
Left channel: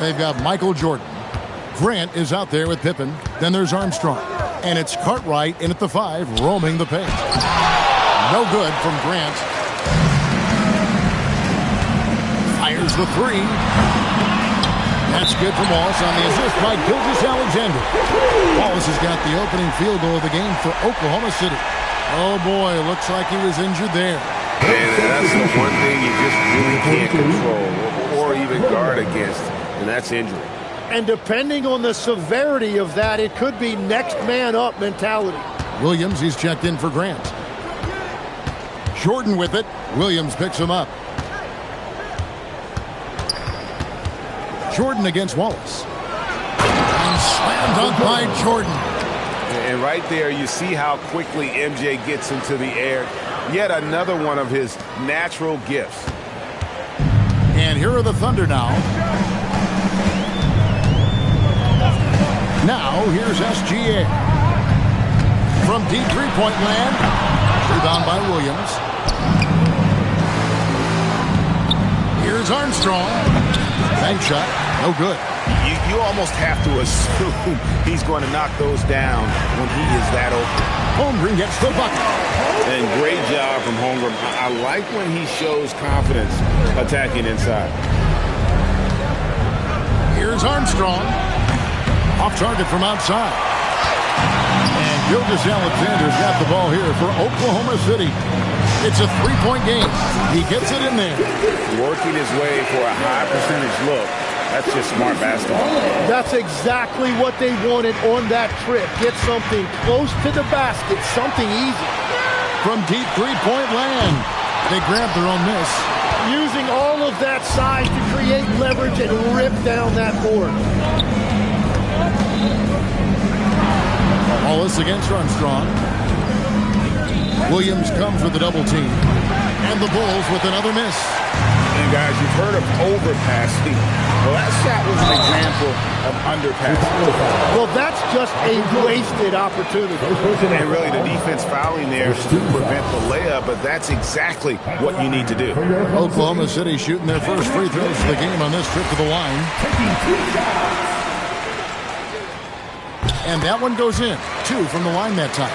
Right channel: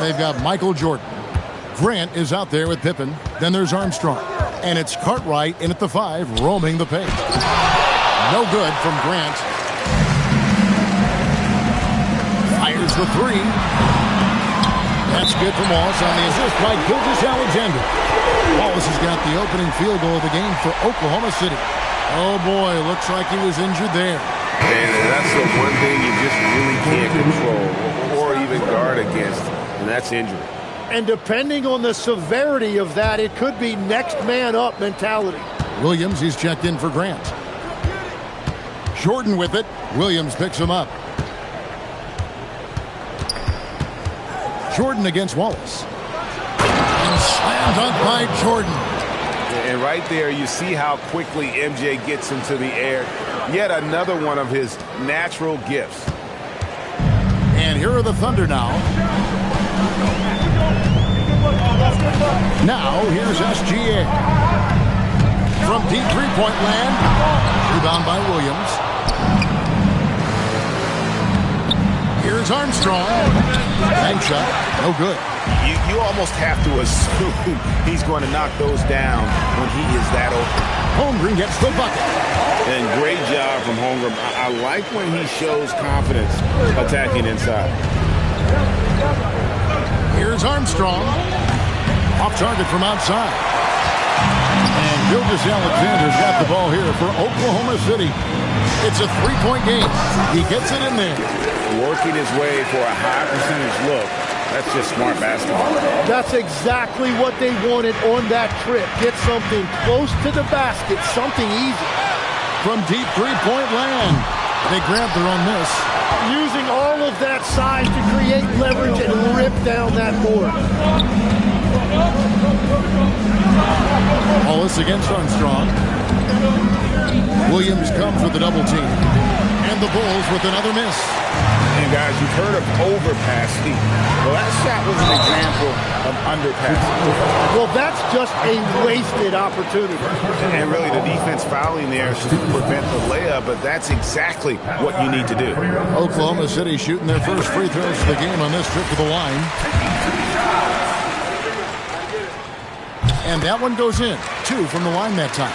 They've got Michael Jordan. Grant is out there with Pippen. Then there's Armstrong. And it's Cartwright in at the 5, roaming the paint. No good from Grant. Fires the 3. That's good from Wallace on the assist by Gilgeous-Alexander. Wallace has got the opening field goal of the game for Oklahoma City. Oh boy, looks like he was injured there. And that's the one thing you just really can't control or even guard against, and that's injury. And depending on the severity of that, it could be next man up mentality. Williams, he's checked in for Grant. Jordan with it. Williams picks him up. Jordan against Wallace. And slam dunk by Jordan. And right there, you see how quickly MJ gets into the air. Yet another one of his natural gifts. And here are the Thunder now. Now, here's SGA. From deep three-point land. Rebound by Williams. Here's Armstrong. Bank shot. No good. You almost have to assume he's going to knock those down when he is that open. Holmgren gets the bucket. And great job from Holmgren. I like when he shows confidence attacking inside. Here's Armstrong. Off target from outside. And Gilgeous-Alexander's got the ball here for Oklahoma City. It's a three-point game. He gets it in there. Working his way for a high percentage look. That's just smart basketball. That's exactly what they wanted on that trip. Get something close to the basket, something easy. From deep three-point land, they grab their own miss. Using all of that size to create leverage and rip down that board. Wallace against Armstrong. Williams comes with the double team. And the Bulls with another miss. And guys, you've heard of overpassing. Well, that shot was an example of underpassing. Well, that's just a wasted opportunity. And really, the defense fouling there to prevent the layup, but that's exactly what you need to do. Oklahoma City shooting their first free throws of the game on this trip to the line. And that one goes in. 2 from the line that time.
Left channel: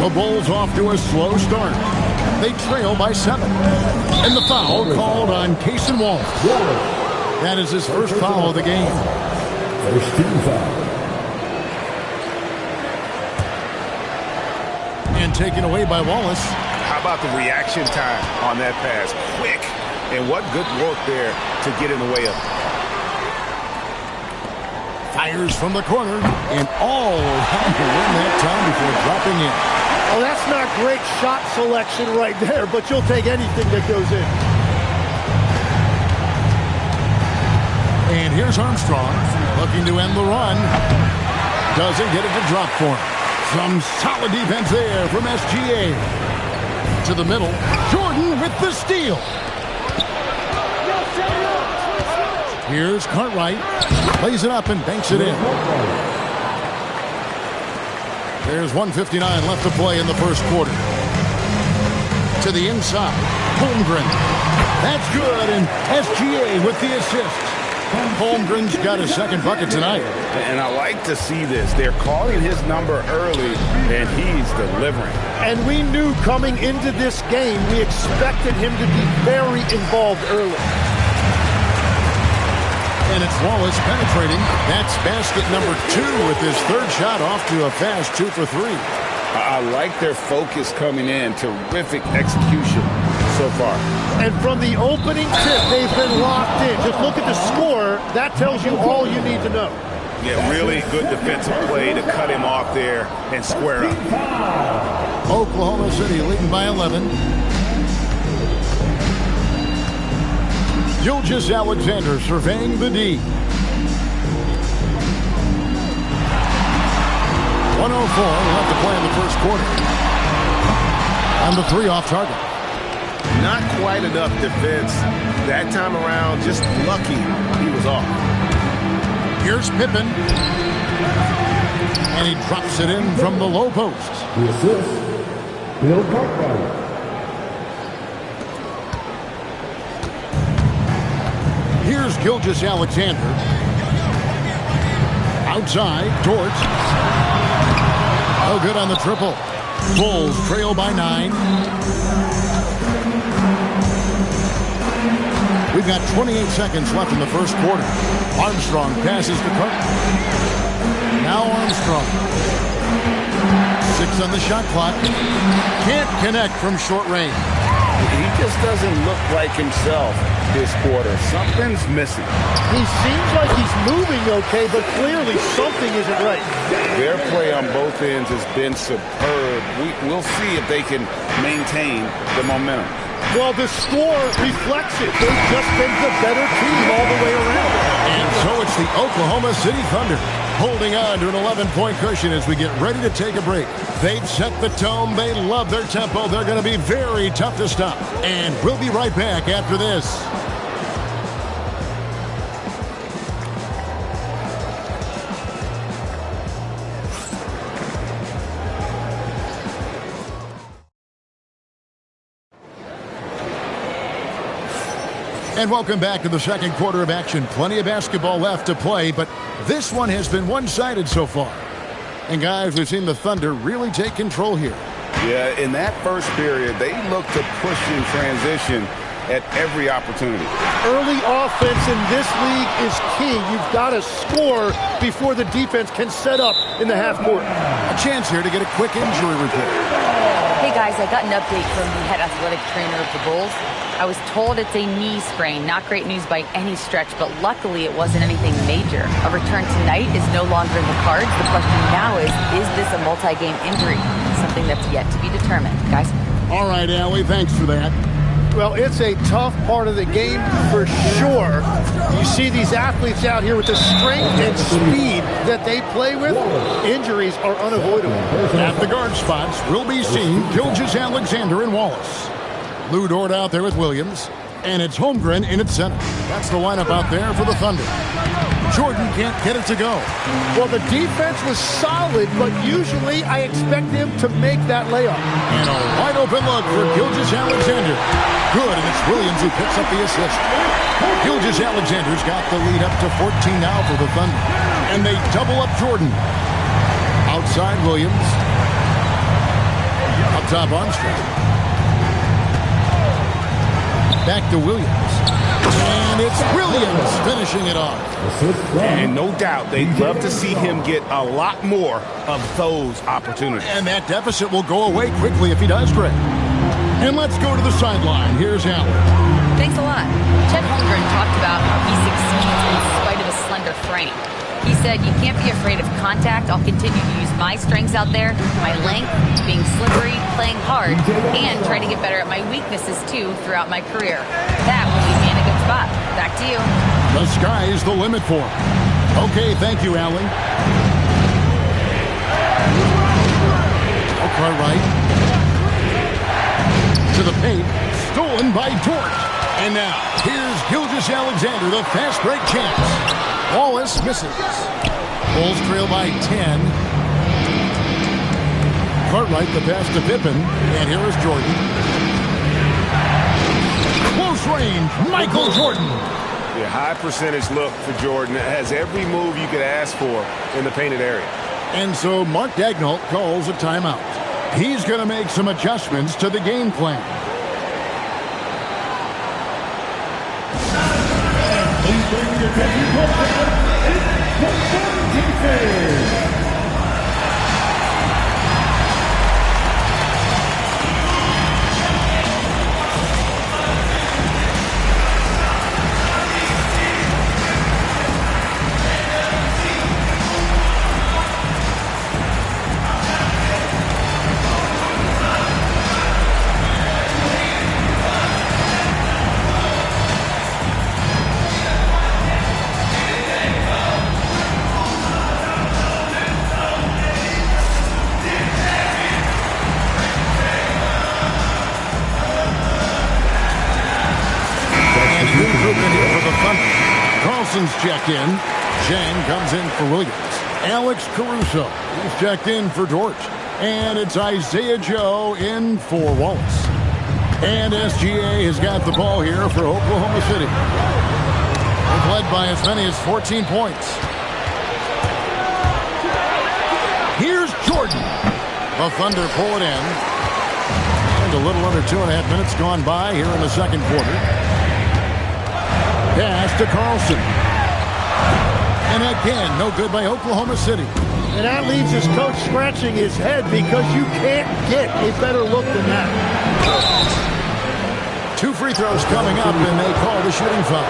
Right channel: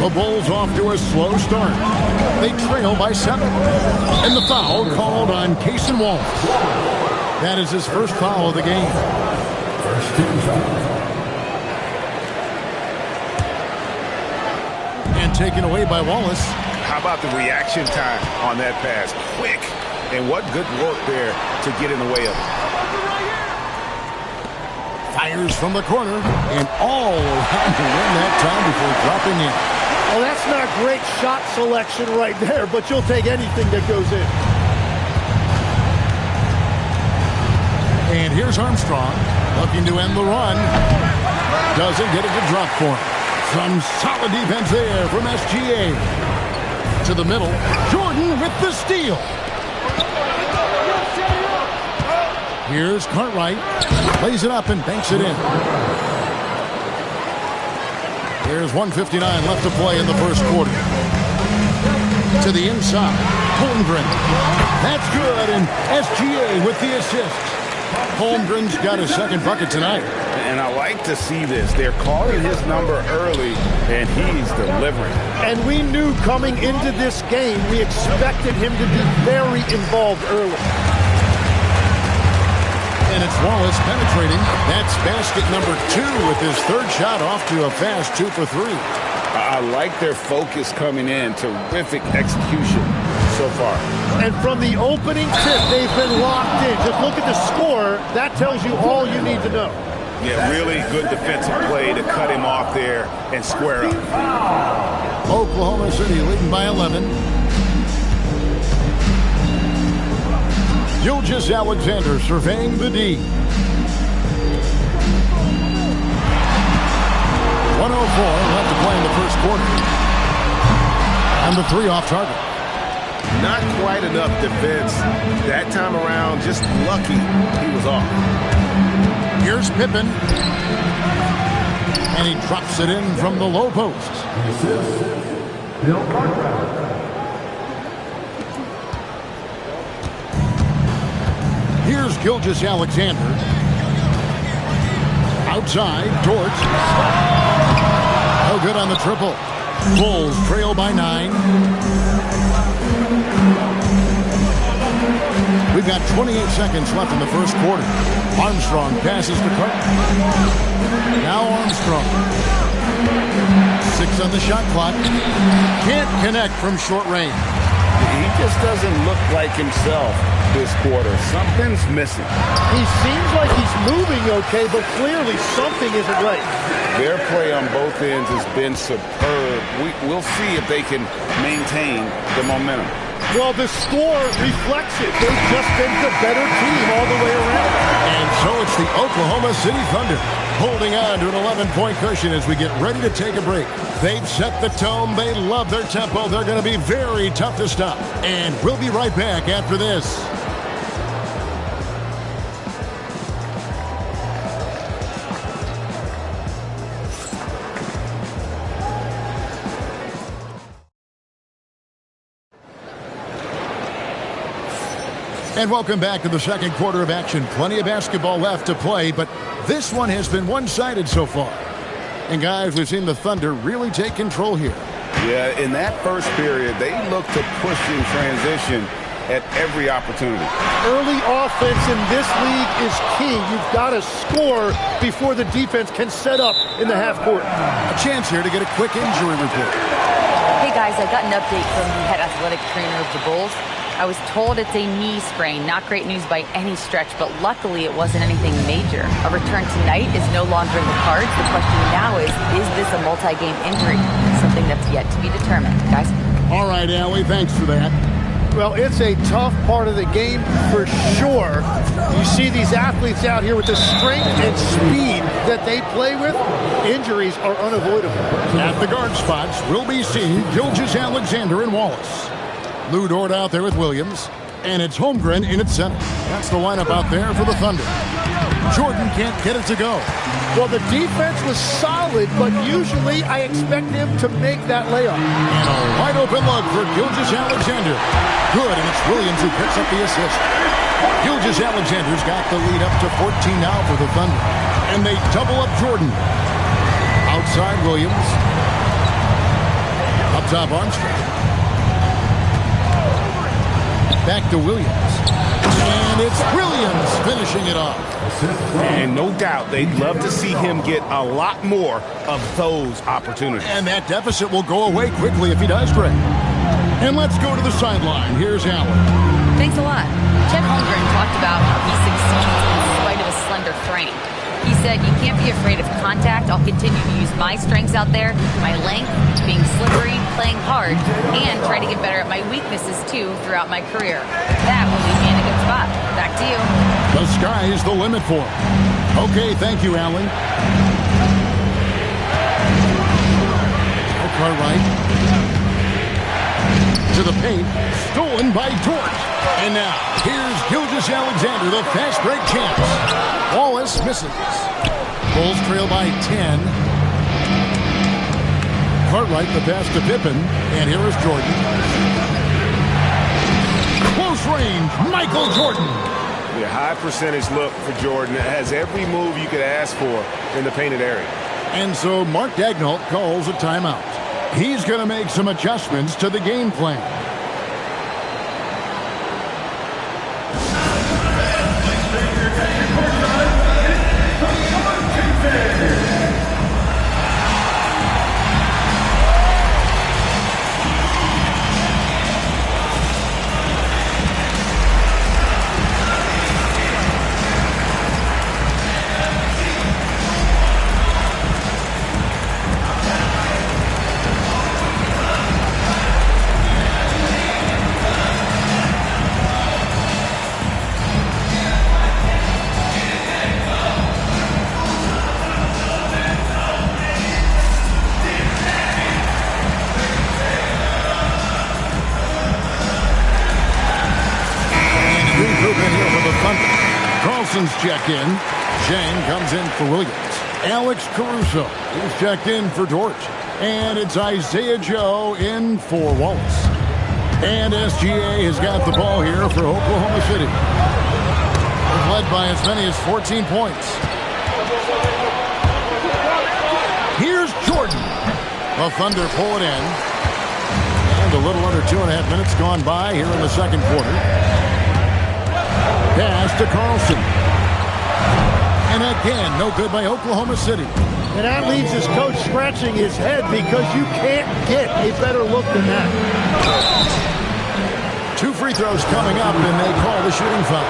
The Bulls off to a slow start. They trail by 7. And the foul called on Cason Wallace. That is his first foul of the game. First team foul. And taken away by Wallace. How about the reaction time on that pass? Quick. And what good work there to get in the way of it. Fires from the corner. And all around the rim that time before dropping in. Well, that's not great shot selection right there, but you'll take anything that goes in. And here's Armstrong looking to end the run. Doesn't get it to drop for him. Some solid defense there from SGA. To the middle. Jordan with the steal. Here's Cartwright. Lays it up and banks it in. There's 1:59 left to play in the first quarter. To the inside. Holmgren. That's good. And SGA with the assist. Holmgren's got his second bucket tonight. And I like to see this. They're calling his number early, and he's delivering. And we knew coming into this game, we expected him to be very involved early. And it's Wallace penetrating. That's basket number 2 with his third shot off to a fast 2 for 3. I like their focus coming in. Terrific execution so far. And from the opening tip, they've been locked in. Just look at the score. That tells you all you need to know. Yeah, really good defensive play to cut him off there and square up. Oklahoma City leading by 11. Gilgeous-Alexander surveying the D. 1:04 left to play in the first quarter. And the 3 off target. Not quite enough defense. That time around, just lucky he was off. Here's Pippen. And he drops it in from the low post. The assist, Bill Cartwright. Here's Gilgeous-Alexander. Outside, Dort. No good on the triple. Bulls trail by 9. We've got 28 seconds left in the first quarter. Armstrong passes to Carter. Now Armstrong. 6 on the shot clock. Can't connect from short range. He just doesn't look like himself this quarter. Something's missing. He seems like he's moving okay, but clearly something isn't right. Their play on both ends has been superb. We'll see if they can maintain the momentum. Well, the score reflects it. They've just been the better team all the way around. And so it's the Oklahoma City Thunder holding on to an 11-point cushion as we get ready to take a break. They've set the tone. They love their tempo. They're going to be very tough to stop. And we'll be right back after this. And welcome back to the second quarter of action. Plenty of basketball left to play, but this one has been one-sided so far. And guys, we've seen the Thunder really take control here. Yeah, in that first period, they look to push in transition at every opportunity. Early offense in this league is key. You've got to score before the defense can set up in the half court. A chance here to get a quick injury report. Hey guys, I got an update from the head athletic trainer of the Bulls. I was told it's a knee sprain. Not great news by any stretch, but luckily it wasn't anything major. A return tonight is no longer in the cards. The question now is this a multi-game injury? Something that's yet to be determined. Guys? All right, Allie, thanks for that. Well, it's a tough part of the game for sure. You see these athletes out here with the strength and speed that they play with. Injuries are unavoidable. At the guard spots, we'll be seeing Gilgeous-Alexander and Wallace. Lou Dort out there with Williams, and it's Holmgren in at center. That's the lineup out there for the Thunder. Jordan can't get it to go. Well, the defense was solid, but usually I expect him to make that layup. And a wide open look for Gilgeous-Alexander. Good, and it's Williams who picks up the assist. Gilgeous-Alexander's got the lead up to 14 now for the Thunder. And they double up Jordan. Outside Williams. Up top Armstrong. Back to Williams. And it's Williams finishing it off. And no doubt they'd love to see him get a lot more of those opportunities. And that deficit will go away quickly if he does, Greg. And let's go to the sideline. Here's Allen. Thanks a lot. Chet Holmgren talked about how he succeeds in spite of a slender frame. He said, you can't be afraid of contact. I'll continue to use my strengths out there, my length, being slippery, playing hard, and try to get better at my weaknesses, too, throughout my career. That will leave me in a good spot. Back to you. The sky is the limit for him. Okay, thank you, Allen. Cartwright. To the paint. Stolen by Dort. And now, here's Gilgeous-Alexander, the fast break champs. Wallace misses. Bulls trail by 10. Cartwright the pass to Pippen. And here is Jordan. Close range, Michael Jordan. The high percentage look for Jordan. It has every move you could ask for in the painted area. And so Mark Daigneault calls a timeout. He's going to make some adjustments to the game plan. Carlson's checked in. Shane comes in for Williams. Alex Caruso is checked in for Dort. And it's Isaiah Joe in for Wallace. And SGA has got the ball here for Oklahoma City. They've led by as many as 14 points. The Thunder pull it in. And a little under 2.5 minutes gone by here in the second quarter. Pass to Carlson. And again, no good by Oklahoma City. And that leaves his coach scratching his head because you can't get a better look than that. 2 free throws coming up, and they call the shooting foul.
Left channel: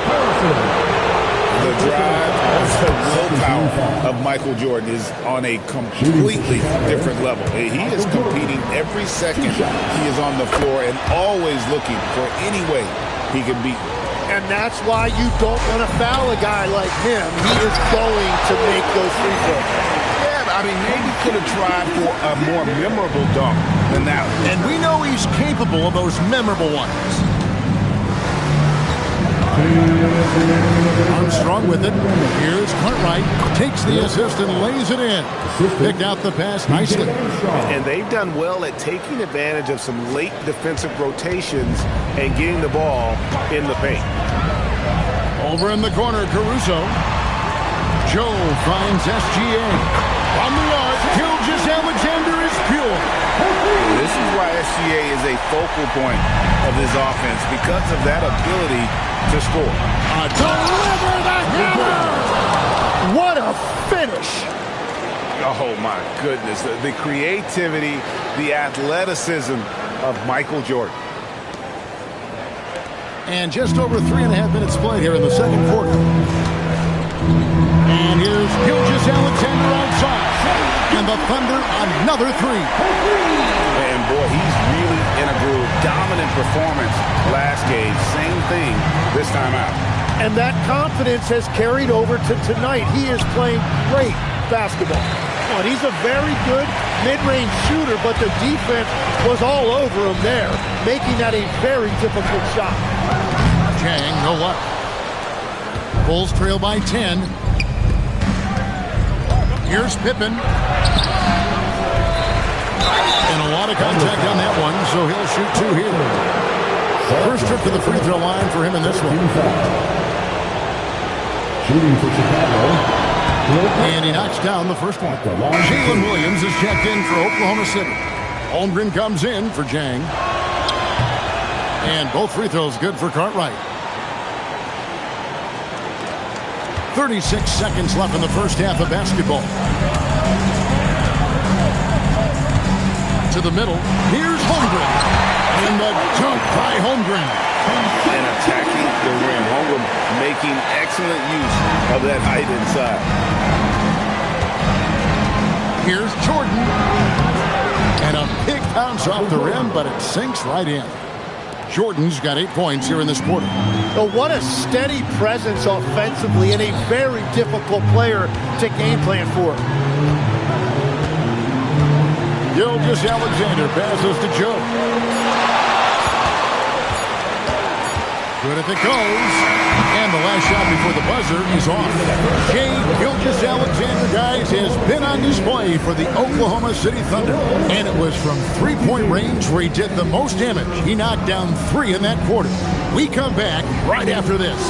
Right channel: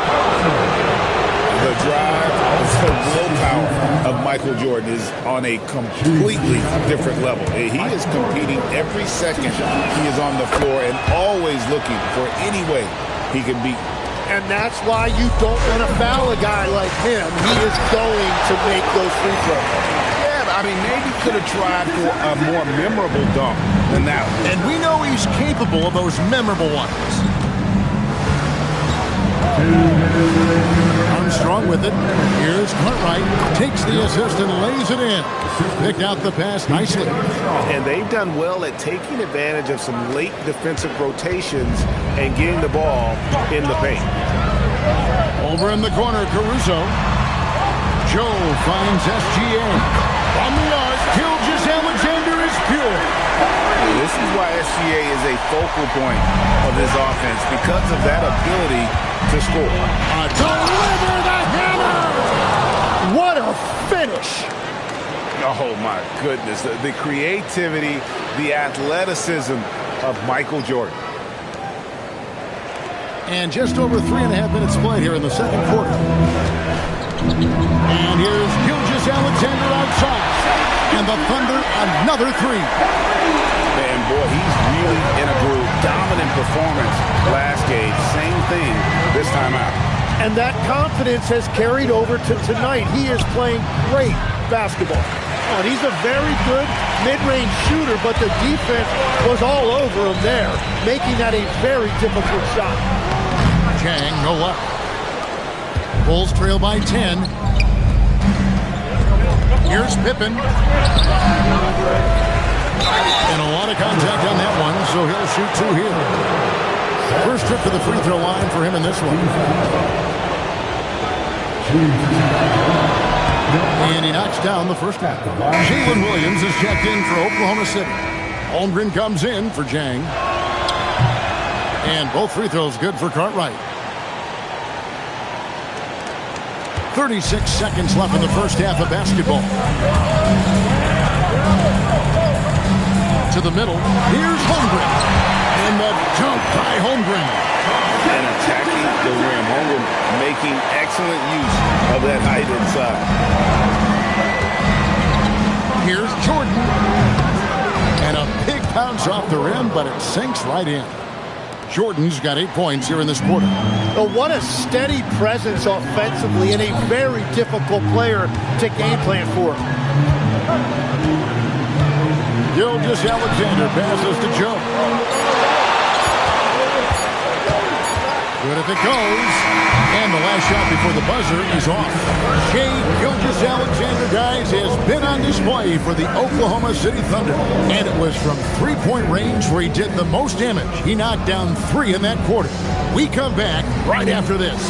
The drive, the willpower of Michael Jordan is on a completely different level. He is competing every second he is on the floor and always looking for any way he can beat. And that's why you don't want to foul a guy like him. He is going to make those free throws. Yeah, but I mean, maybe could have tried for a more memorable dunk than that one. And we know he's capable of those memorable ones. Armstrong with it. Here's Cartwright. Takes the assist and lays it in. Picked out the pass nicely. And they've done well at taking advantage of some late defensive rotations and getting the ball in the paint. Over in the corner, Caruso. Joe finds SGA. From the arc, Gilgeous-Alexander is pure. This is why SGA is a focal point of this offense, because of that ability to score. Deliver the hammer! What a finish! Oh, my goodness. The creativity, the athleticism of Michael Jordan. And just over 3.5 minutes played here in the second quarter. And here's Gilgeous-Alexander outside. And the Thunder, another 3. And boy, he's really in a groove. Dominant performance last game. Same thing this time out. And that confidence has carried over to tonight. He is playing great basketball. Oh, and he's a very good mid-range shooter, but the defense was all over him there, making that a very difficult shot. Chang, no luck. Bulls trail by 10. Here's Pippen. And a lot of contact on that one, so he'll shoot 2 here. First trip to the free throw line for him in this one. And he knocks down the first one. Jalen Williams is checked in for Oklahoma City. Holmgren comes in for Jang. And both free throws good for Cartwright. 36 seconds left in the first half of basketball. To the middle. Here's Holmgren. And the dunk by Holmgren. And attacking the rim. Holmgren making excellent use of that height inside. Here's Jordan. And a big bounce off the rim, but it sinks right in. Jordan's got 8 points here in this quarter. Oh, what a steady presence offensively and a very difficult player to game plan for. Gilgeous-Alexander passes to Joe. Good if it goes. And the last shot before the buzzer is off. Shai Gilgeous-Alexander, guys, has been on display for the Oklahoma City Thunder. And it was from three-point range where he did the most damage. He knocked down 3 in that quarter. We come back right after this.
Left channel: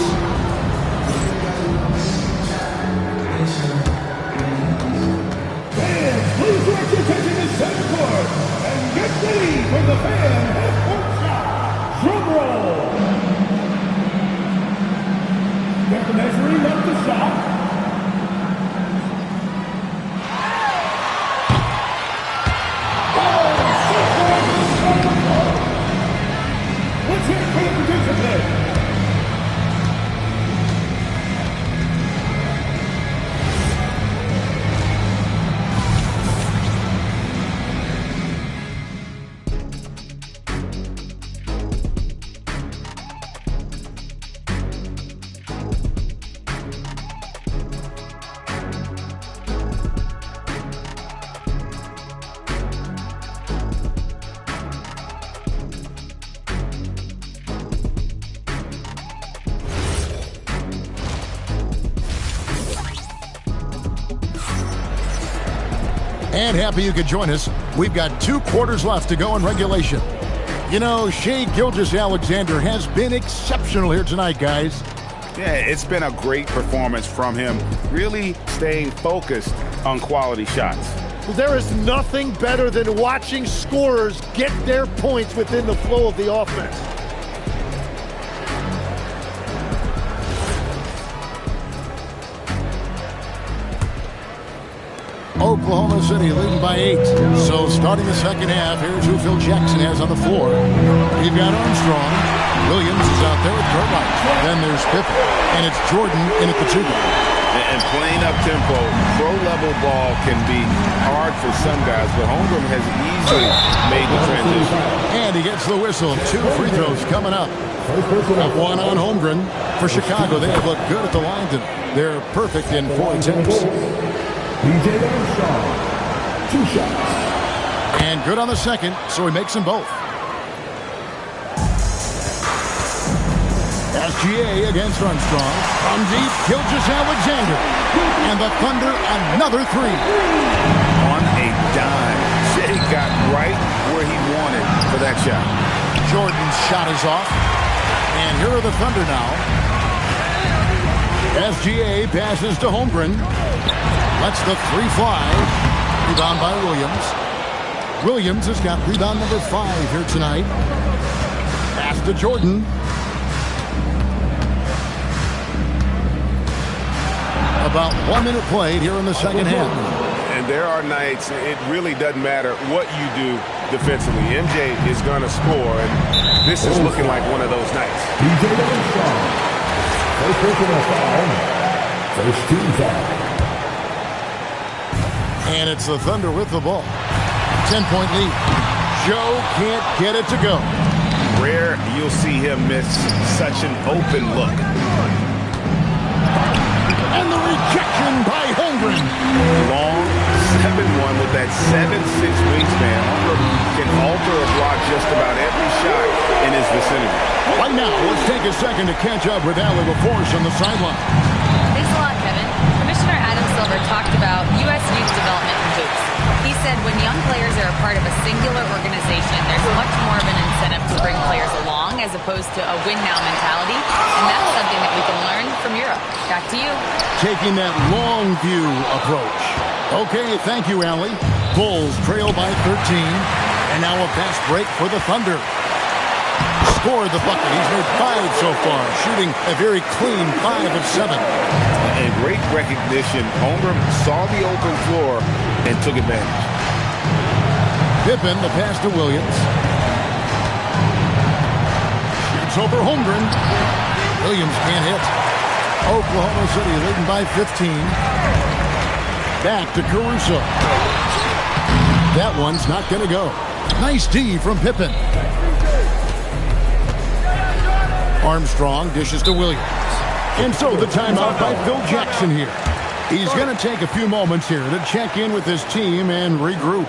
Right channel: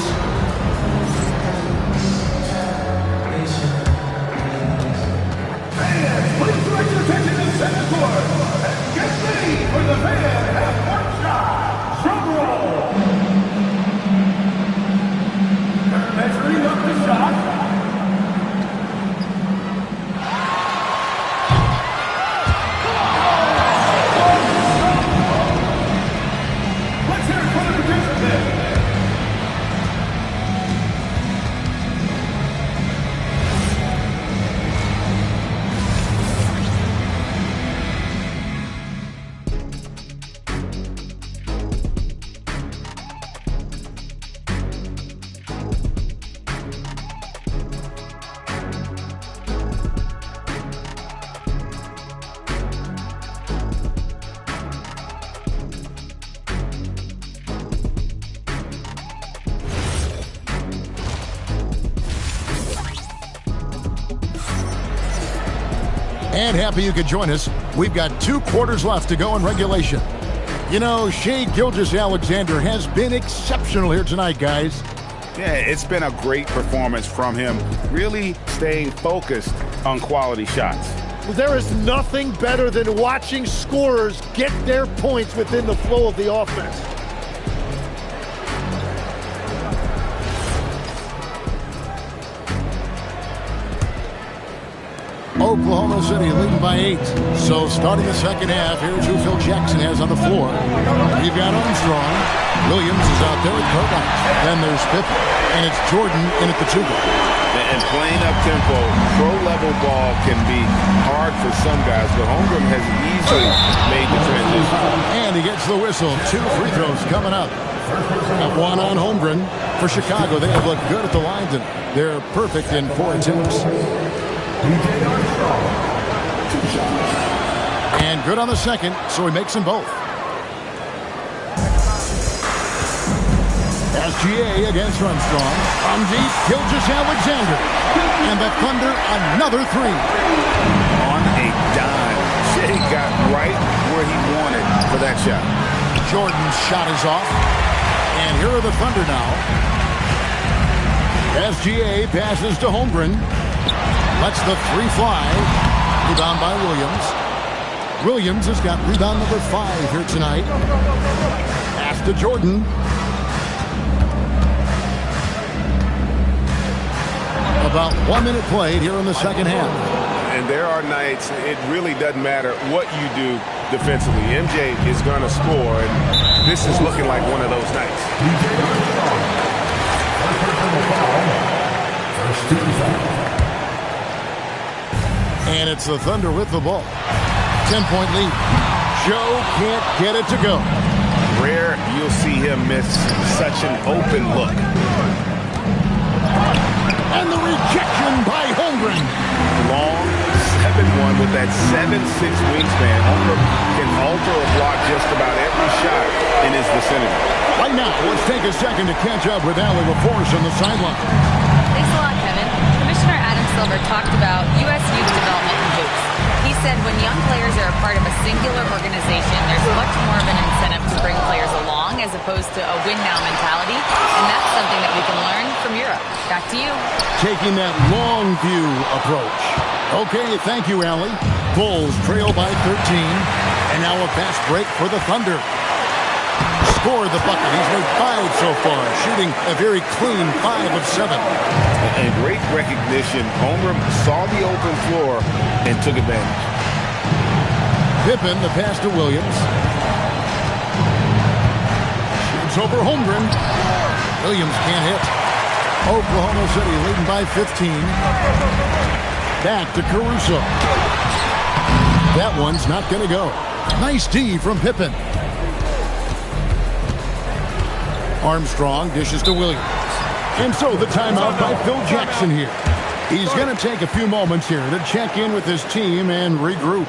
Fans, please direct your attention to center court and get ready for the fan half-court shot. Drum roll. They're measuring up the shot. Let's hear it for the producer there. And happy you could join us. We've got 2 quarters left to go in regulation. You know, Shai Gilgeous-Alexander has been exceptional here tonight, guys. Yeah, it's been a great performance from him, really staying focused on quality shots. There is nothing better than watching scorers get their points within the flow of the offense. Oklahoma City leading by 8. So starting the second half, here's who Phil Jackson has on the floor. We've got Armstrong. Williams is out there with Cartwright. Then there's Pippen. And it's Jordan in at the 2-guard. And playing up tempo, pro-level ball can be hard for some guys, but Holmgren has easily made the transition. And he gets the whistle. 2 free throws coming up. At 1 on Holmgren. For Chicago, they have looked good at the line tonight. They're perfect in 4 attempts. And good on the second, so he makes them both. SGA against Armstrong. From deep, Gilgeous-Alexander. And the Thunder, another 3. On a dime. Shea got right where he wanted for that shot. Jordan's shot is off. And here are the Thunder now. SGA passes to Holmgren. Lets the 3 fly. Rebound by Williams. Williams has got rebound number 5 here tonight. Pass to Jordan. About 1 minute played here in the second half. And there are nights, it really doesn't matter what you do defensively. MJ is going to score, and this is looking like one of those nights. First personal foul. First team foul. And it's the Thunder with the ball. 10-point lead. Joe can't get it to go. Rare you'll see him miss such an open look. And the rejection by Holmgren. Long 7-1 with that 7'6" wingspan. Holmgren can alter or block just about every shot in his vicinity. Right now, let's take a second to catch up with Allie LaForce on the sideline. Thanks a lot, Kevin. Commissioner Adam Silver talked about U.S. youth development in hoops. He said when young players are a part of a singular organization, there's much more of an incentive to bring players along as opposed to a win-now mentality, and that's something that we can learn from Europe. Back to you. Taking that long view approach. Okay, thank you, Allie. Bulls trail by 13, and now a fast break for the Thunder. Scored the bucket. He's made 5 so far, shooting a very clean 5 of 7. And great recognition. Holmgren saw the open floor and took advantage. Pippen, the pass to Williams. Shoots over Holmgren. Williams can't hit. Oklahoma City leading by 15. Back to Caruso. That one's not going to go. Nice D from Pippen. Armstrong dishes to Williams. And so the timeout by Phil Jackson here. He's going to take a few moments here to check in with his team and regroup.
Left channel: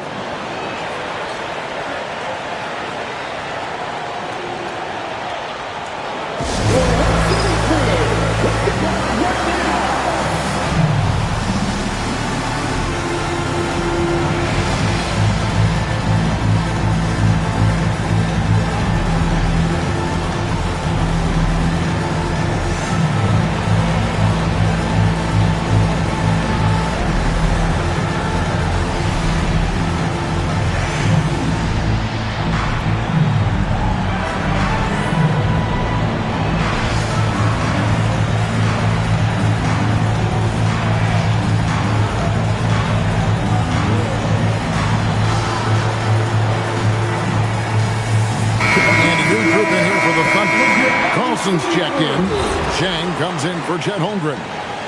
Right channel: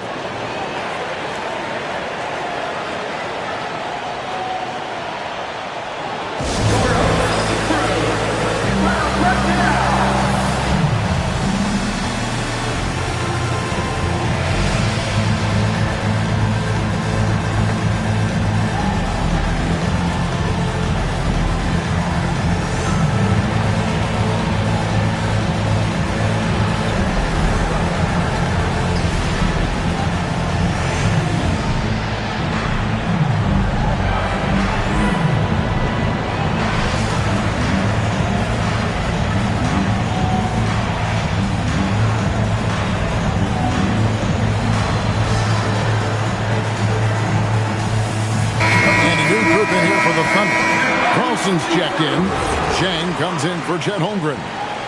Carlson's checked in. Chang comes in for Chet Holmgren.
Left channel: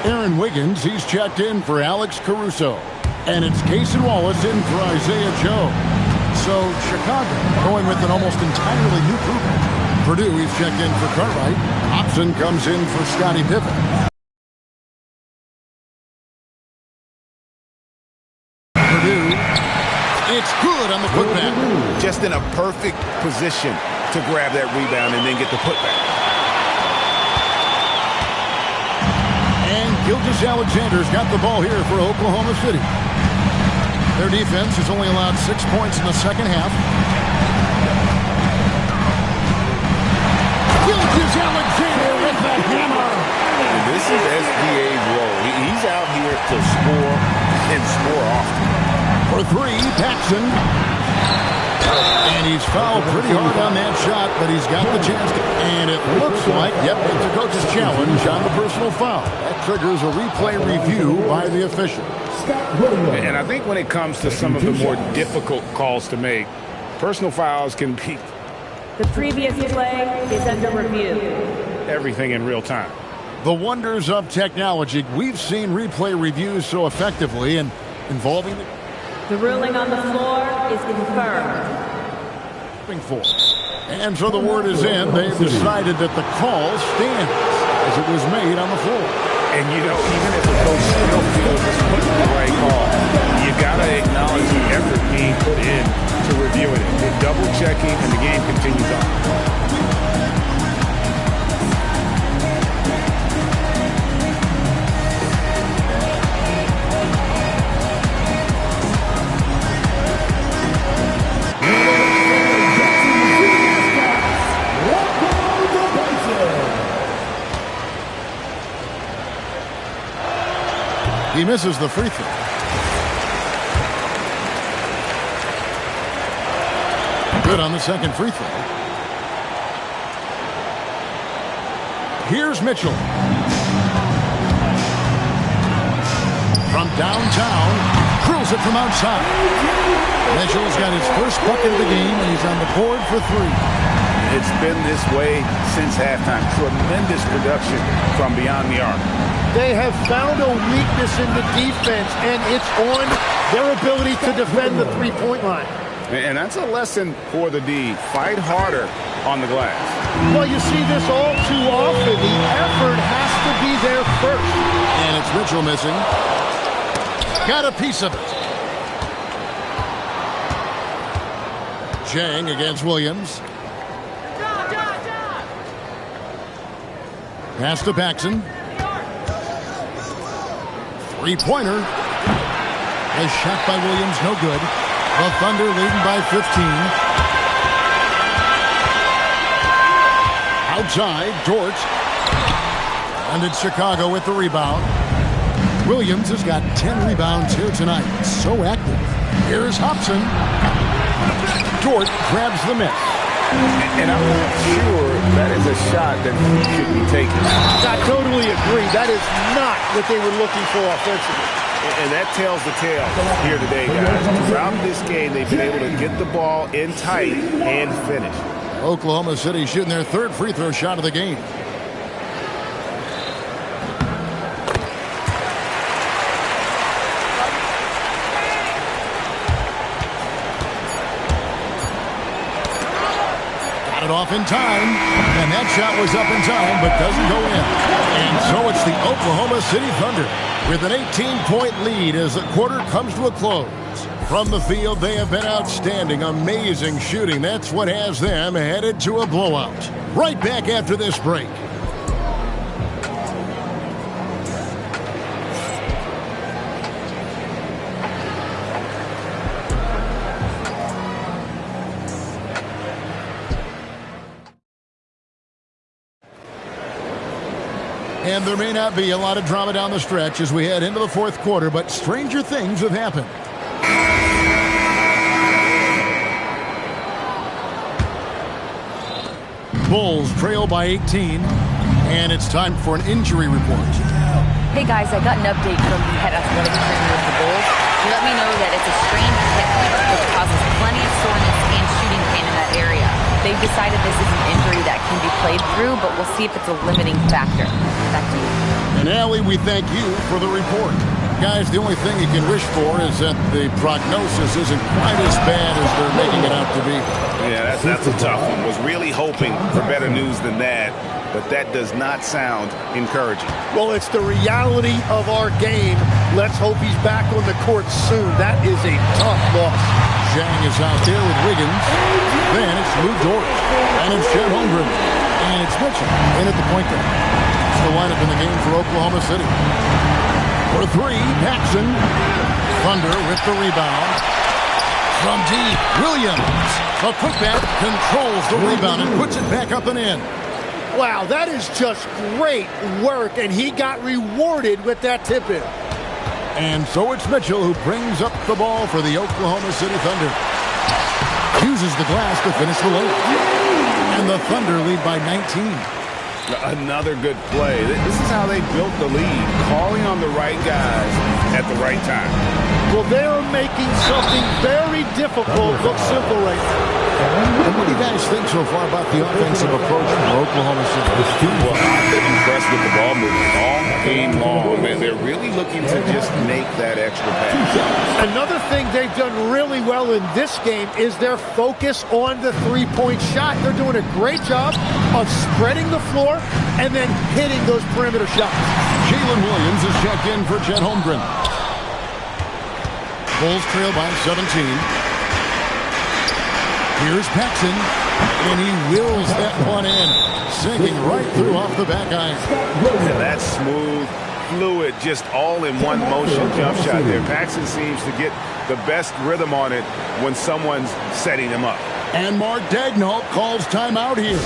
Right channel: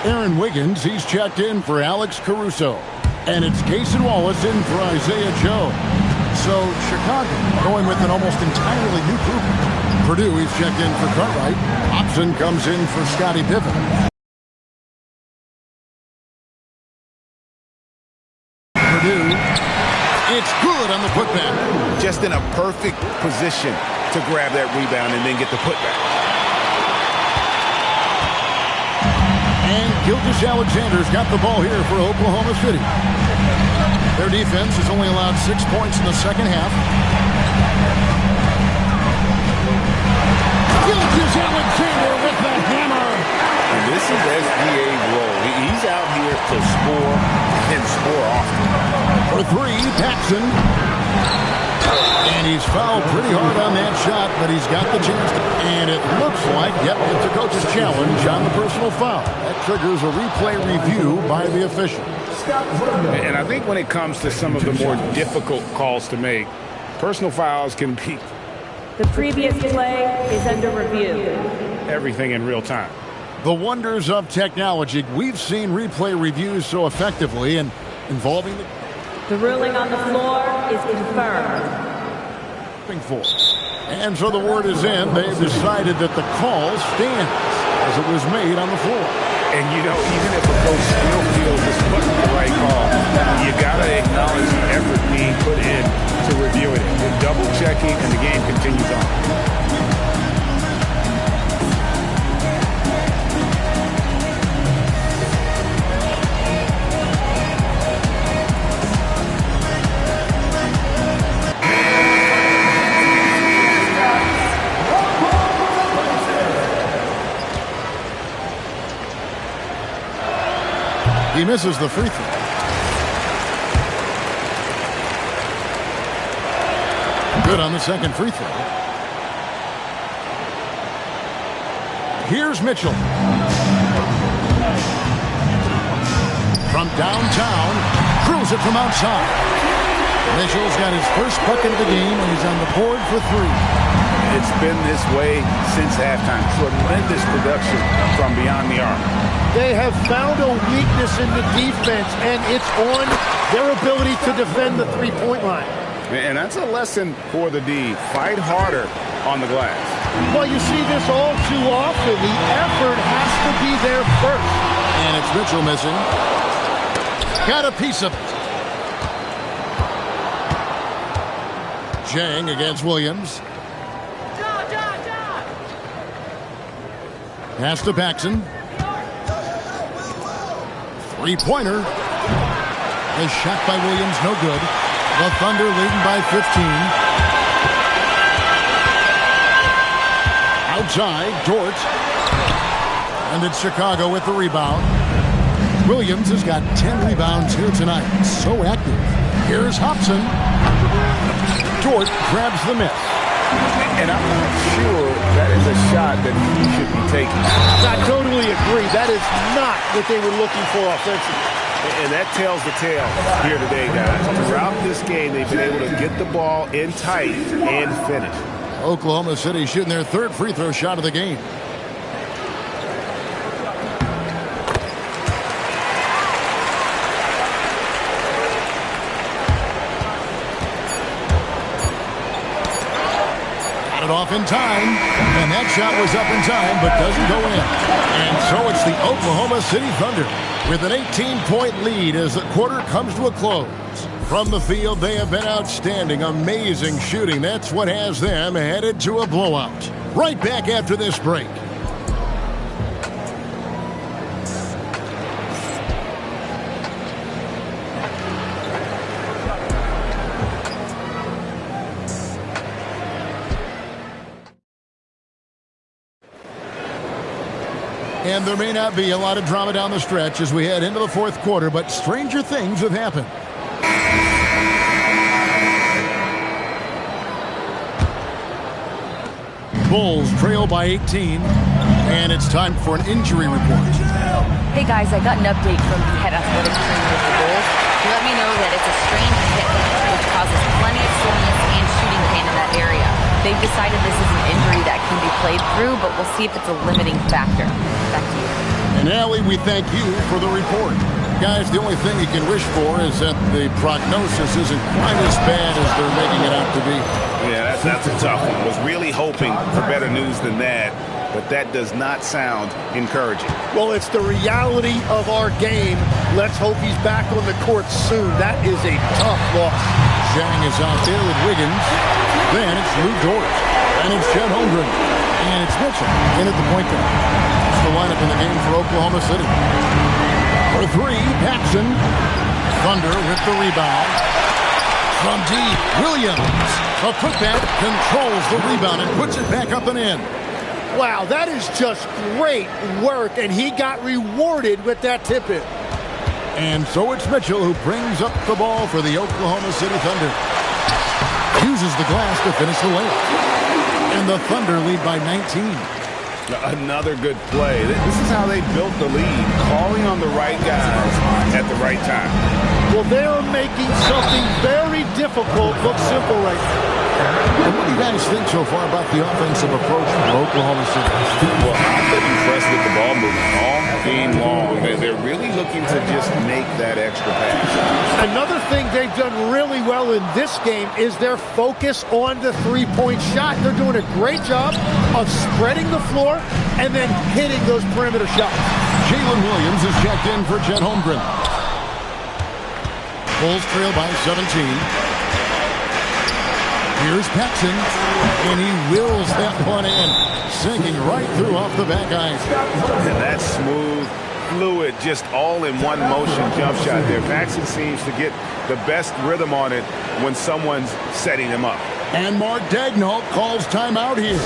Aaron Wiggins, he's checked in for Alex Caruso. And it's Cason Wallace in for Isaiah Joe. So Chicago going with an almost entirely new group. Purdue, he's checked in for Cartwright. Hobson comes in for Scottie Pippen. Purdue, it's good on the putback. Just in a perfect position to grab that rebound and then get the putback. And Gilgeous-Alexander's got the ball here for Oklahoma City. Their defense has only allowed 6 points in the second half. Gilgeous-Alexander with the hammer. And this is SGA's role. He's out here to score and score often. For three, Paxson. And he's fouled pretty hard on that shot, but he's got the chance to. And it looks like, yep, it's a coach's challenge on the personal foul. That triggers a replay review by the official. And I think when it comes to some of the more difficult calls to make, personal fouls can be the previous play is under review. Everything in real time. The wonders of technology. We've seen replay reviews so effectively and involving the ruling on the floor is confirmed. And so the word is in. They've decided that the call stands as it was made on the floor. And, you know, even if a coach still feels this wasn't the right call, you got to acknowledge the effort being put in to reviewing it. They're double-checking, and the game continues on. He misses the free throw. Good on the second free throw. Here's Mitchell. From downtown, drills it from outside. Mitchell's got his first bucket of the game, and he's on the board for three. It's been this way since halftime. Tremendous production from beyond the arc. They have found a weakness in the defense, and it's on their ability to defend the three-point line. And that's a lesson for the D. Fight harder on the glass. Well, you see this all too often. The effort has to be there first. And it's Mitchell missing. Got a piece of it. Jang against Williams. Pass to Paxson. Three-pointer. A shot by Williams, no good. The Thunder leading by 15. Outside, Dort. And it's Chicago with the rebound. Williams has got 10 rebounds here tonight. So active. Here's Hobson. Dort grabs the miss. And I'm not sure that is a shot that he should be taking. I totally agree. That is not what they were looking for offensively. And that tells the tale here today, guys. Throughout this game, they've been able to get the ball in tight and finish. Oklahoma City shooting their third free throw shot of the game. Got it off in time, and that shot was up in time, but doesn't go in. And so it's the Oklahoma City Thunder with an 18-point lead as the quarter comes to a close. From the field, they have been outstanding, amazing shooting. That's what has them headed to a blowout. Right back after this break. And there may not be a lot of drama down the stretch as we head into the fourth quarter, but stranger things have happened. Bulls trail by 18, and it's time for an injury report. Hey guys, I got an update from the head athletic trainer of the Bulls. He let me know that it's a strained hip, which causes plenty of soreness and shooting pain in that area. They've decided this is an injury that can be played through, but we'll see if it's a limiting factor. Back to you. And Allie, we thank you for the report. Guys, the only thing you can wish for is that the prognosis isn't quite as bad as they're making it out to be. Yeah, that's a tough one. Was really hoping for better news than that, but that does not sound encouraging. Well, it's the reality of our game. Let's hope he's back on the court soon. That is a tough loss. Zhang is out there with Wiggins. Then it's Lou Dort. And it's Chet Holmgren. And it's Mitchell in at the point guard. That's the lineup in the game for Oklahoma City. For three, Paxson. Thunder with the rebound. From deep, Williams. A putback controls the rebound and puts it back up and in. Wow, that is just great work, and he got rewarded with that tip-in. And so it's Mitchell who brings up the ball for the Oklahoma City Thunder. Uses the glass to finish the layup. And the Thunder lead by 19. Another good play. This is how they built the lead, calling on the right guys at the right time. Well, they're making something very difficult look simple right now. And what do you guys think so far about the offensive approach from Oklahoma City? Well, I've been impressed with the ball movement all game long. They're really looking to just make that extra pass. Another thing they've done really well in this game is their focus on the three-point shot. They're doing a great job of spreading the floor and then hitting those perimeter shots. Jalen Williams is checked in for Chet Holmgren. Bulls trail by 17. Here's Paxson, and he wills that one in, sinking right through off the back iron. And that smooth, fluid, just all in one motion jump shot there. Paxson seems to get the best rhythm on it when someone's setting him up. And Mark Daigneault calls timeout here.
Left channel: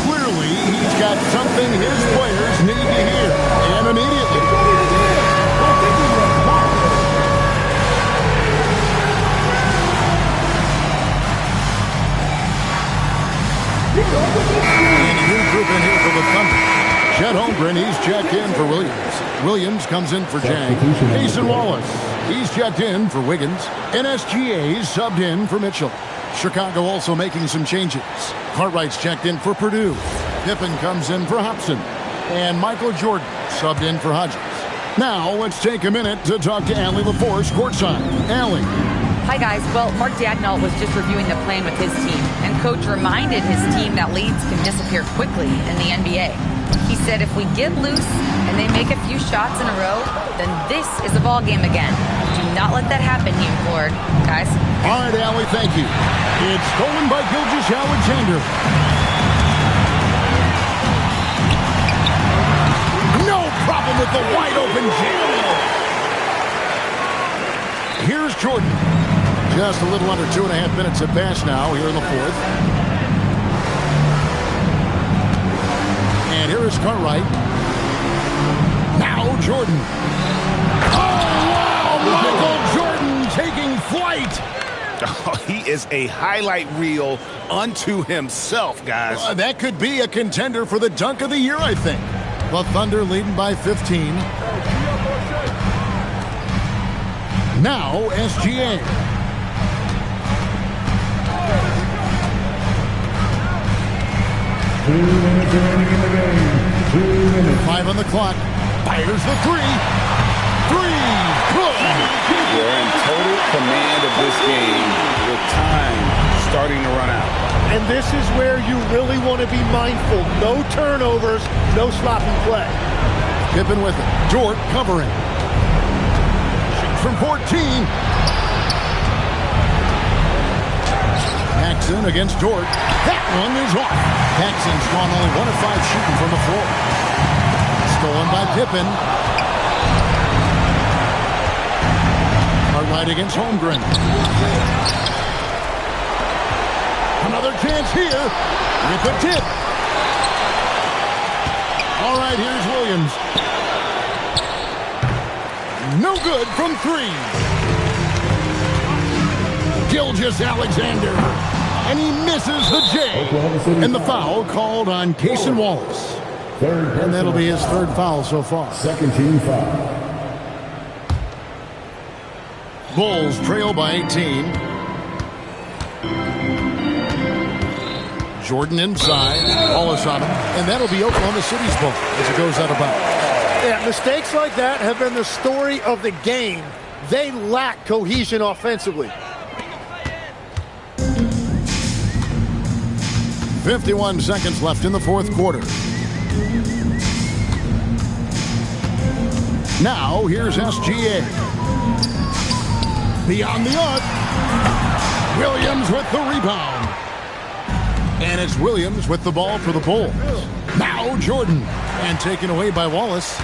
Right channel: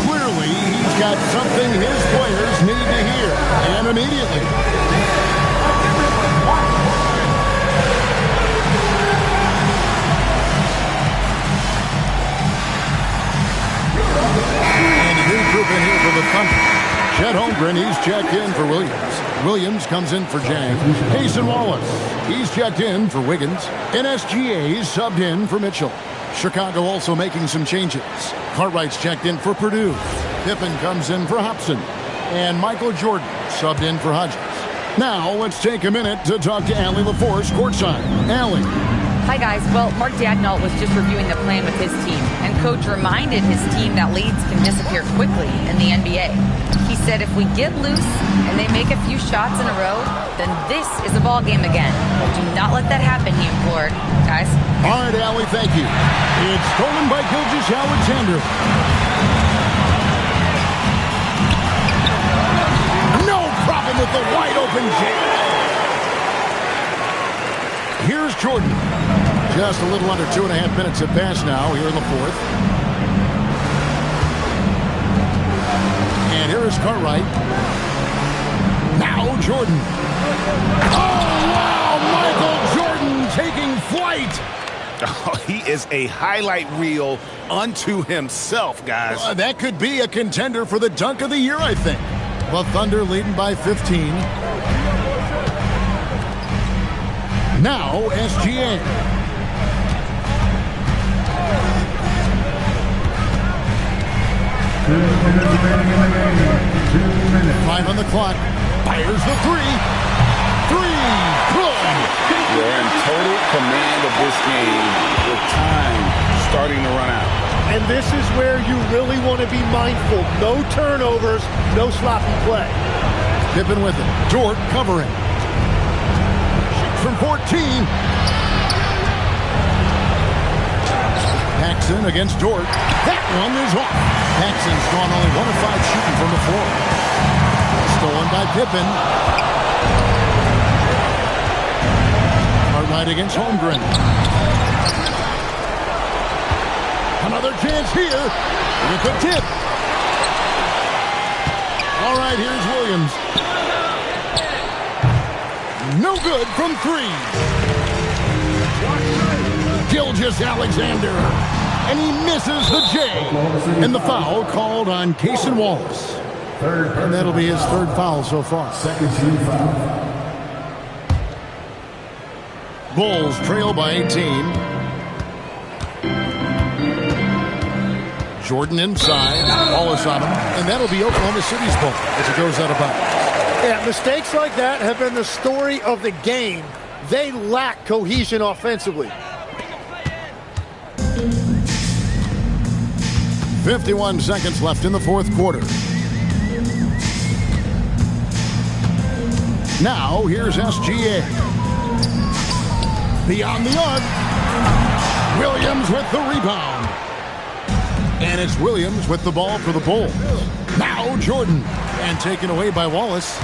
Clearly, he's got something his players need to hear, and immediately. And a new group in here for the Thunder. Chet Holmgren, he's checked in for Williams. Williams comes in for Jang. Cason Wallace, he's checked in for Wiggins. And SGA's subbed in for Mitchell. Chicago also making some changes. Cartwright's checked in for Purdue. Pippen comes in for Hobson. And Michael Jordan subbed in for Hodges. Now let's take a minute to talk to Allie LaForce courtside. Allie. Hi, guys. Well, Mark Daigneault was just reviewing the plan with his team, and Coach reminded his team that leads can disappear quickly in the NBA. He said if we get loose and they make a few shots in a row, then this is a ball game again. Do not let that happen, he implored. Guys? All right, Allie, thank you. It's stolen by Gilgeous-Alexander. No problem with the wide-open jam. Here's Jordan. Just a little under 2.5 minutes have passed now here in the fourth. And here is Cartwright. Now Jordan. Oh, wow! Michael Jordan taking flight. Oh, he is a highlight reel unto himself, guys. That could be a contender for the dunk of the year, I think. The Thunder leading by 15. Now SGA. Five on the clock. Fires the three. Good. They're in total command of this game with time starting to run out. And this is where you really want to be mindful. No turnovers, no sloppy play. Pippen with it. Dort covering. Shoots from 14. Paxson against Dort. That one is off. Paxson's gone only 1 of 5 shooting from the floor. Stolen by Pippen. Cartwright against Holmgren. Another chance here with the tip. All right, here's Williams. No good from 3. Gilgeous-Alexander. And he misses the J. And the foul called on Cason Wallace. And that'll be his third foul so far. Second team foul. Bulls trail by 18. Jordan inside. Wallace on him. And that'll be Oklahoma City's ball as it goes out of bounds. Yeah, mistakes like that have been the story of the game. They lack cohesion offensively. 51 seconds left in the fourth quarter. Now, here's SGA. Beyond the arc. Williams with the rebound. And it's Williams with the ball for the Bulls. Now, Jordan. And taken away by Wallace.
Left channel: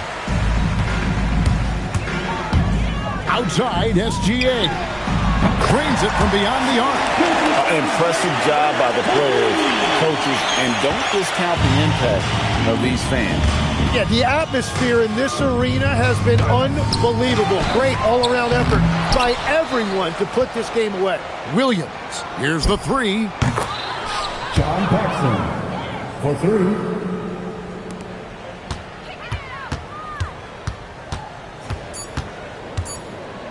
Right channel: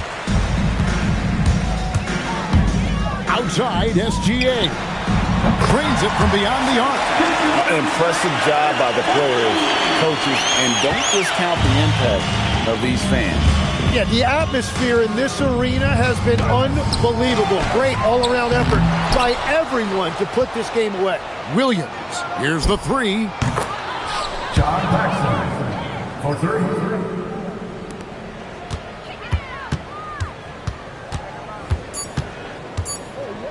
Outside, SGA. Cranes it from beyond the arc. Impressive job by the players, coaches, and don't discount the impact of these fans. Yeah, the atmosphere in this arena has been unbelievable. Great all-around effort by everyone to put this game away. Williams, here's the three. John Paxson for three.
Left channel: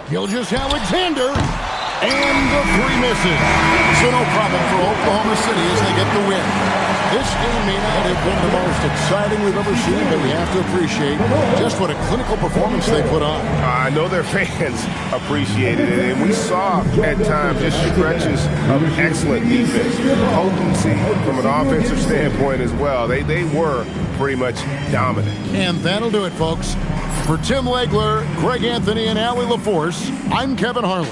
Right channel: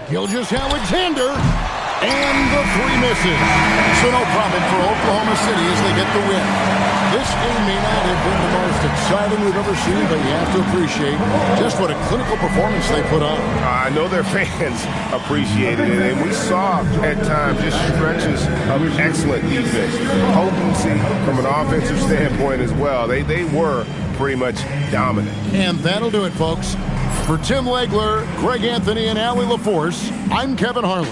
Gilgeous-Alexander, and the three misses. So no problem for Oklahoma City as they get the win. This game may not have been the most exciting we've ever seen, but you have to appreciate just what a clinical performance they put on. I know their fans appreciated it, and we saw at times just stretches of excellent defense. Potency from an offensive standpoint as well. They were pretty much dominant. And that'll do it, folks. For Tim Legler, Greg Anthony, and Allie LaForce, I'm Kevin Harlan.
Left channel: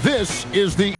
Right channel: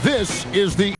This is the